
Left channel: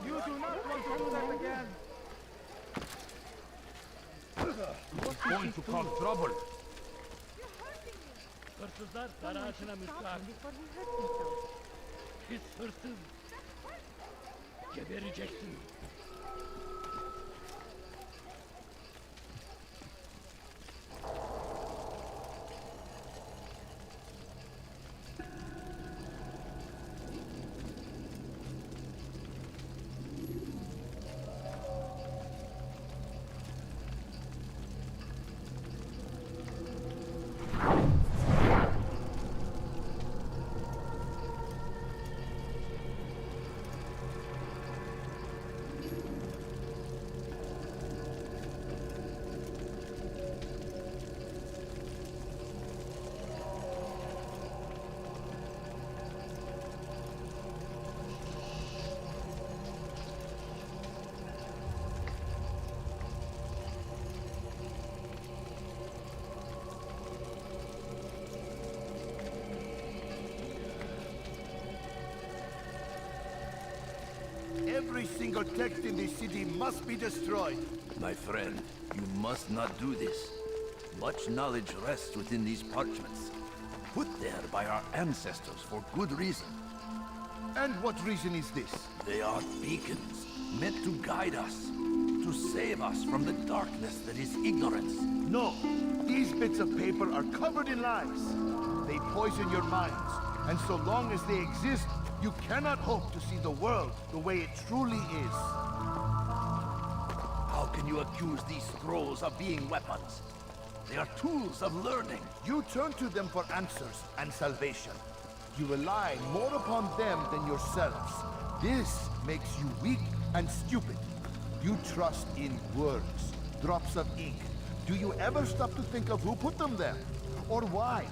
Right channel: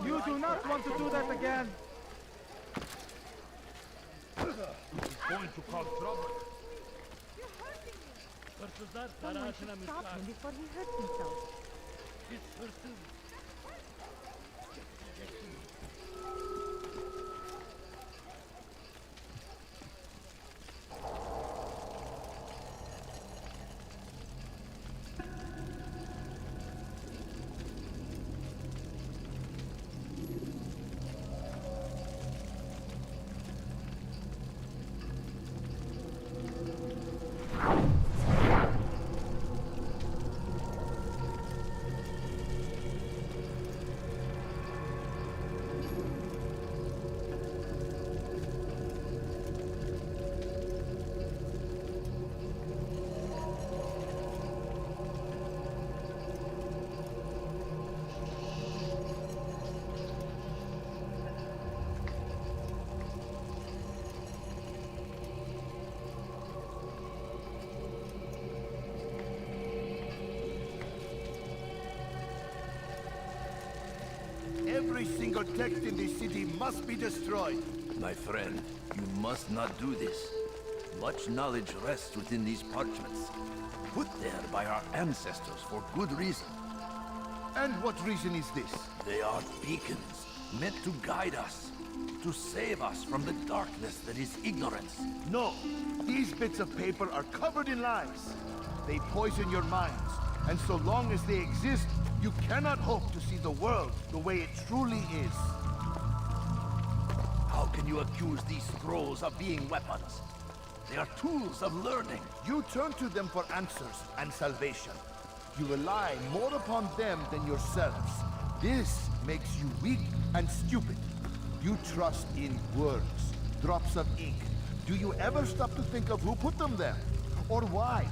You do not want to do that again. He's going to cause trouble. Hırsızlar dar Someone ağacına should stop müstahak. him before he hurts himself. Pis hırsız. Gebereceksiniz. Every single text in this city must be destroyed. My friend, you must not do this. Much knowledge rests within these parchments, put there by our ancestors for good reason. And what reason is this? They are beacons, meant to guide us, to save us from the darkness that is ignorance. No, these bits of paper are covered in lies. They poison your minds, and so long as they exist, you cannot hope to see the world the way it truly is. How can you accuse these scrolls of being weapons? They are tools of learning. You turn to them for answers and salvation. You rely more upon them than yourselves. This makes you weak and stupid. You trust in words, drops of ink. Do you ever stop to think of who put them there? Or why?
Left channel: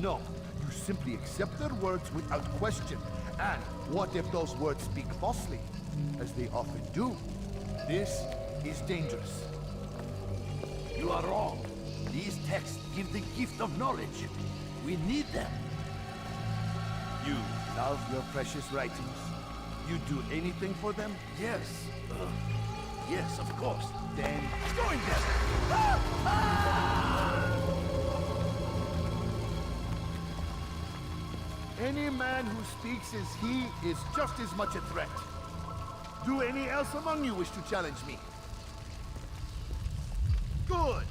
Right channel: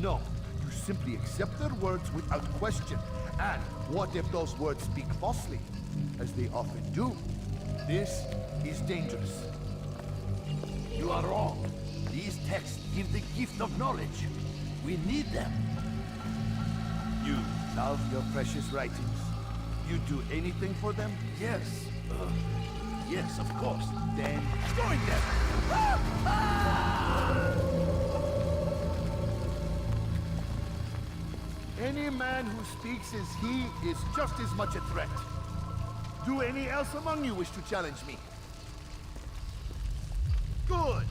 No, you simply accept their words without question. And what if those words speak falsely? As they often do. This is dangerous. You are wrong. These texts give the gift of knowledge. We need them. You love your precious writings. You do anything for them? Yes. Yes, of course. Then join them! Any man who speaks as he is just as much a threat. Do any else among you wish to challenge me? Good!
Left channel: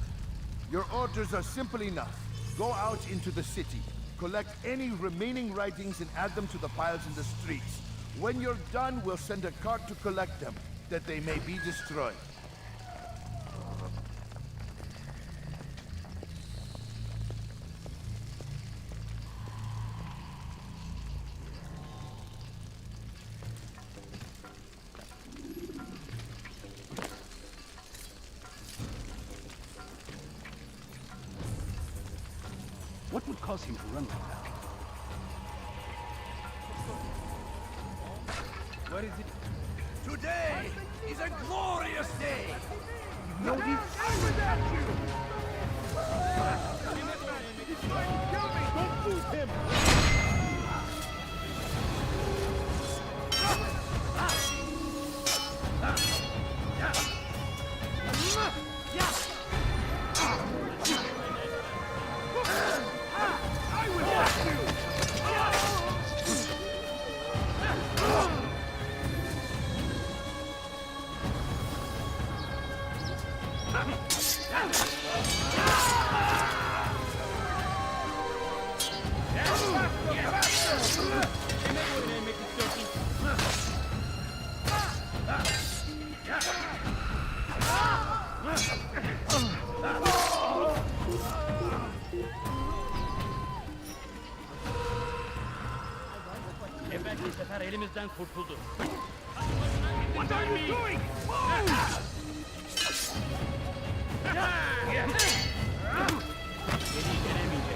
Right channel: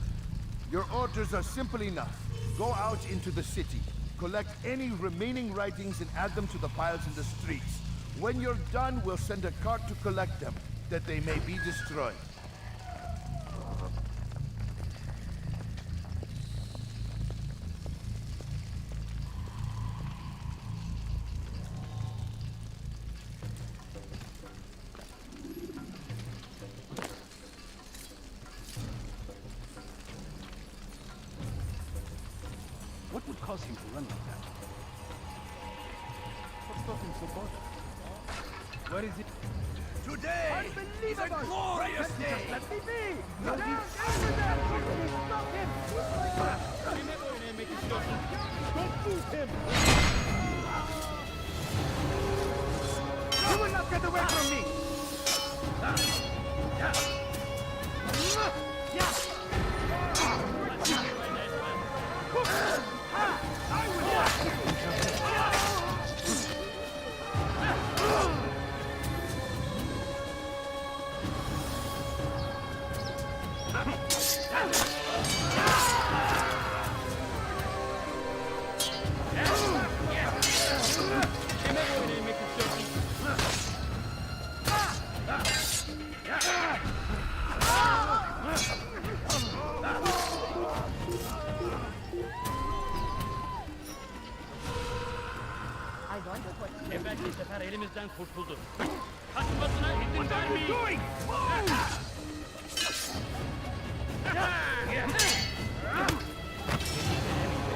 Your orders are simple enough. Go out into the city, collect any remaining writings and add them to the piles in the streets. When you're done, we'll send a cart to collect them, that they may be destroyed. What would cause him to run like that? Where is it? Today is a glorious day. No, Don't move him. You will not get away from me! I will watch you. Evvelki sefer elimizden kurtuldu. Kaçmasına izin What are you vermeyin. doing? Beni denemeyecek.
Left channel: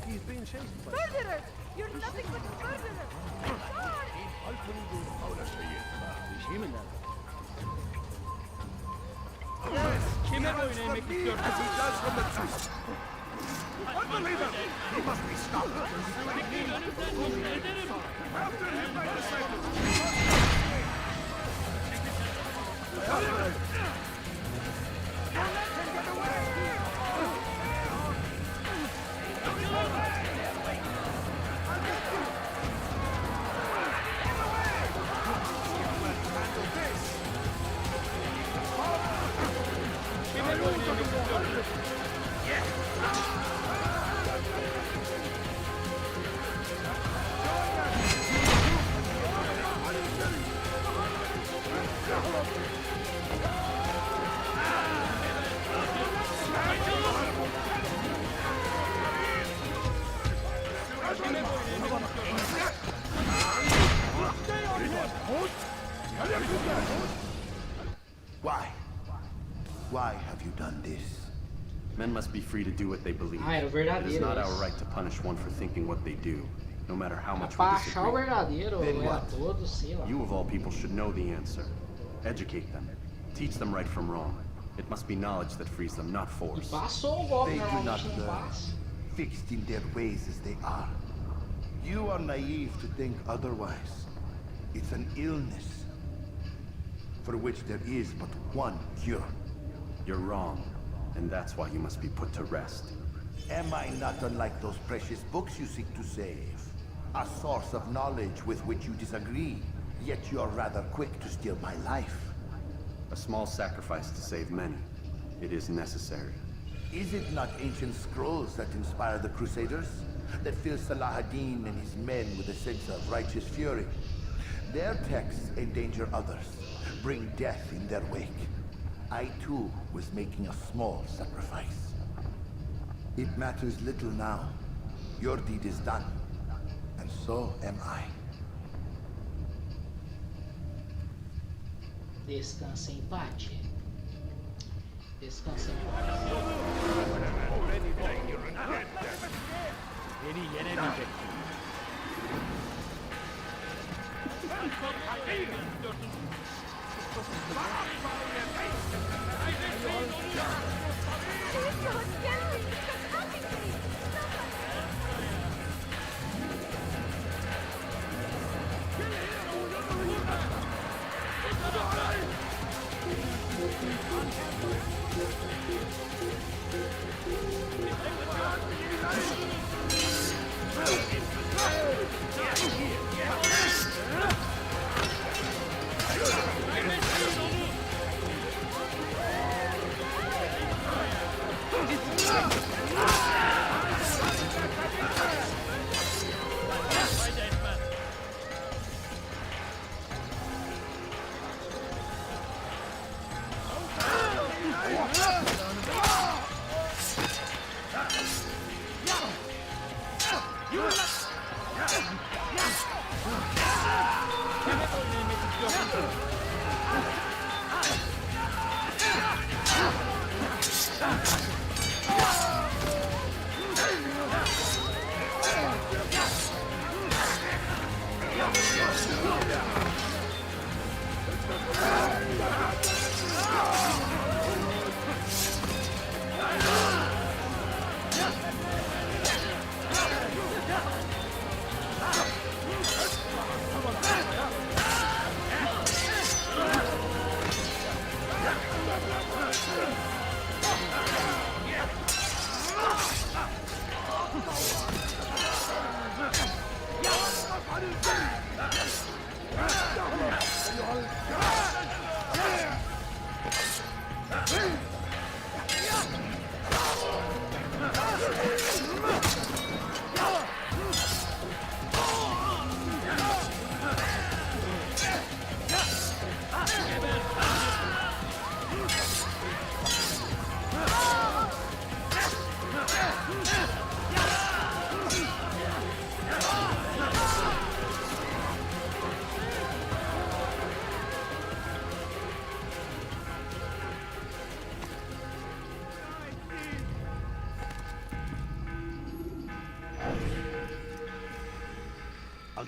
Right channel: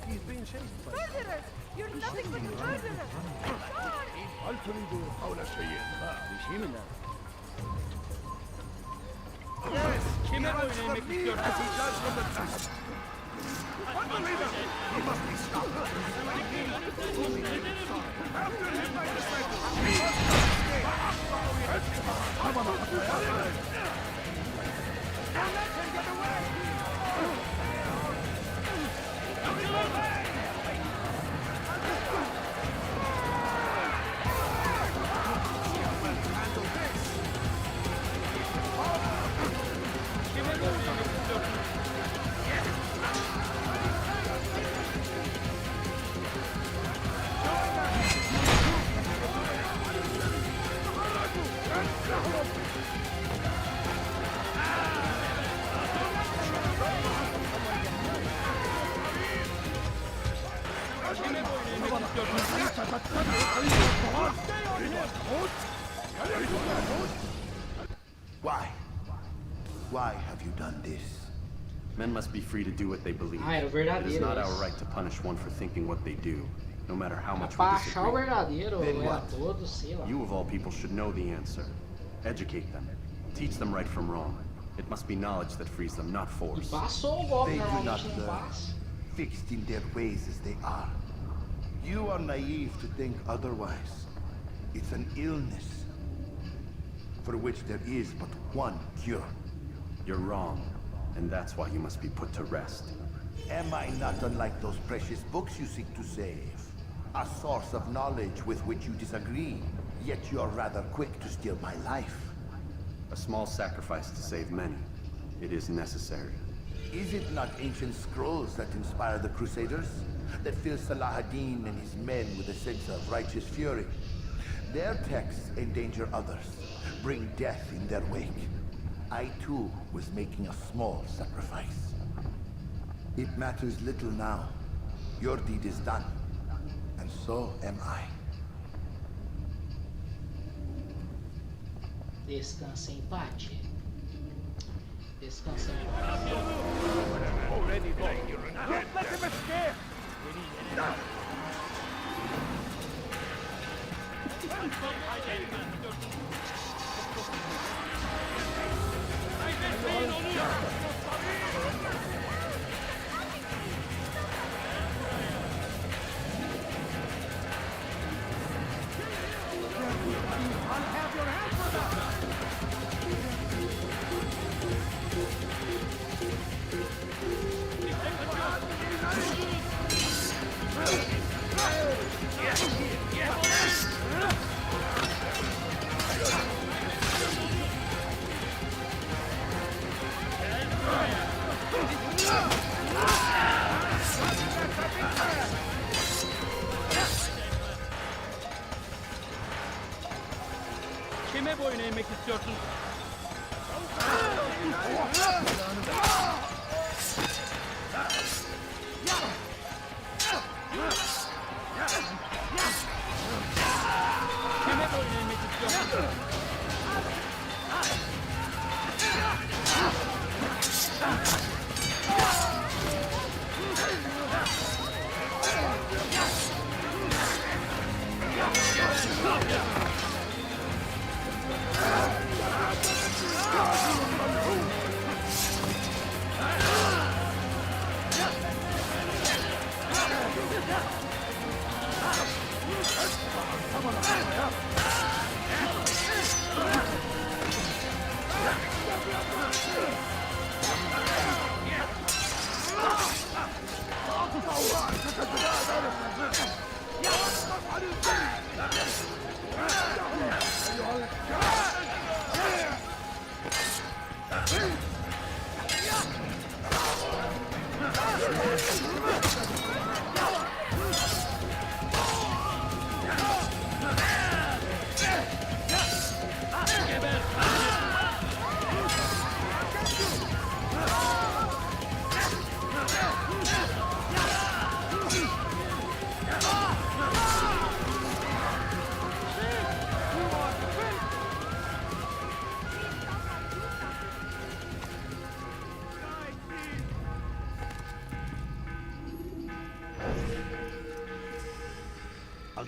think he's being chased by... Murderer! You're nothing but a murderer! Yes! Kime He runs boyun from eğmek me istiyorsun? as he does from the trust! Unbeliever! He must be stopped! After him, my disciples! Don't let him get away! Kime boyun eğmek istiyorsun? Kime boyun eğmek istiyorsun? Why? Why have you done this? Men must be free to do what they believe. Ah, era It is verdadeiro not our isso. right to punish one for thinking what they do, no matter how much we Pra achar o disagree. verdadeiro, Then ou é what? todo, sei lá. You of all people should know the answer. Educate them. Teach them right from wrong. It must be knowledge that frees them, not force. Passou o golpe, They do not normalmente não learn, passa. fixed in their ways as they are. You are naive to think otherwise. It's an illness for which there is but one cure. You're wrong, and that's why you must be put to rest. Am I not unlike those precious books you seek to save? A source of knowledge with which you disagree, yet you're rather quick to steal my life. A small sacrifice to save many. It is necessary. Is it not ancient scrolls that inspire the Crusaders? That fill Salah ad-Din and his men with a sense of righteous fury? Their texts endanger others, bring death in their wake. I too was making a small sacrifice. It matters little now. Your deed is done, and so am I. Descansa em paz. Descansa em paz. Already dangerous. Let him escape! Beni yenemeyecek. Kaybetmeyin onu! Kime boyun eğmek istiyorsun? Kime boyun eğmek istiyorsun?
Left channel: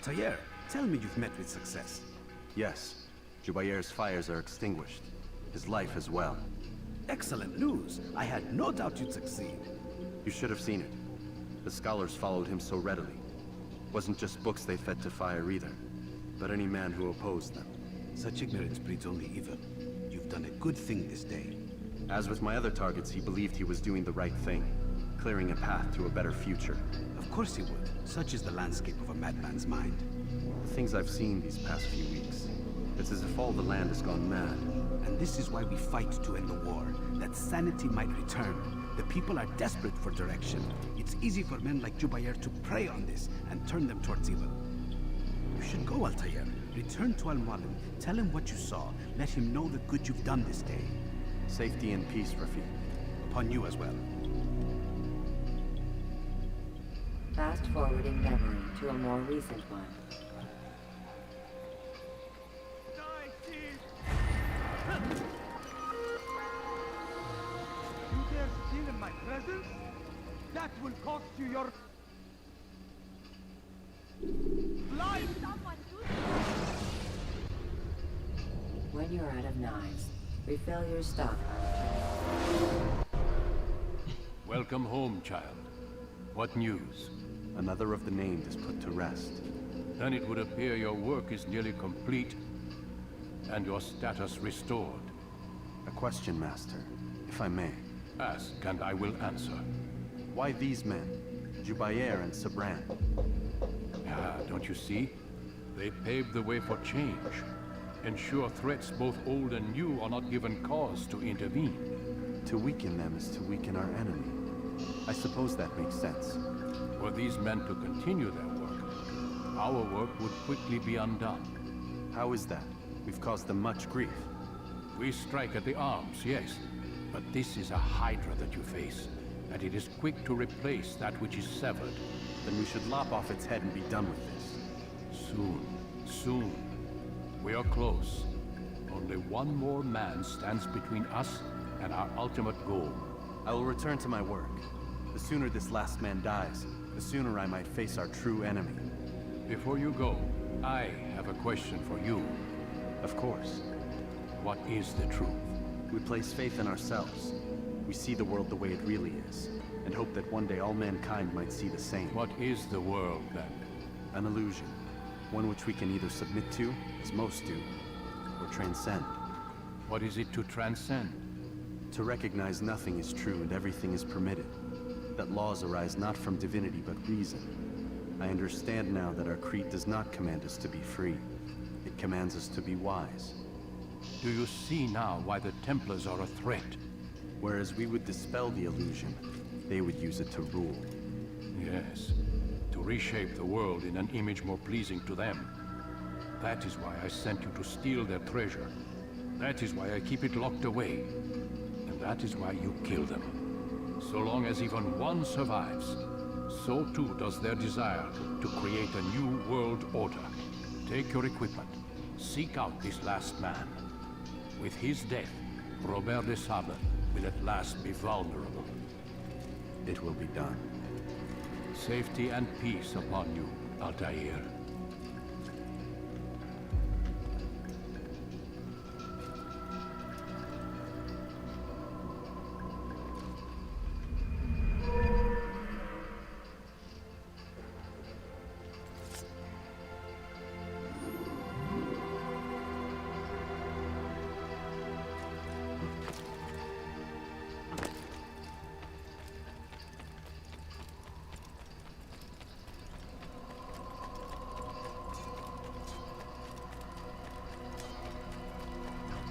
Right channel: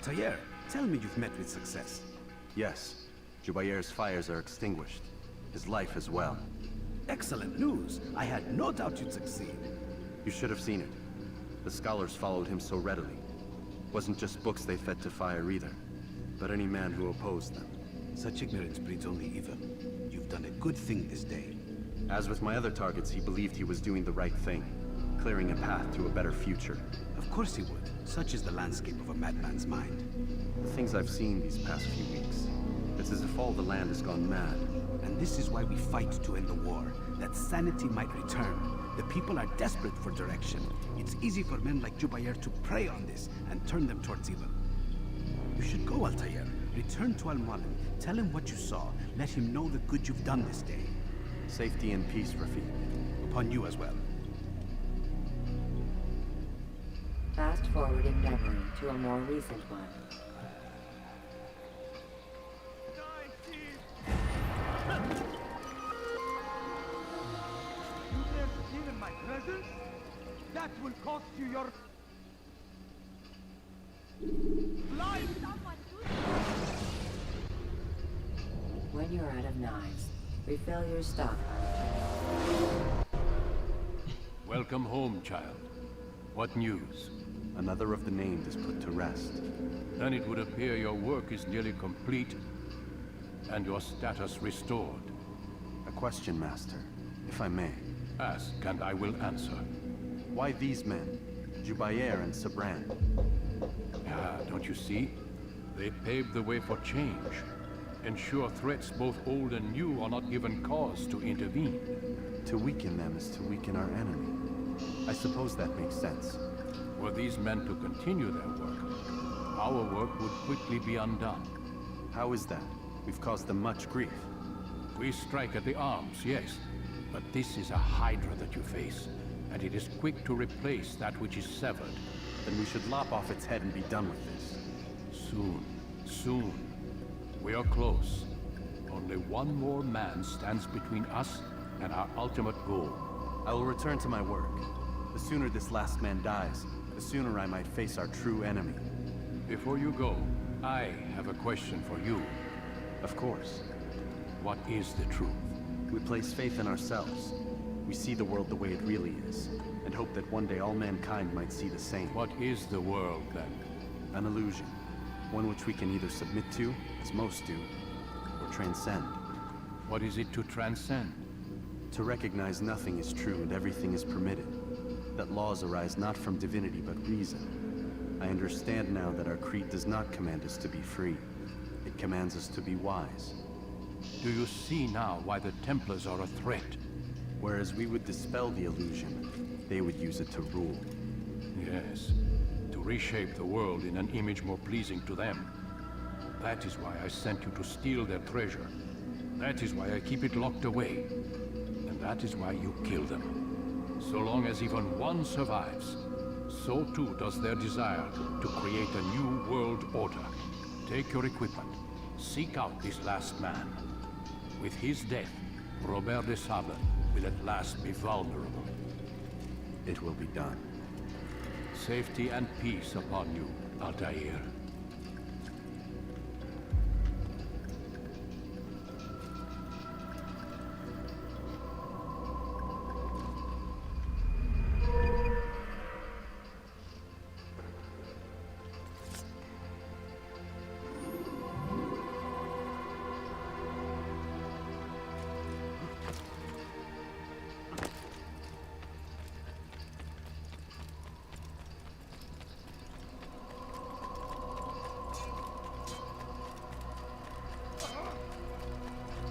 Altair, tell me you've met with success. Yes. Jubair's fires are extinguished. His life as well. Excellent news. I had no doubt you'd succeed. You should have seen it. The scholars followed him so readily. Wasn't just books they fed to fire either, but any man who opposed them. Such ignorance breeds only evil. You've done a good thing this day. As with my other targets, he believed he was doing the right thing, clearing a path to a better future. Of course he would. Such is the landscape of a madman's mind. The things I've seen these past few weeks, it's as if all the land has gone mad. And this is why we fight to end the war, that sanity might return. The people are desperate for direction. It's easy for men like Jubair to prey on this and turn them towards evil. You should go, Altair. Return to Al-Mualim. Tell him what you saw. Let him know the good you've done this day. Safety and peace, Rafiq. Upon you as well. Fast forwarding memory to a more recent one. You dare steal in my presence? That will cost you your life! When you're out of knives, refill your stock. Welcome home, child. What news? Another of the named is put to rest. Then it would appear your work is nearly complete, and your status restored. A question, Master, if I may. Ask, and I will answer. Why these men? Jubair and Sabran. Ah, don't you see? They paved the way for change. Ensure threats both old and new are not given cause to intervene. To weaken them is to weaken our enemy. I suppose that makes sense. Were these men to continue their work, our work would quickly be undone. How is that? We've caused them much grief. We strike at the arms, yes. But this is a hydra that you face, and it is quick to replace that which is severed. Then we should lop off its head and be done with this. Soon, soon. We are close. Only one more man stands between us and our ultimate goal. I will return to my work. The sooner this last man dies, the sooner I might face our true enemy. Before you go, I have a question for you. Of course. What is the truth? We place faith in ourselves. We see the world the way it really is, and hope that one day all mankind might see the same. What is the world, then? An illusion. One which we can either submit to, as most do, or transcend. What is it to transcend? To recognize nothing is true and everything is permitted. That laws arise not from divinity but reason. I understand now that our creed does not command us to be free. It commands us to be wise. Do you see now why the Templars are a threat? Whereas we would dispel the illusion, they would use it to rule. Yes, to reshape the world in an image more pleasing to them. That is why I sent you to steal their treasure. That is why I keep it locked away. And that is why you kill them. So long as even one survives, so too does their desire to create a new world order. Take your equipment. Seek out this last man. With his death, Robert de Sable will at last be vulnerable. It will be done. Safety and peace upon you, Altair.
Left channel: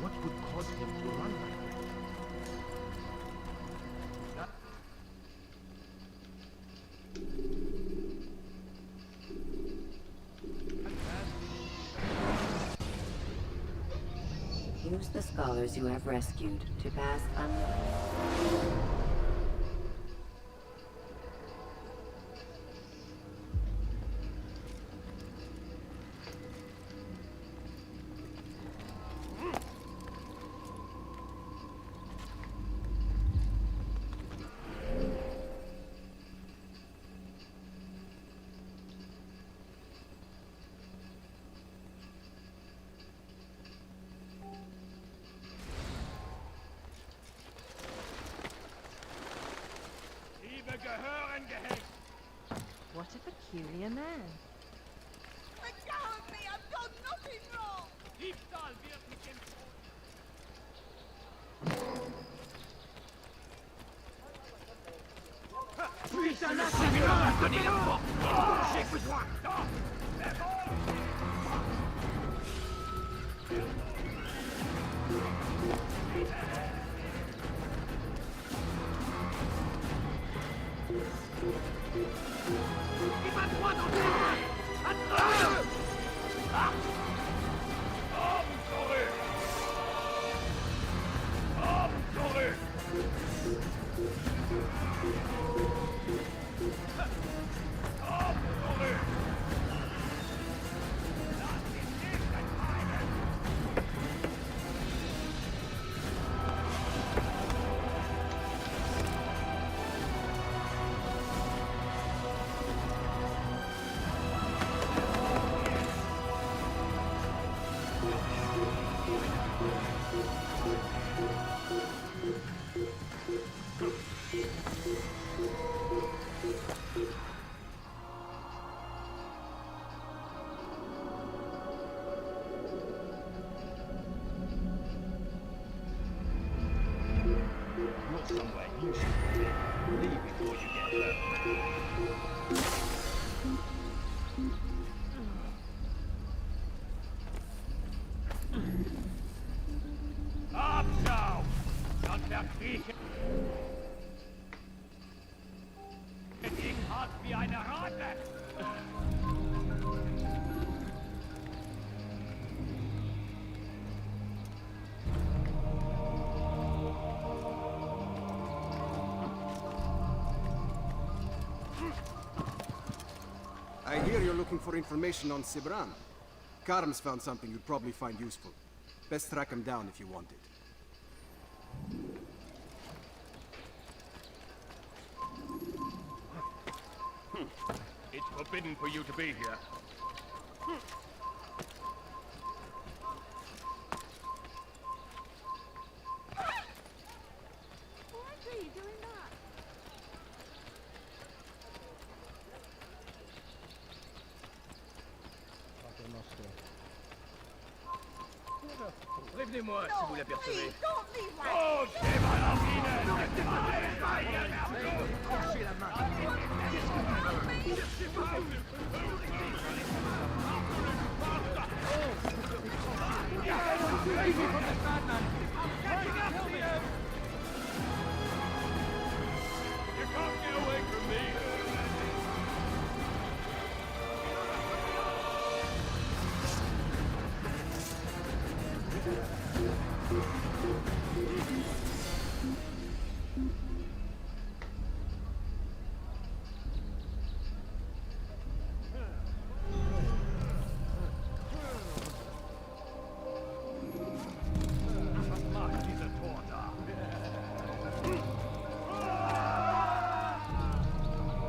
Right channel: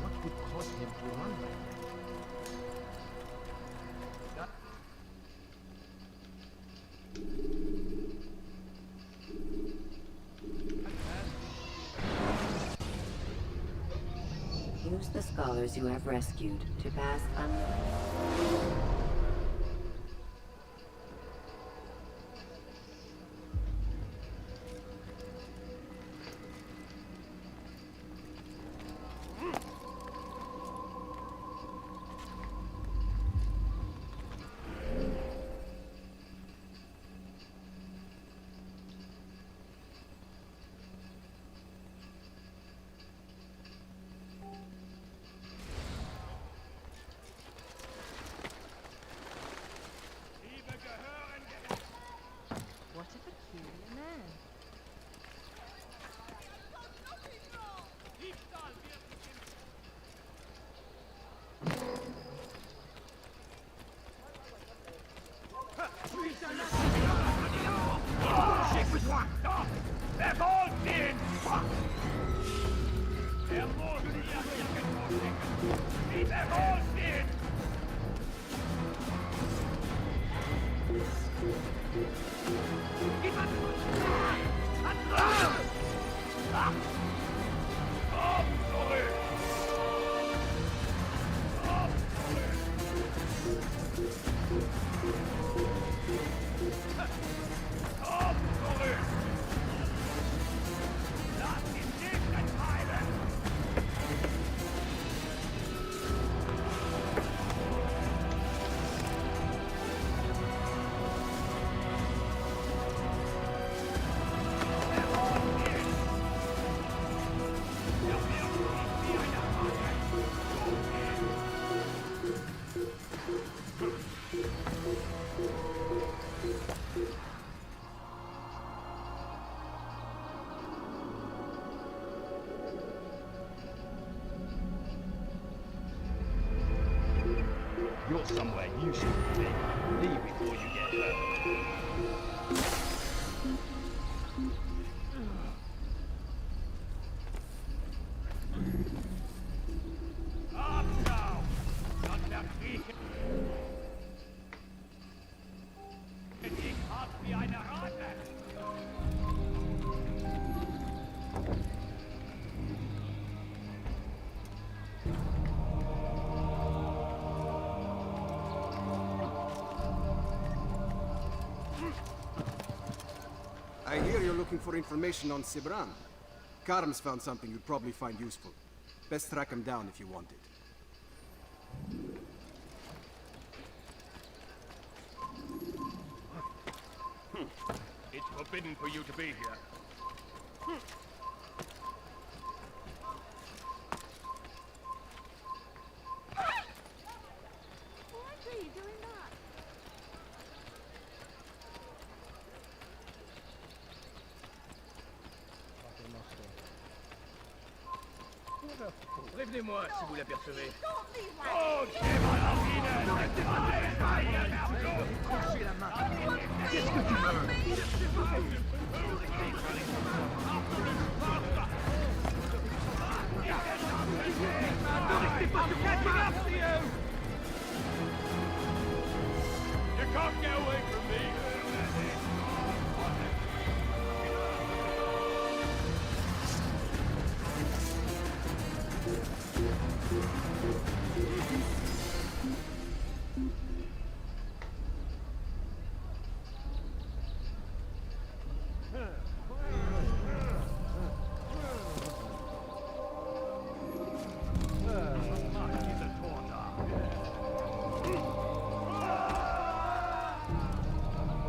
What would cause him to run like that? Use the scholars you have rescued to pass unnoticed. They're all dead! They're all dead! Il va droit dans le tas! Attrape! You're somewhere you shouldn't be. Leave before you get hurt. Abschau! Sonst erkriechen. Ich hart wie eine Rate. I hear you're looking for information on Sibran. Karm's found something you'd probably find useful. Best track him down if you want it. It's forbidden for you to be here. Why are you doing that? Prévenez-moi si vous l'apercevez. Don't leave like Oh, c'est ma rapine! Crochez la main. Qu'est-ce que tu veux? You can't get away from me!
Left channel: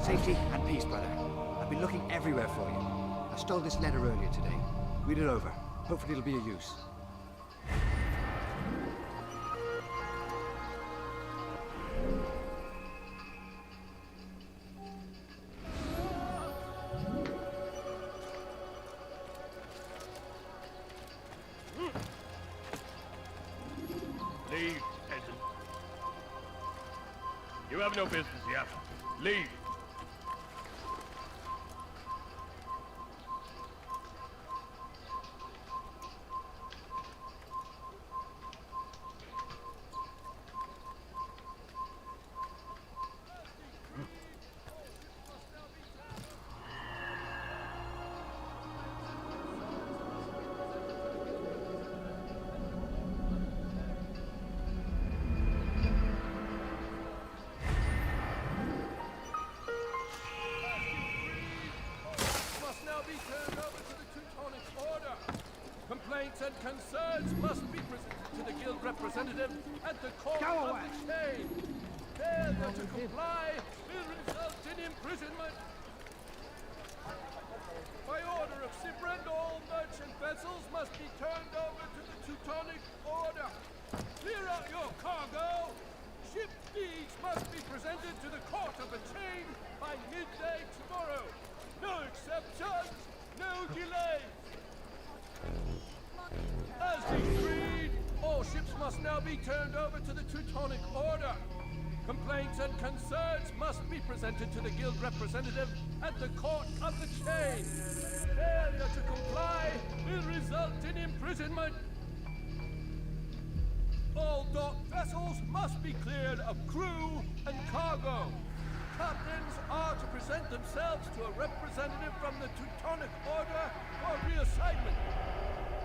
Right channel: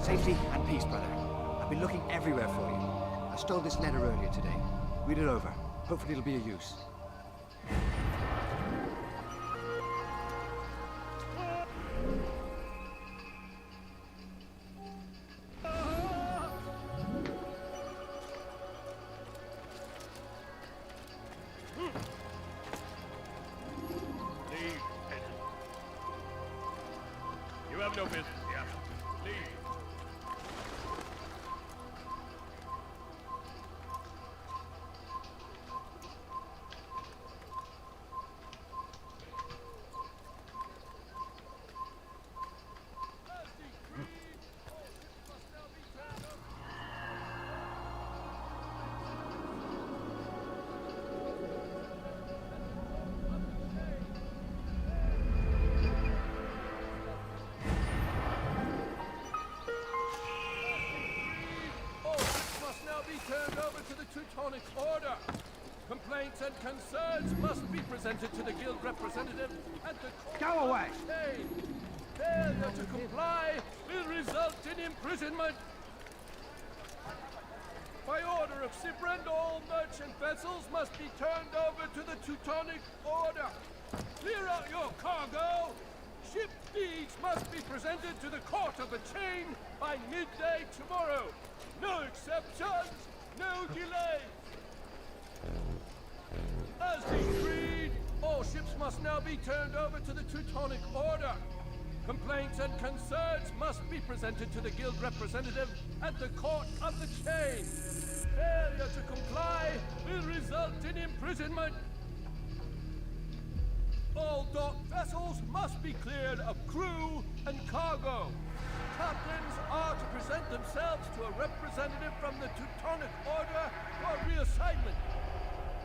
Safety and peace, brother. I've been looking everywhere for you. I stole this letter earlier today. Read it over. Hopefully it'll be of use. Leave, peasant. You have no business here. Leave. Turned over to the Teutonic Order. Complaints and concerns must be presented to the guild representative at the court Go away. of chain. Failure to comply will result in imprisonment. By order of Sibran, all merchant vessels must be turned over to the Teutonic Order. Clear out your cargo. Ship deeds must be presented to the court of the chain by midday tomorrow. No exceptions, no delays. As decreed, all ships must now be turned over to the Teutonic Order. Complaints and concerns must be presented to the guild representative at the Court of the Chain. Failure to comply will result in imprisonment. All docked vessels must be cleared of crew and cargo. Captains are to present themselves to a representative from the Teutonic Order for reassignment.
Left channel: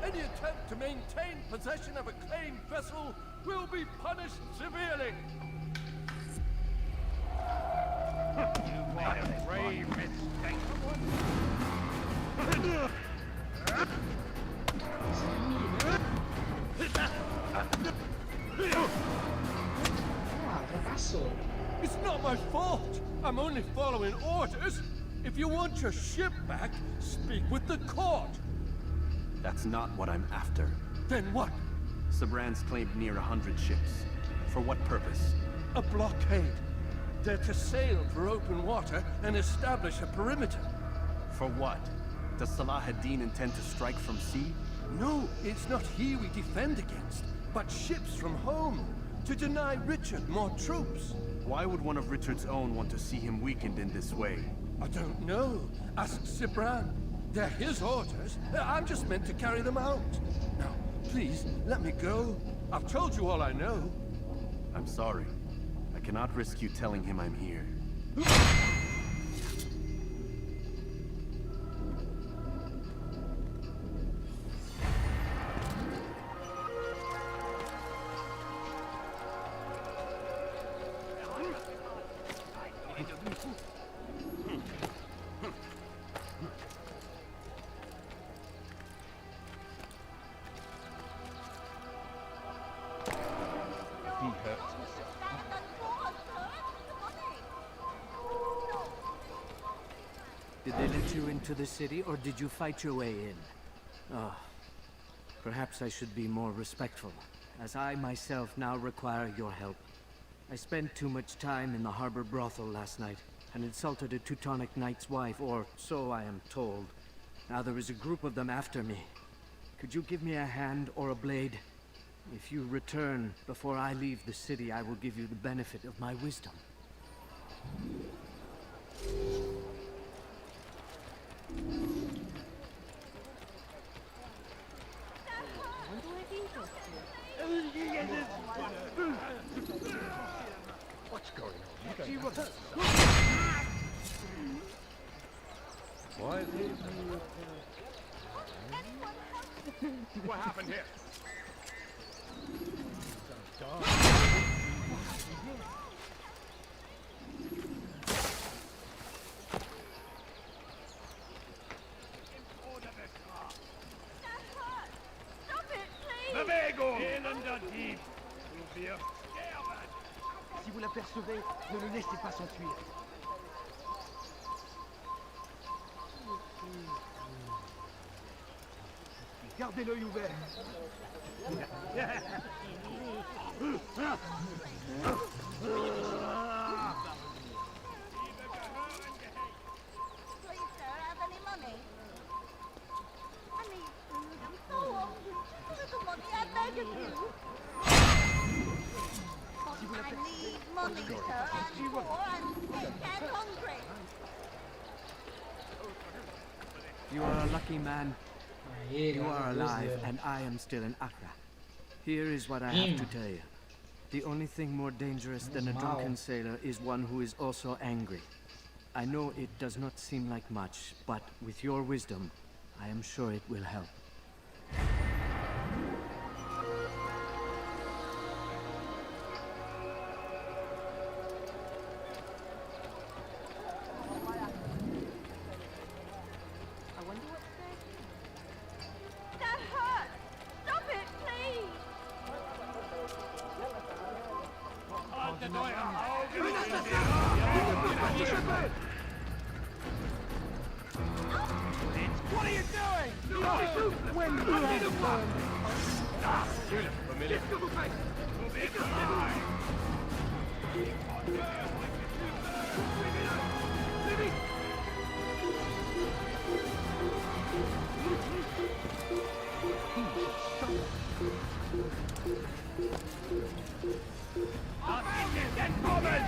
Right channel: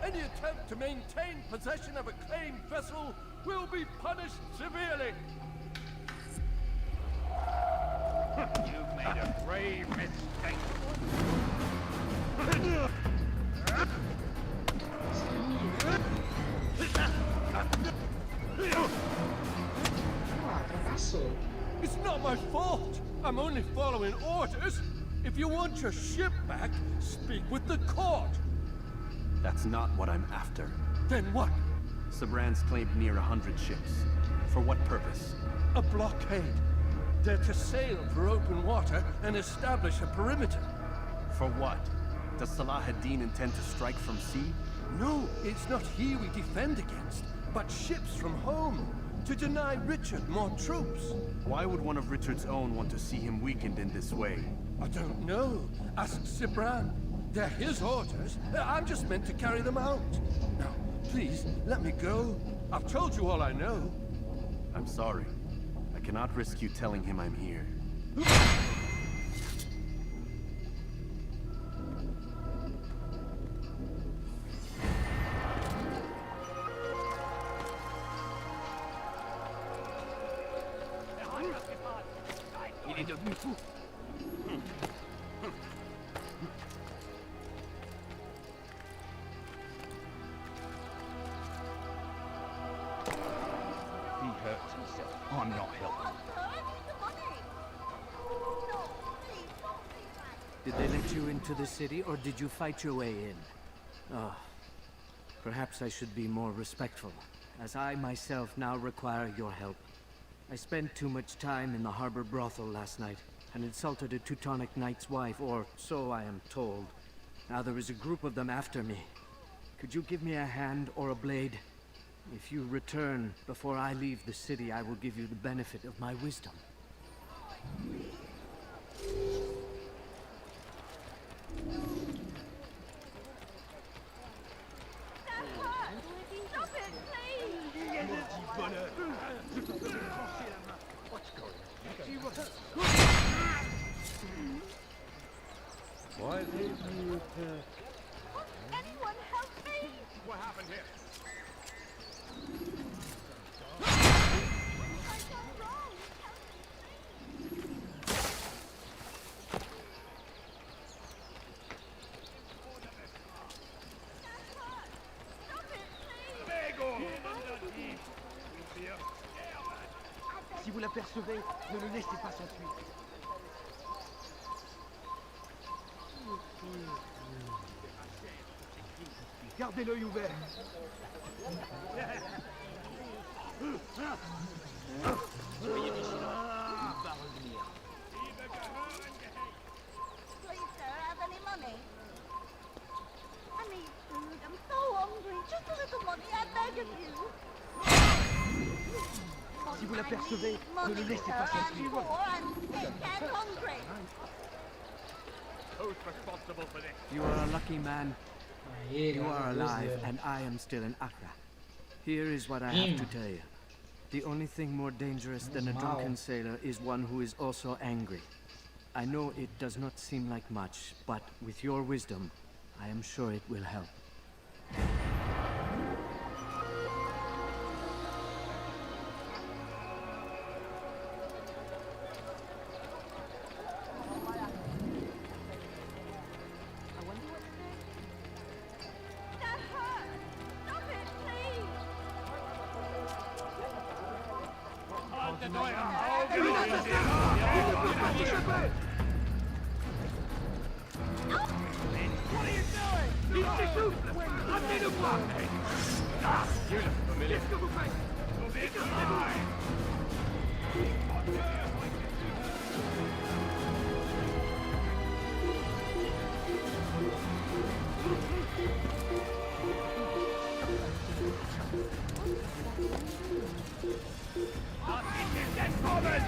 Any attempt to maintain possession of a claimed vessel will be punished severely. You made a grave mistake. It's not my fault. I'm only following orders. If you want your ship back, speak with the court. That's not what I'm after. Then what? Sabran's claimed near 100 ships. For what purpose? A blockade. They're to sail for open water and establish a perimeter. For what? Does Salah ad-Din intend to strike from sea? No, it's not he we defend against, but ships from home, to deny Richard more troops. Why would one of Richard's own want to see him weakened in this way? I don't know. Ask Sabran. They're his orders. I'm just meant to carry them out. Now, please, let me go. I've told you all I know. I'm sorry. I cannot risk you telling him I'm here. He hurts himself. I'm not helping. Did they let you into the city, or did you fight your way in? Ah, perhaps I should be more respectful, as I myself now require your help. I spent too much time in the harbor brothel last night, and insulted a Teutonic knight's wife, or so I am told. Now there is a group of them after me. Could you give me a hand or a blade? If you return before I leave the city, I will give you the benefit of my wisdom. What's going on? Why leave me with Anyone help me? What happened here? Si vous l'apercevez, ne le laissez pas s'enfuir. Gardez l'œil ouvert. Please, sir, have any money? I need food. I'm so hungry. Just a little money, I beg of you. Si vous l'apercevez, ne le Money, laissez sir. pas I'm s'enfuir. poor, I'm sick and hungry. Who's responsible for this? You are a lucky man. Aí, You are graças a Deus alive, dele. and I am still in Accra. Here is what I have to tell you. The only thing more dangerous than a drunken sailor is one who is also angry. I know it does not seem like much, but with your wisdom, I am sure it will help. I wonder what's there. That hurts! Stop it, please! What are you doing? I need a block! Ah, you look familiar. Move it aside. I'll get this dead woman!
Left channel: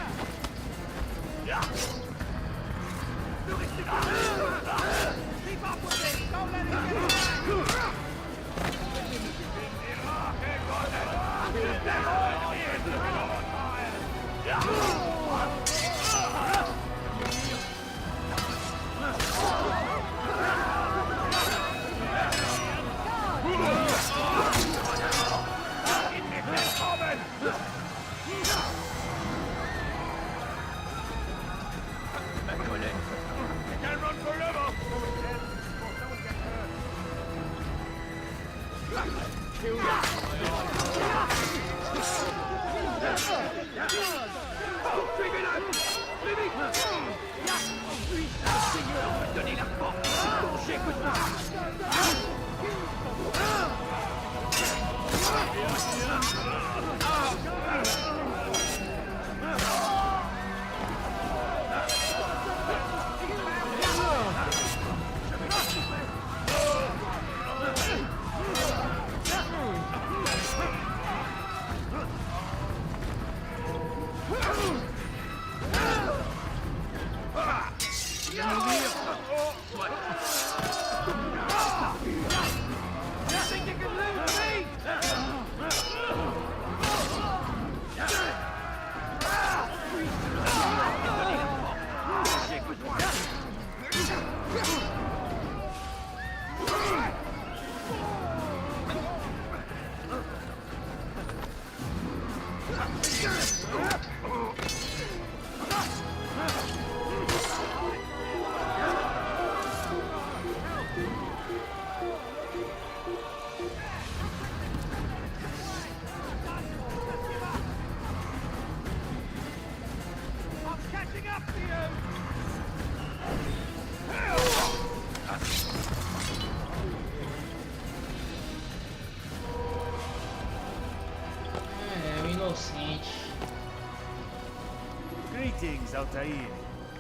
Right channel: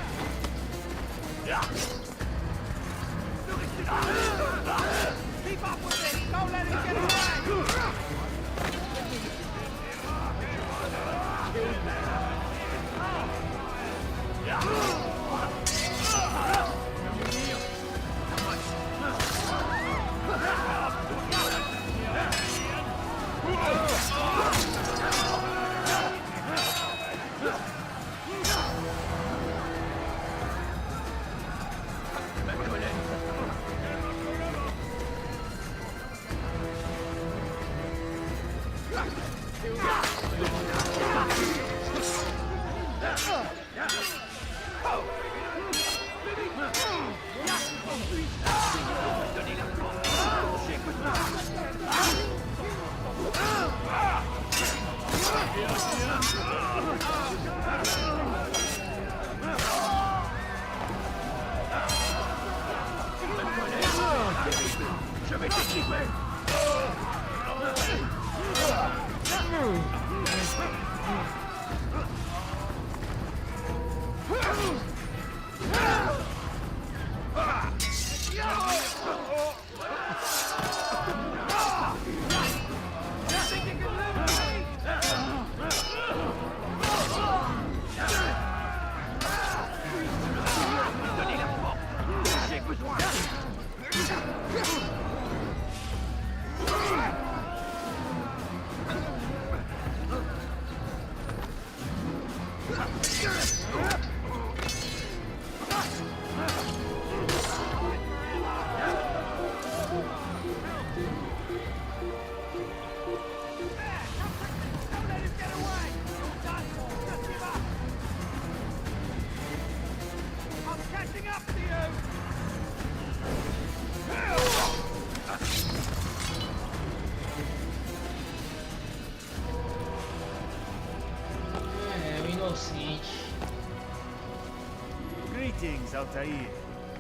Greetings, Altair.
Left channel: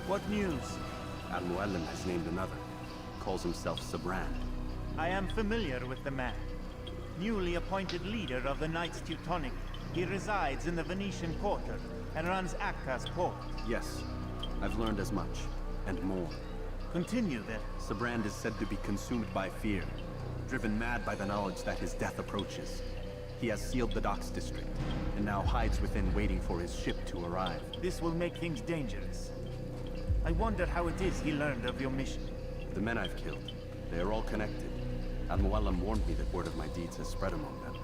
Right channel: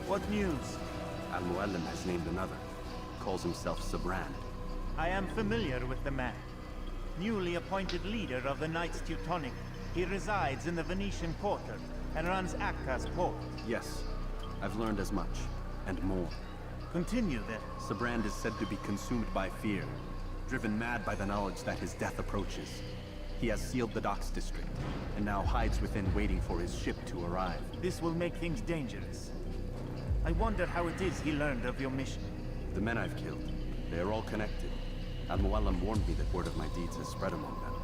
What news? Al-Mualim has named another. Calls himself Sabran. I am familiar with the man. Newly appointed leader of the Knights Teutonic, he resides in the Venetian Quarter and runs Akka's port. Yes, I've learned as much, and more. Continue then. Sabrand is said to be consumed by fear, driven mad by the knowledge that his death approaches. He has sealed the docks district, and now hides within waiting for his ship to arrive. This will make things dangerous. I wonder how it is he learned of your mission. The men I've killed, they are all connected. Al-Mualim warned me that word of my deeds has spread among them.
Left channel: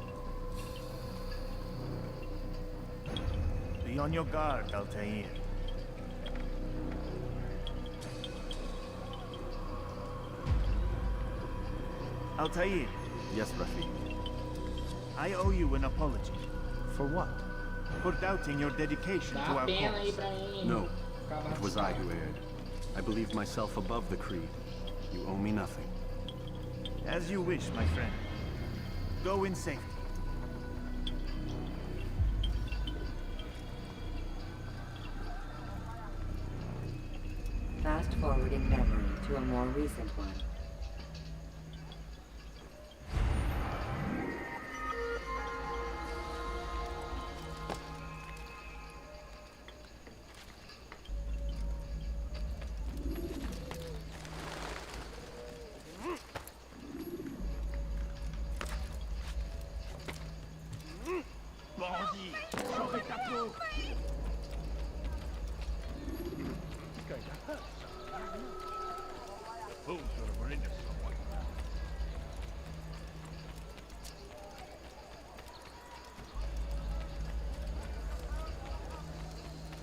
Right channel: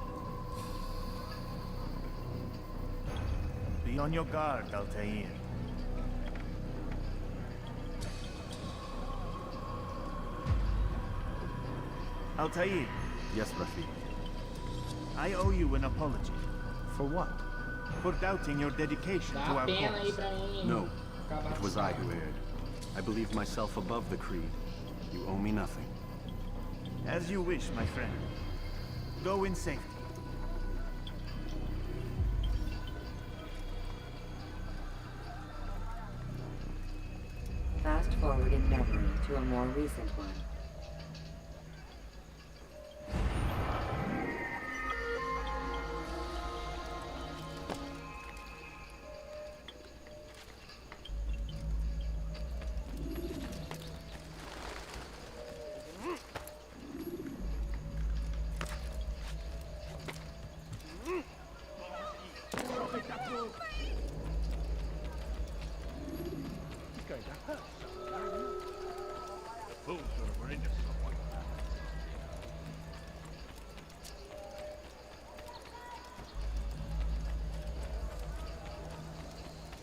Be on your guard, Altair. Altair. Yes, Rafiq. I owe you an apology. For what? For doubting your dedication to our cause. No, it was I who erred. I believed myself above the creed. You owe me nothing. As you wish, my friend. Go in safety. Fast forward in memory to a more recent one.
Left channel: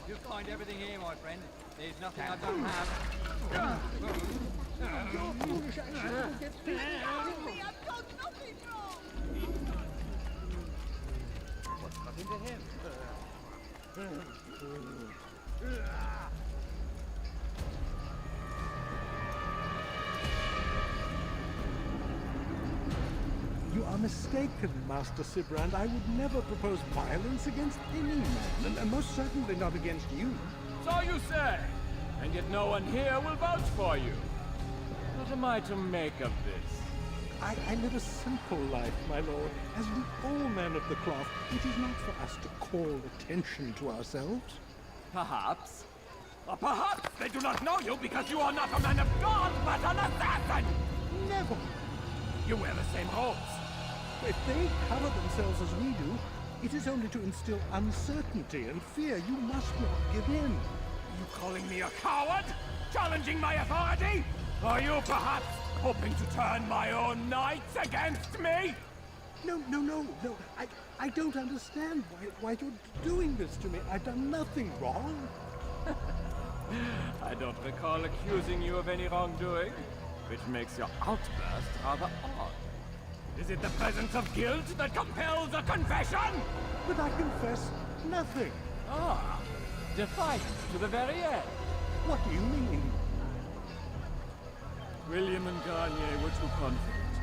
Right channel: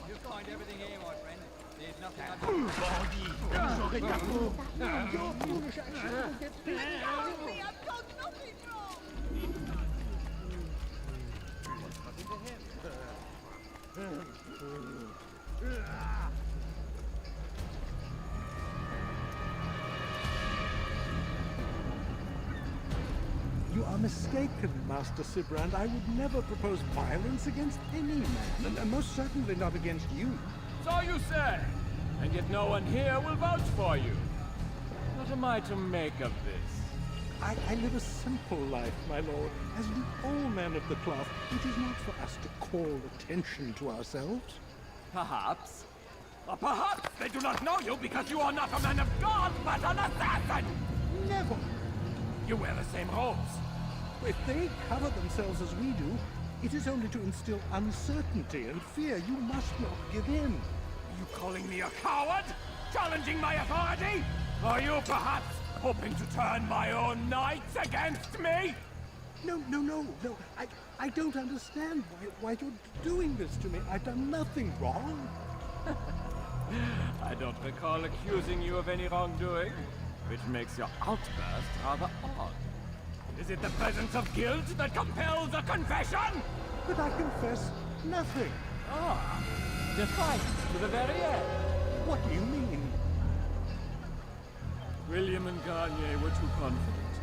You'll find everything here, my friend. There's nothing I don't have. I've done nothing wrong! What's happened to him? You are mistaken, Master Sibrand. I would never propose violence against any man, and most certainly not against you. So you say, and yet no one here will vouch for you. What am I to make of this? I live a simple life, my lord. As do all men of the cloth, it is not for us to call attention to ourselves. Perhaps. Or perhaps they do not know you because you are not a man of God, but an assassin! Never! You wear the same robes. If they cover themselves as we do, it is only to instill uncertainty and fear. You must not give in. Are you calling me a coward? Challenging my authority? Are you perhaps hoping to turn my own knights against me? No. I don't understand why you're doing this to me. I've done nothing wrong. I don't recall accusing you of any wrongdoing, which makes your outburst rather odd. Is Is it the presence of guilt that compels a confession? But I confess nothing. Ah, defiant to the very end. What do you mean? William and Garnier were too confident,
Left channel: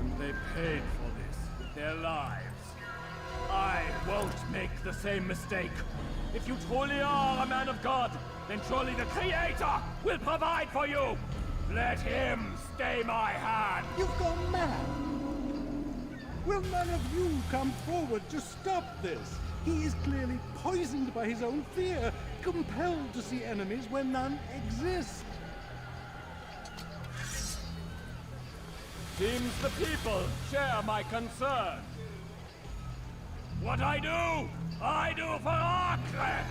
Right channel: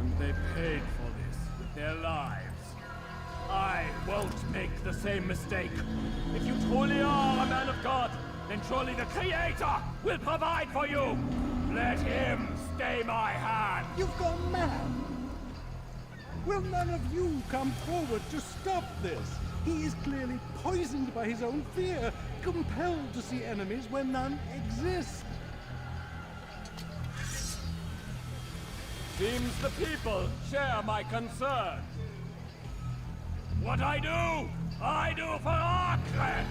and they paid for this with their lives. I won't make the same mistake. If you truly are a man of God, then surely the Creator will provide for you. Let him stay my hand. You've gone mad. Will none of you come forward to stop this? He is clearly poisoned by his own fear, compelled to see enemies where none exist. Seems the people share my concern. What I do for Acre!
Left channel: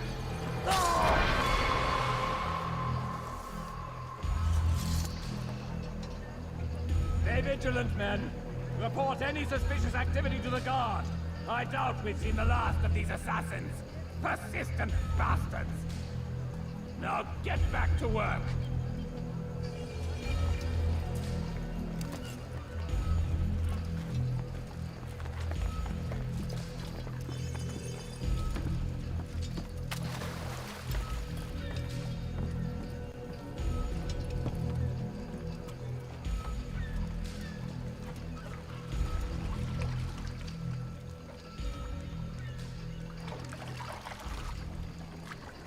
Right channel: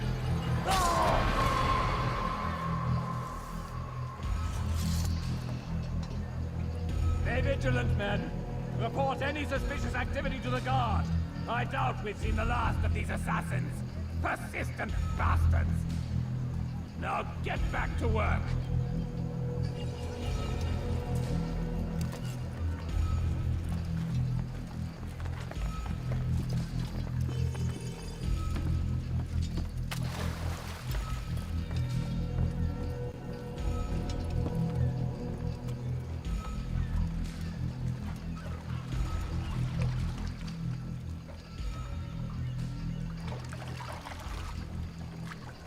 Stay vigilant, men. Report any suspicious activity to the guard. I doubt we've seen the last of these assassins. Persistent bastards. Now get back to work.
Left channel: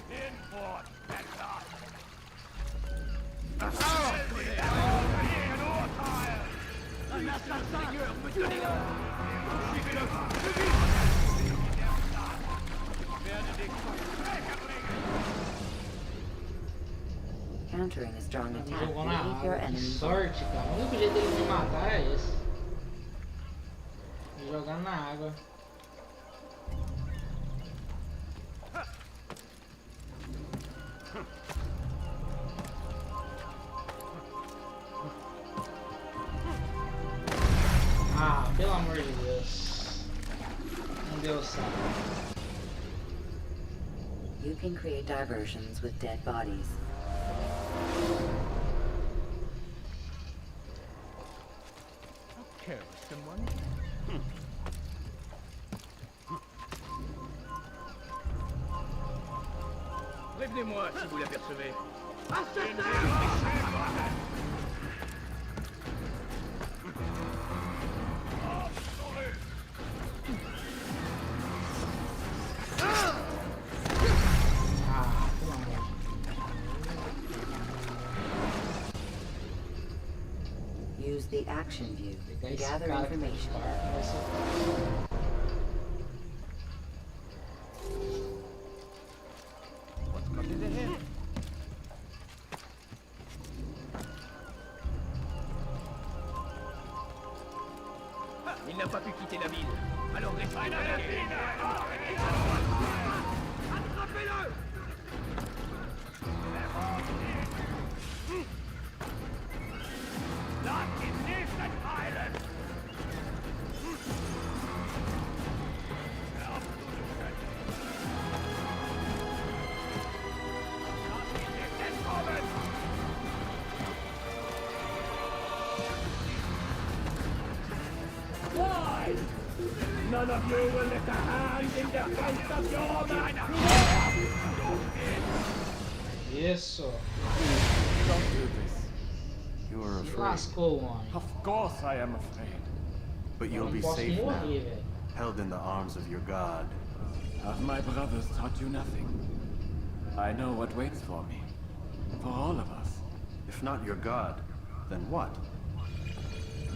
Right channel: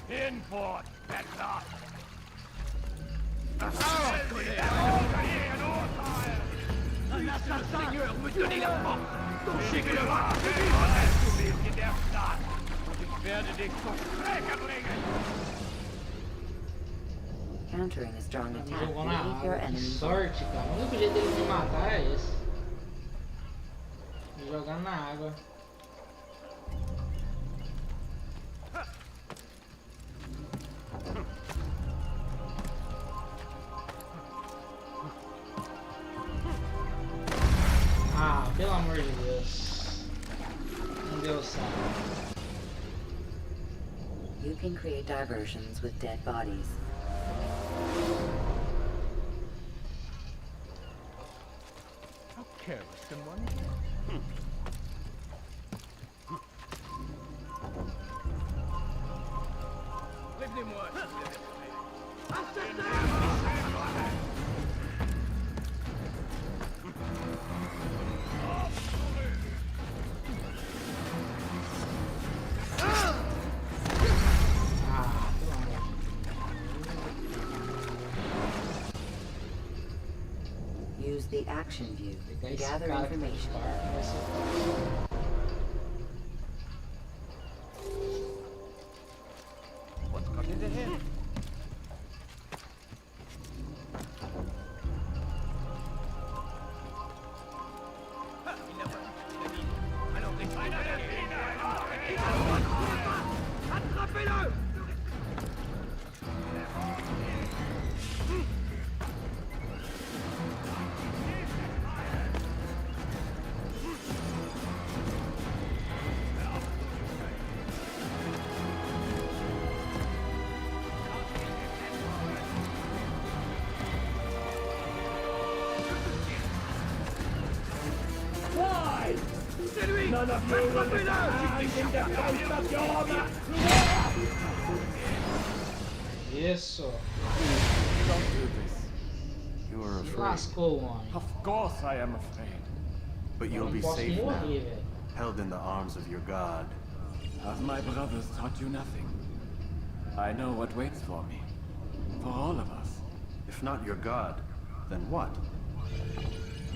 Import, Petra! Un assassin me donnait la main. Touchez-le! Ich werde dich zum Schläger bringen! Countering a strong attack, Jogou leave na your água. Que enemy. sorte, cara. O único jeito dele me matar é esse. Me jogando na água. Ah, pelo amor de Deus. Não deu certo. You can create diversions with dead bodies. How careless can one be? Prévenez-moi si vous l'apercevez. Ah, pelo amor de Use the action view to Deus. Esse gather cara que tá de information. barco vai ser fácil. What's coming ahead? Il n'a pas pu quitter la ville. Alors attrapez-le! Why? None of you will lift a hand in defense of your man! Isso. Don't do this. You are Se afraid. lascou, homem. Of course I am afraid. But Eu you'll não be posso safe now, morrer, velho. held in the arms of your god. Have my brothers taught you nothing? I know what waits for me. For all of us. If not your god, then what?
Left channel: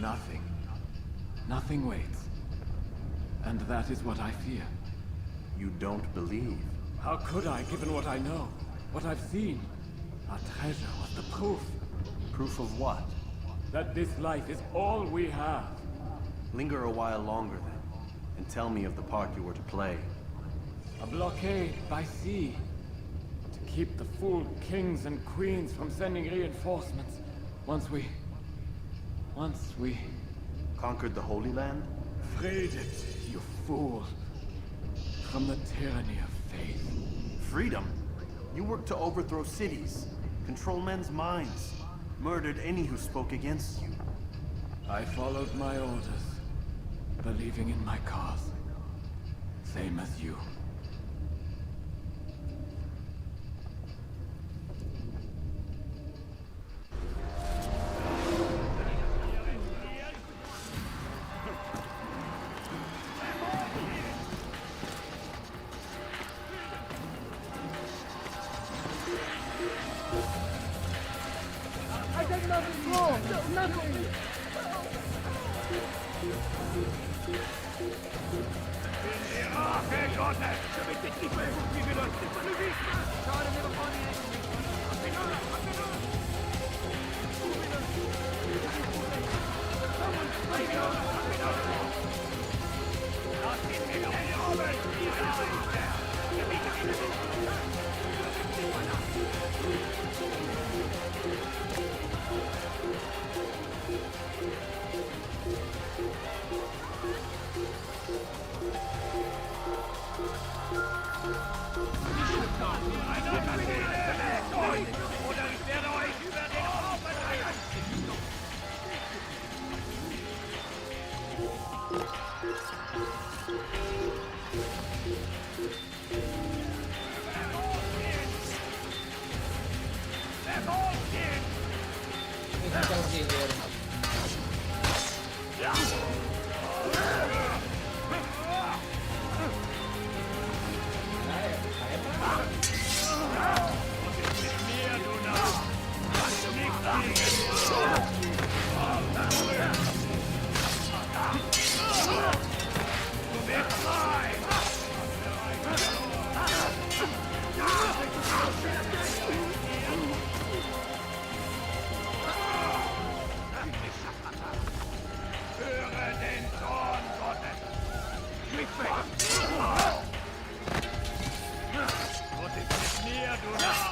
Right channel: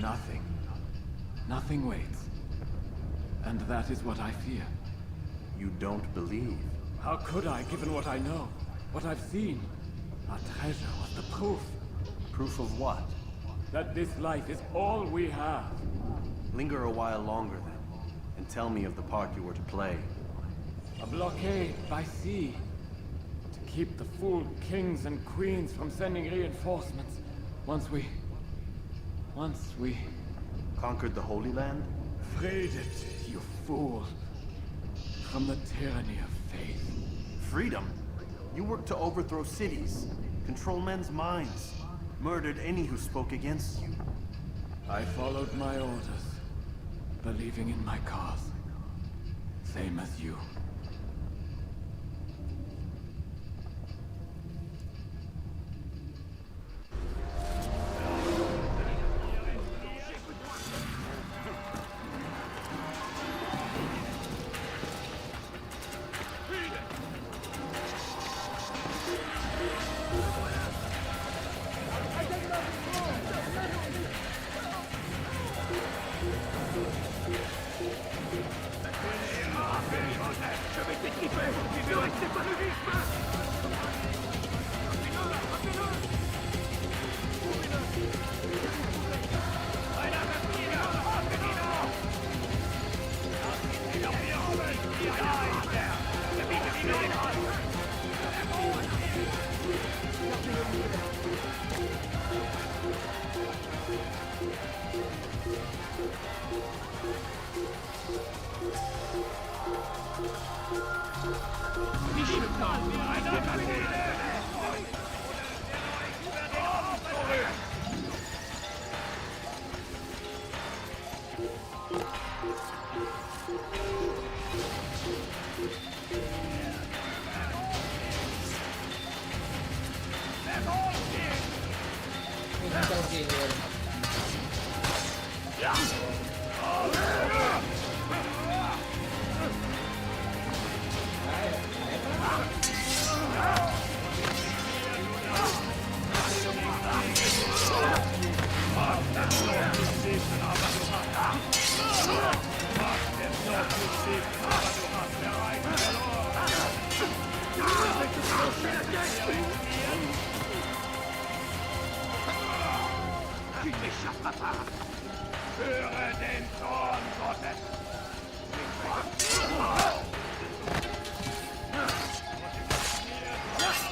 Nothing. Nothing waits. And that is what I fear. You don't believe. How could I, given what I know? What I've seen? Our treasure was the proof. Proof of what? That this life is all we have. Linger a while longer then, and tell me of the part you were to play. A blockade by sea. To keep the fool kings and queens from sending reinforcements. Once we... Conquered the Holy Land? freed it, you fool. From the tyranny of faith. Freedom? You worked to overthrow cities, control men's minds, murdered any who spoke against you. I followed my orders. believing in my cause, same as you. I did nothing wrong! No, nothing! Je vais t'étriper! Restez pas le vif! Quem que é o guerreiro? Ah, é pra mim. Tu t'échapperas pas! Höre den Zorn Gottes! Nicht weg! Und es ist mir, du Narr!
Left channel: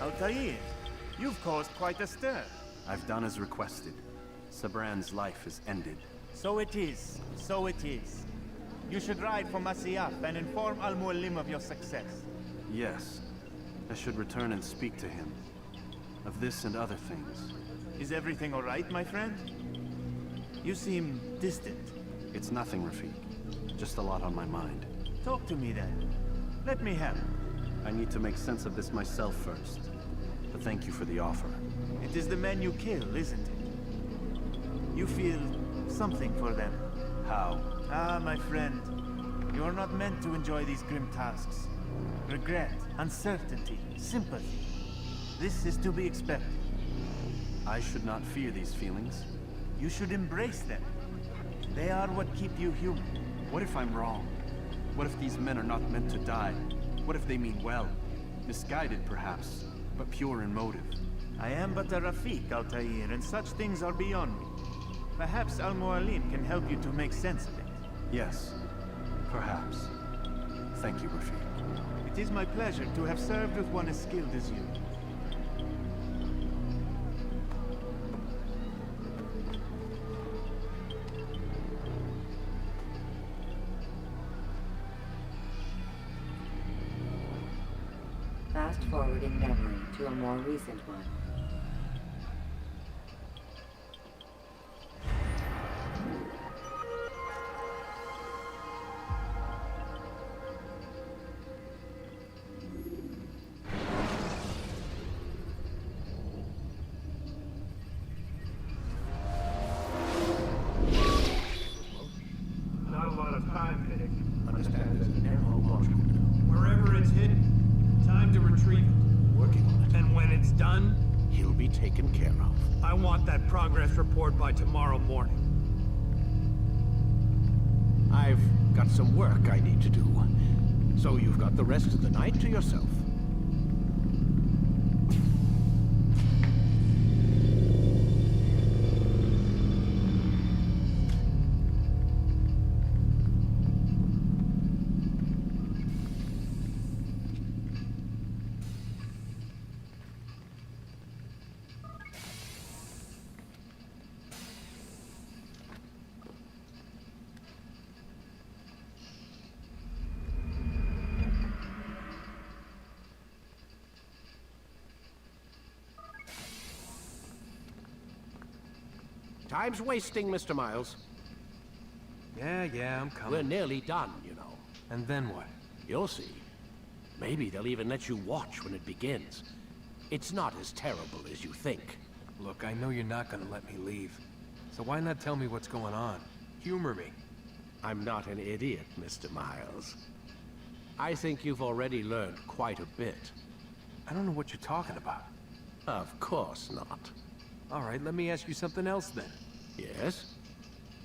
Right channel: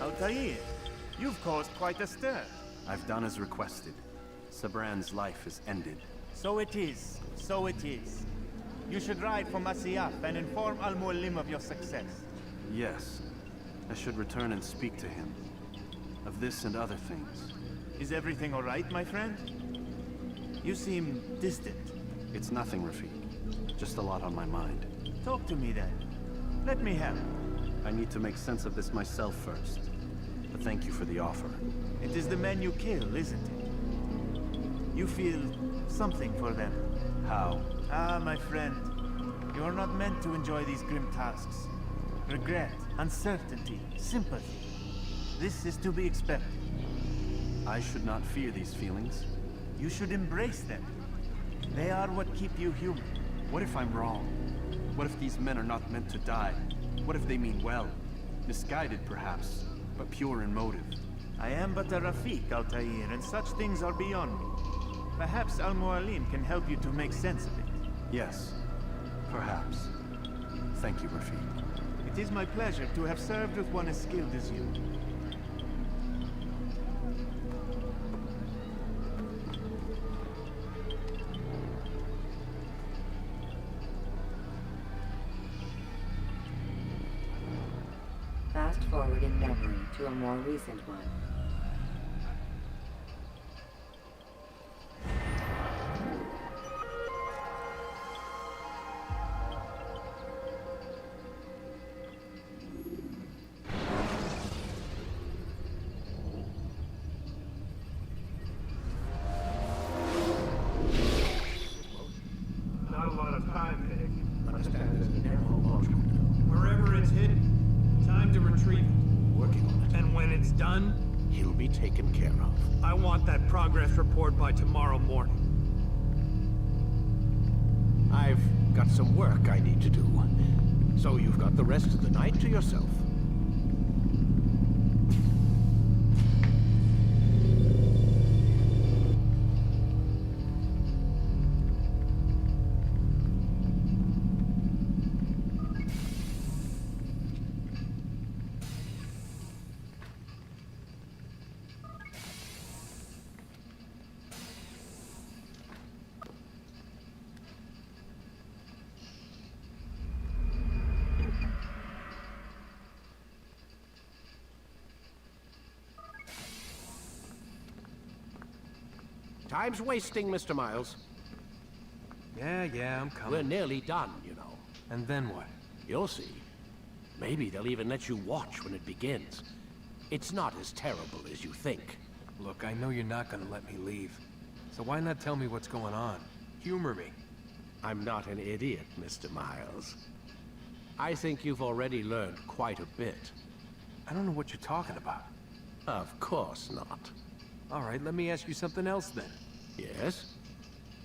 Altair, you've caused quite a stir. I've done as requested. Sabran's life is ended. So it is. So it is. You should ride for Masyaf and inform Al-Mualim of your success. Yes. I should return and speak to him. Of this and other things. Is everything all right, my friend? You seem distant. It's nothing, Rafik. Just a lot on my mind. Talk to me then. Let me help. I need to make sense of this myself first. But thank you for the offer. It is the men you kill, isn't it? You feel something for them. How? Ah, my friend. You are not meant to enjoy these grim tasks. Regret, uncertainty, sympathy. This is to be expected. I should not fear these feelings. You should embrace them. They are what keep you human. What if I'm wrong? What if these men are not meant to die? What if they mean well? Misguided, perhaps, but pure in motive. I am but a Rafik, Altair, and such things are beyond me. Perhaps Al-Mualim can help you to make sense of it. Yes, perhaps. Thank you, Rafik. It is my pleasure to have served with one as skilled as you. Fast forward in memory to a more recent one. Not a lot of time, Nick. Understand there's an arrow launch. Wherever it's hidden, time to retrieve it. Working on it. And when it's done? He'll be taken care of. I want that progress report by tomorrow morning. I've got some work I need to do. So you've got the rest of the night to yourself. Time's wasting, Mr. Miles. Yeah, I'm coming. We're nearly done, you know. And then what? You'll see. Maybe they'll even let you watch when it begins. It's not as terrible as you think. Look, I know you're not gonna let me leave. So why not tell me what's going on? Humor me. I'm not an idiot, Mr. Miles. I think you've already learned quite a bit. I don't know what you're talking about. Of course not. All right, let me ask you something else then. Yes?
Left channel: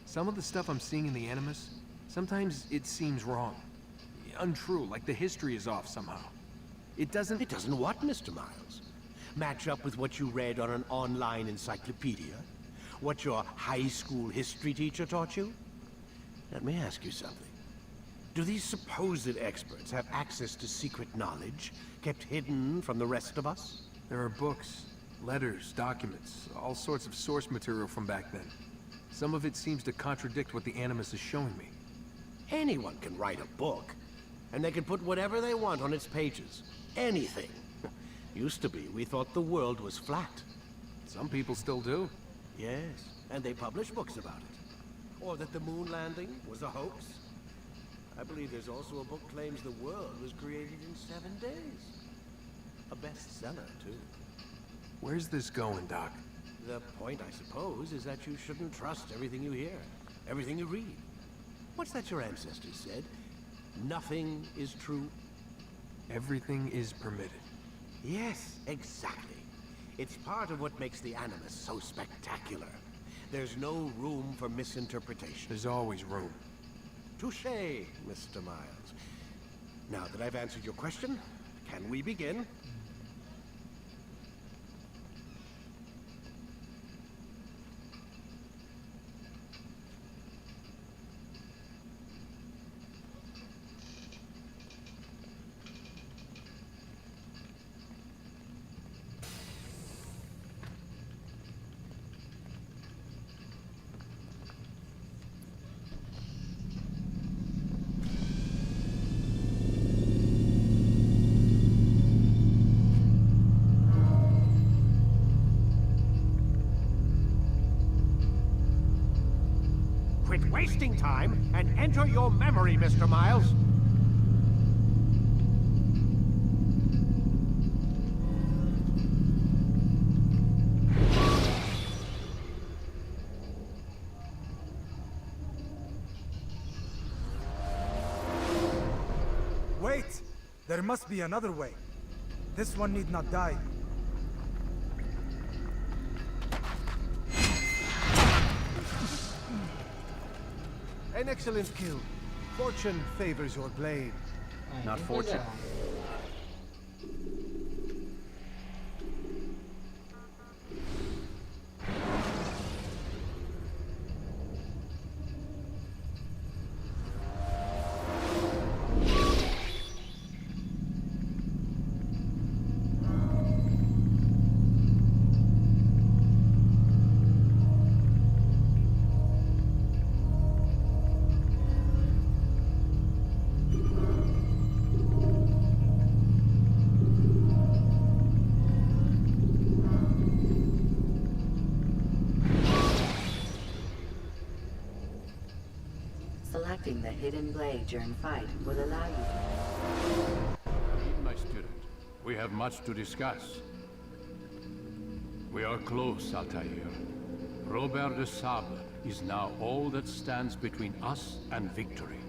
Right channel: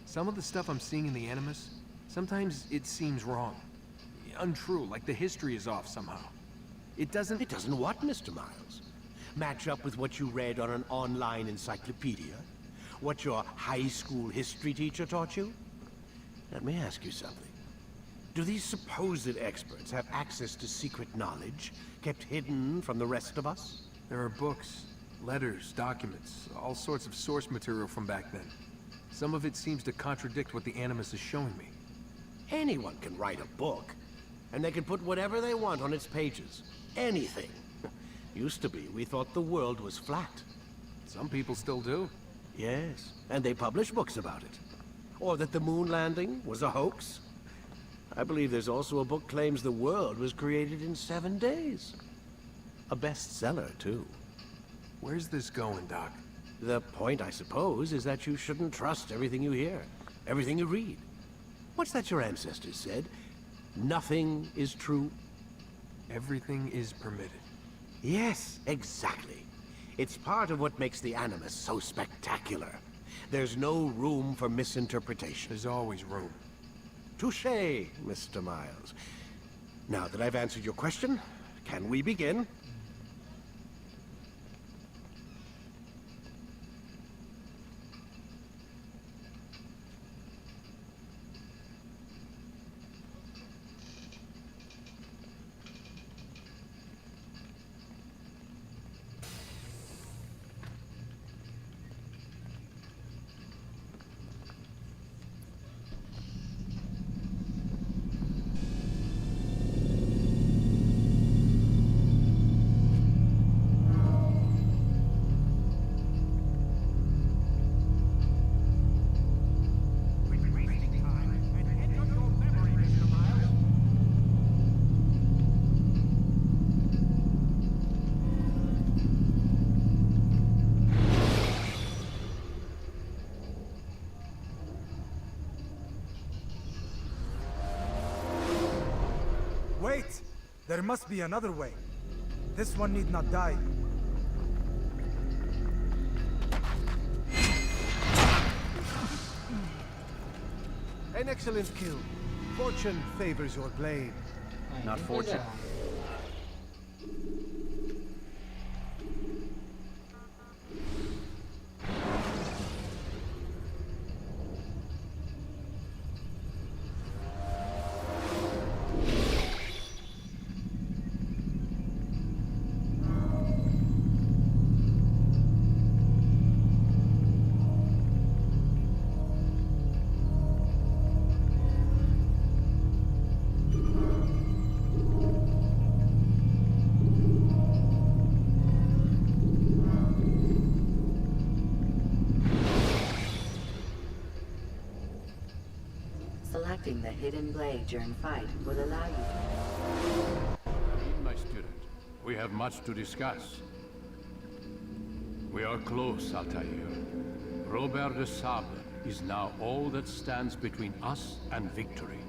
Some of the stuff I'm seeing in the Animus, sometimes it seems wrong. Untrue, like the history is off somehow. It doesn't... It doesn't what, Mr. Miles? Match up with what you read on an online encyclopedia? What your high school history teacher taught you? Let me ask you something. Do these supposed experts have access to secret knowledge kept hidden from the rest of us? There are books, letters, documents, all sorts of source material from back then. Some of it seems to contradict what the Animus is showing me. Anyone can write a book, and they can put whatever they want on its pages. Anything. Used to be, we thought the world was flat. Some people still do. Yes, and they publish books about it. Or that the moon landing was a hoax. I believe there's also a book claims the world was created in 7 days. A bestseller, too. Where's this going, Doc? The point, I suppose, is that you shouldn't trust everything you hear, everything you read. What's that your ancestors said? Nothing is true. Everything is permitted. Yes, exactly. It's part of what makes the Animus so spectacular. There's no room for misinterpretation. There's always room. Touché, Mr. Miles. Now that I've answered your question, can we begin? Quit wasting time and enter your memory, Mr. Miles. Wait! There must be another way. This one need not die. An excellent kill. Fortune favors your blade. Not fortune. Selecting the hidden blade during fight will allow you to... My student, we have much to discuss. We are close, Altair. Robert de Sable is now all that stands between us and victory.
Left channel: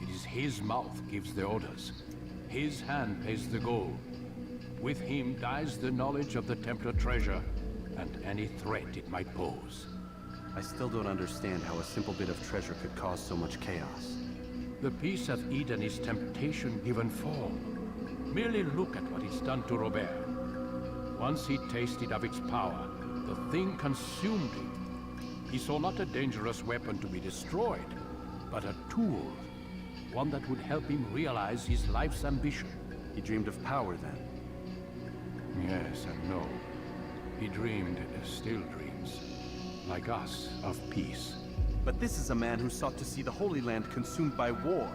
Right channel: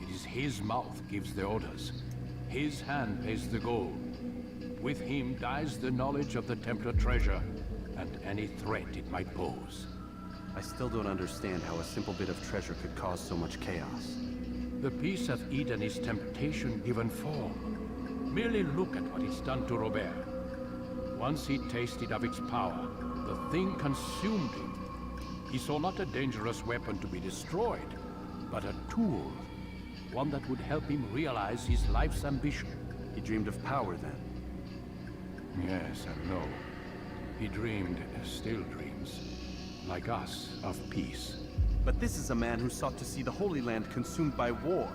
It is his mouth gives the orders. His hand pays the gold. With him dies the knowledge of the Templar treasure and any threat it might pose. I still don't understand how a simple bit of treasure could cause so much chaos. The peace of Eden is temptation given form. Merely look at what it's done to Robert. Once he tasted of its power, the thing consumed him. He saw not a dangerous weapon to be destroyed, but a tool. One that would help him realize his life's ambition. He dreamed of power then? Yes and no. He dreamed, still dreams, like us, of peace. But this is a man who sought to see the Holy Land consumed by war.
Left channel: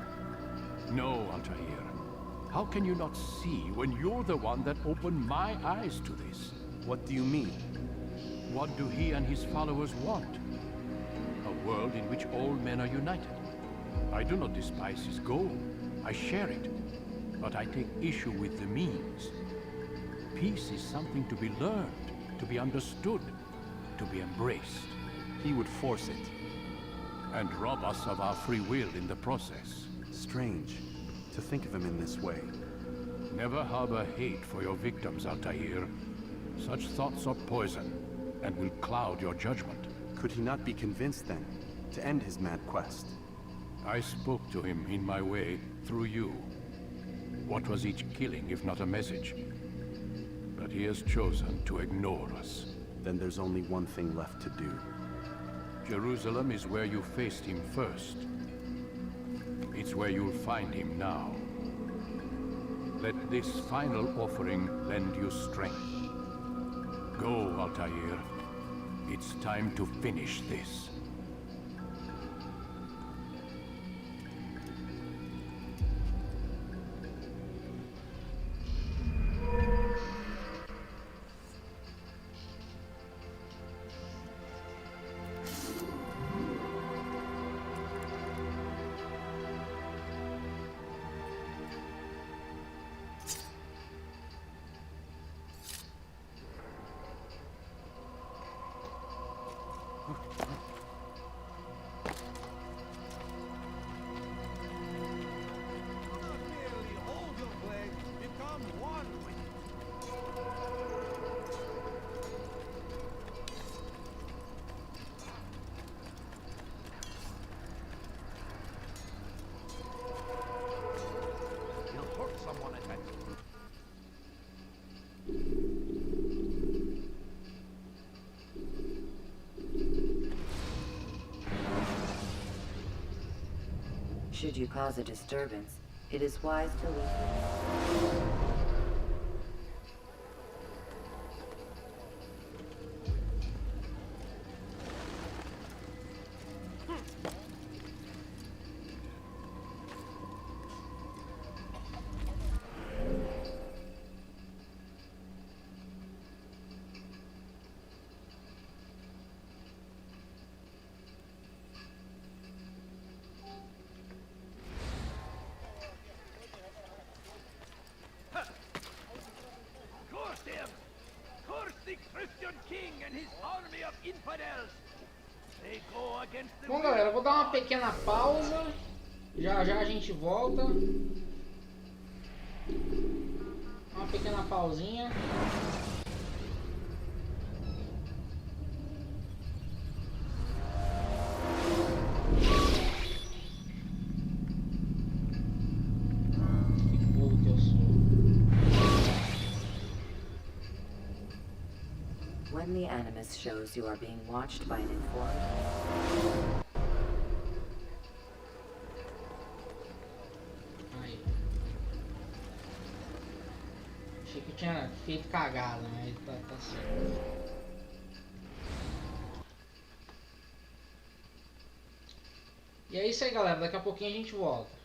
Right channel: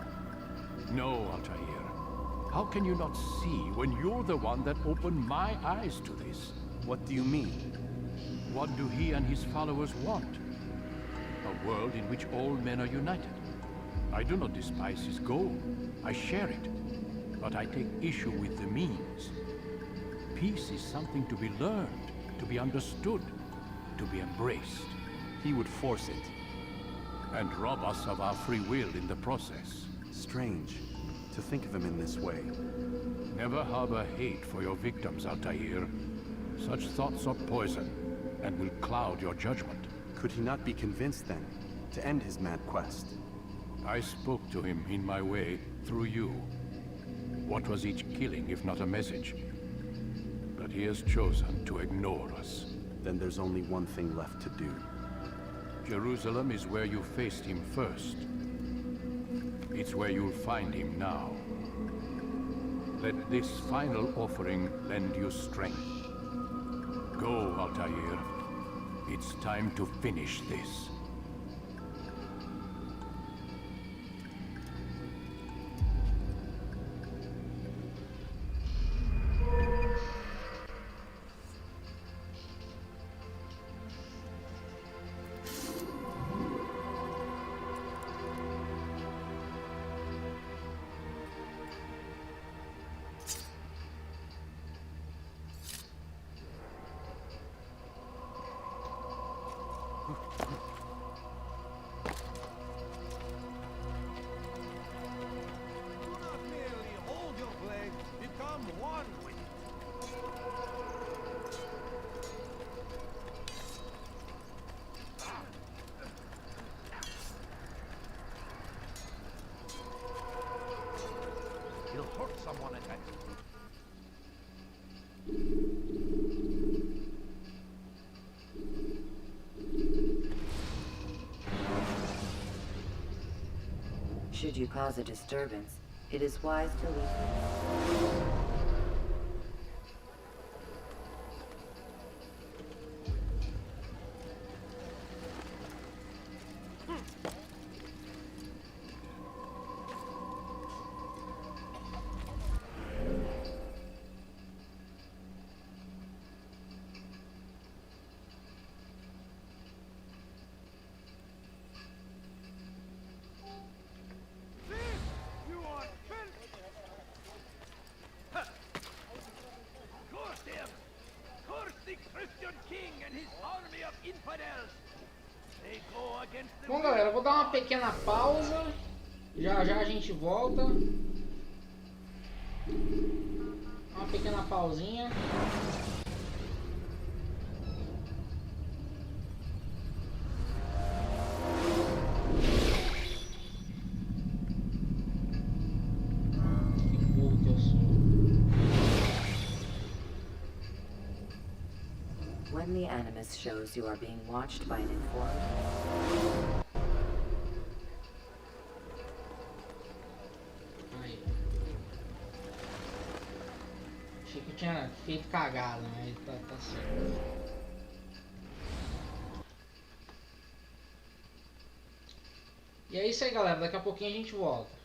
No, Altair. How can you not see when you're the one that opened my eyes to this? What do you mean? What do he and his followers want? A world in which all men are united. I do not despise his goal. I share it. But I take issue with the means. Peace is something to be learned, to be understood, to be embraced. He would force it. And rob us of our free will in the process. Strange, to think of him in this way. Never harbor hate for your victims, Altair. Such thoughts are poison, and will cloud your judgment. Could he not be convinced, then, to end his mad quest? I spoke to him in my way, through you. What was each killing if not a message? But he has chosen to ignore us. Then there's only one thing left to do. Jerusalem is where you faced him first. It's where you'll find him now. Let this final offering lend you strength. Go, Altair. It's time to finish this. Someone attack. Should you cause a disturbance, it is wise to leave. Bom, galera, eu vou dar uma pequena pausa. Já já a gente volta. Uma pequena pausinha. Que burro que eu sou. When the Animus shows you are being watched by an informant. Aí. Achei que eu tinha feito cagada, mas tá certo. E é isso aí, galera. Daqui a pouquinho a gente volta.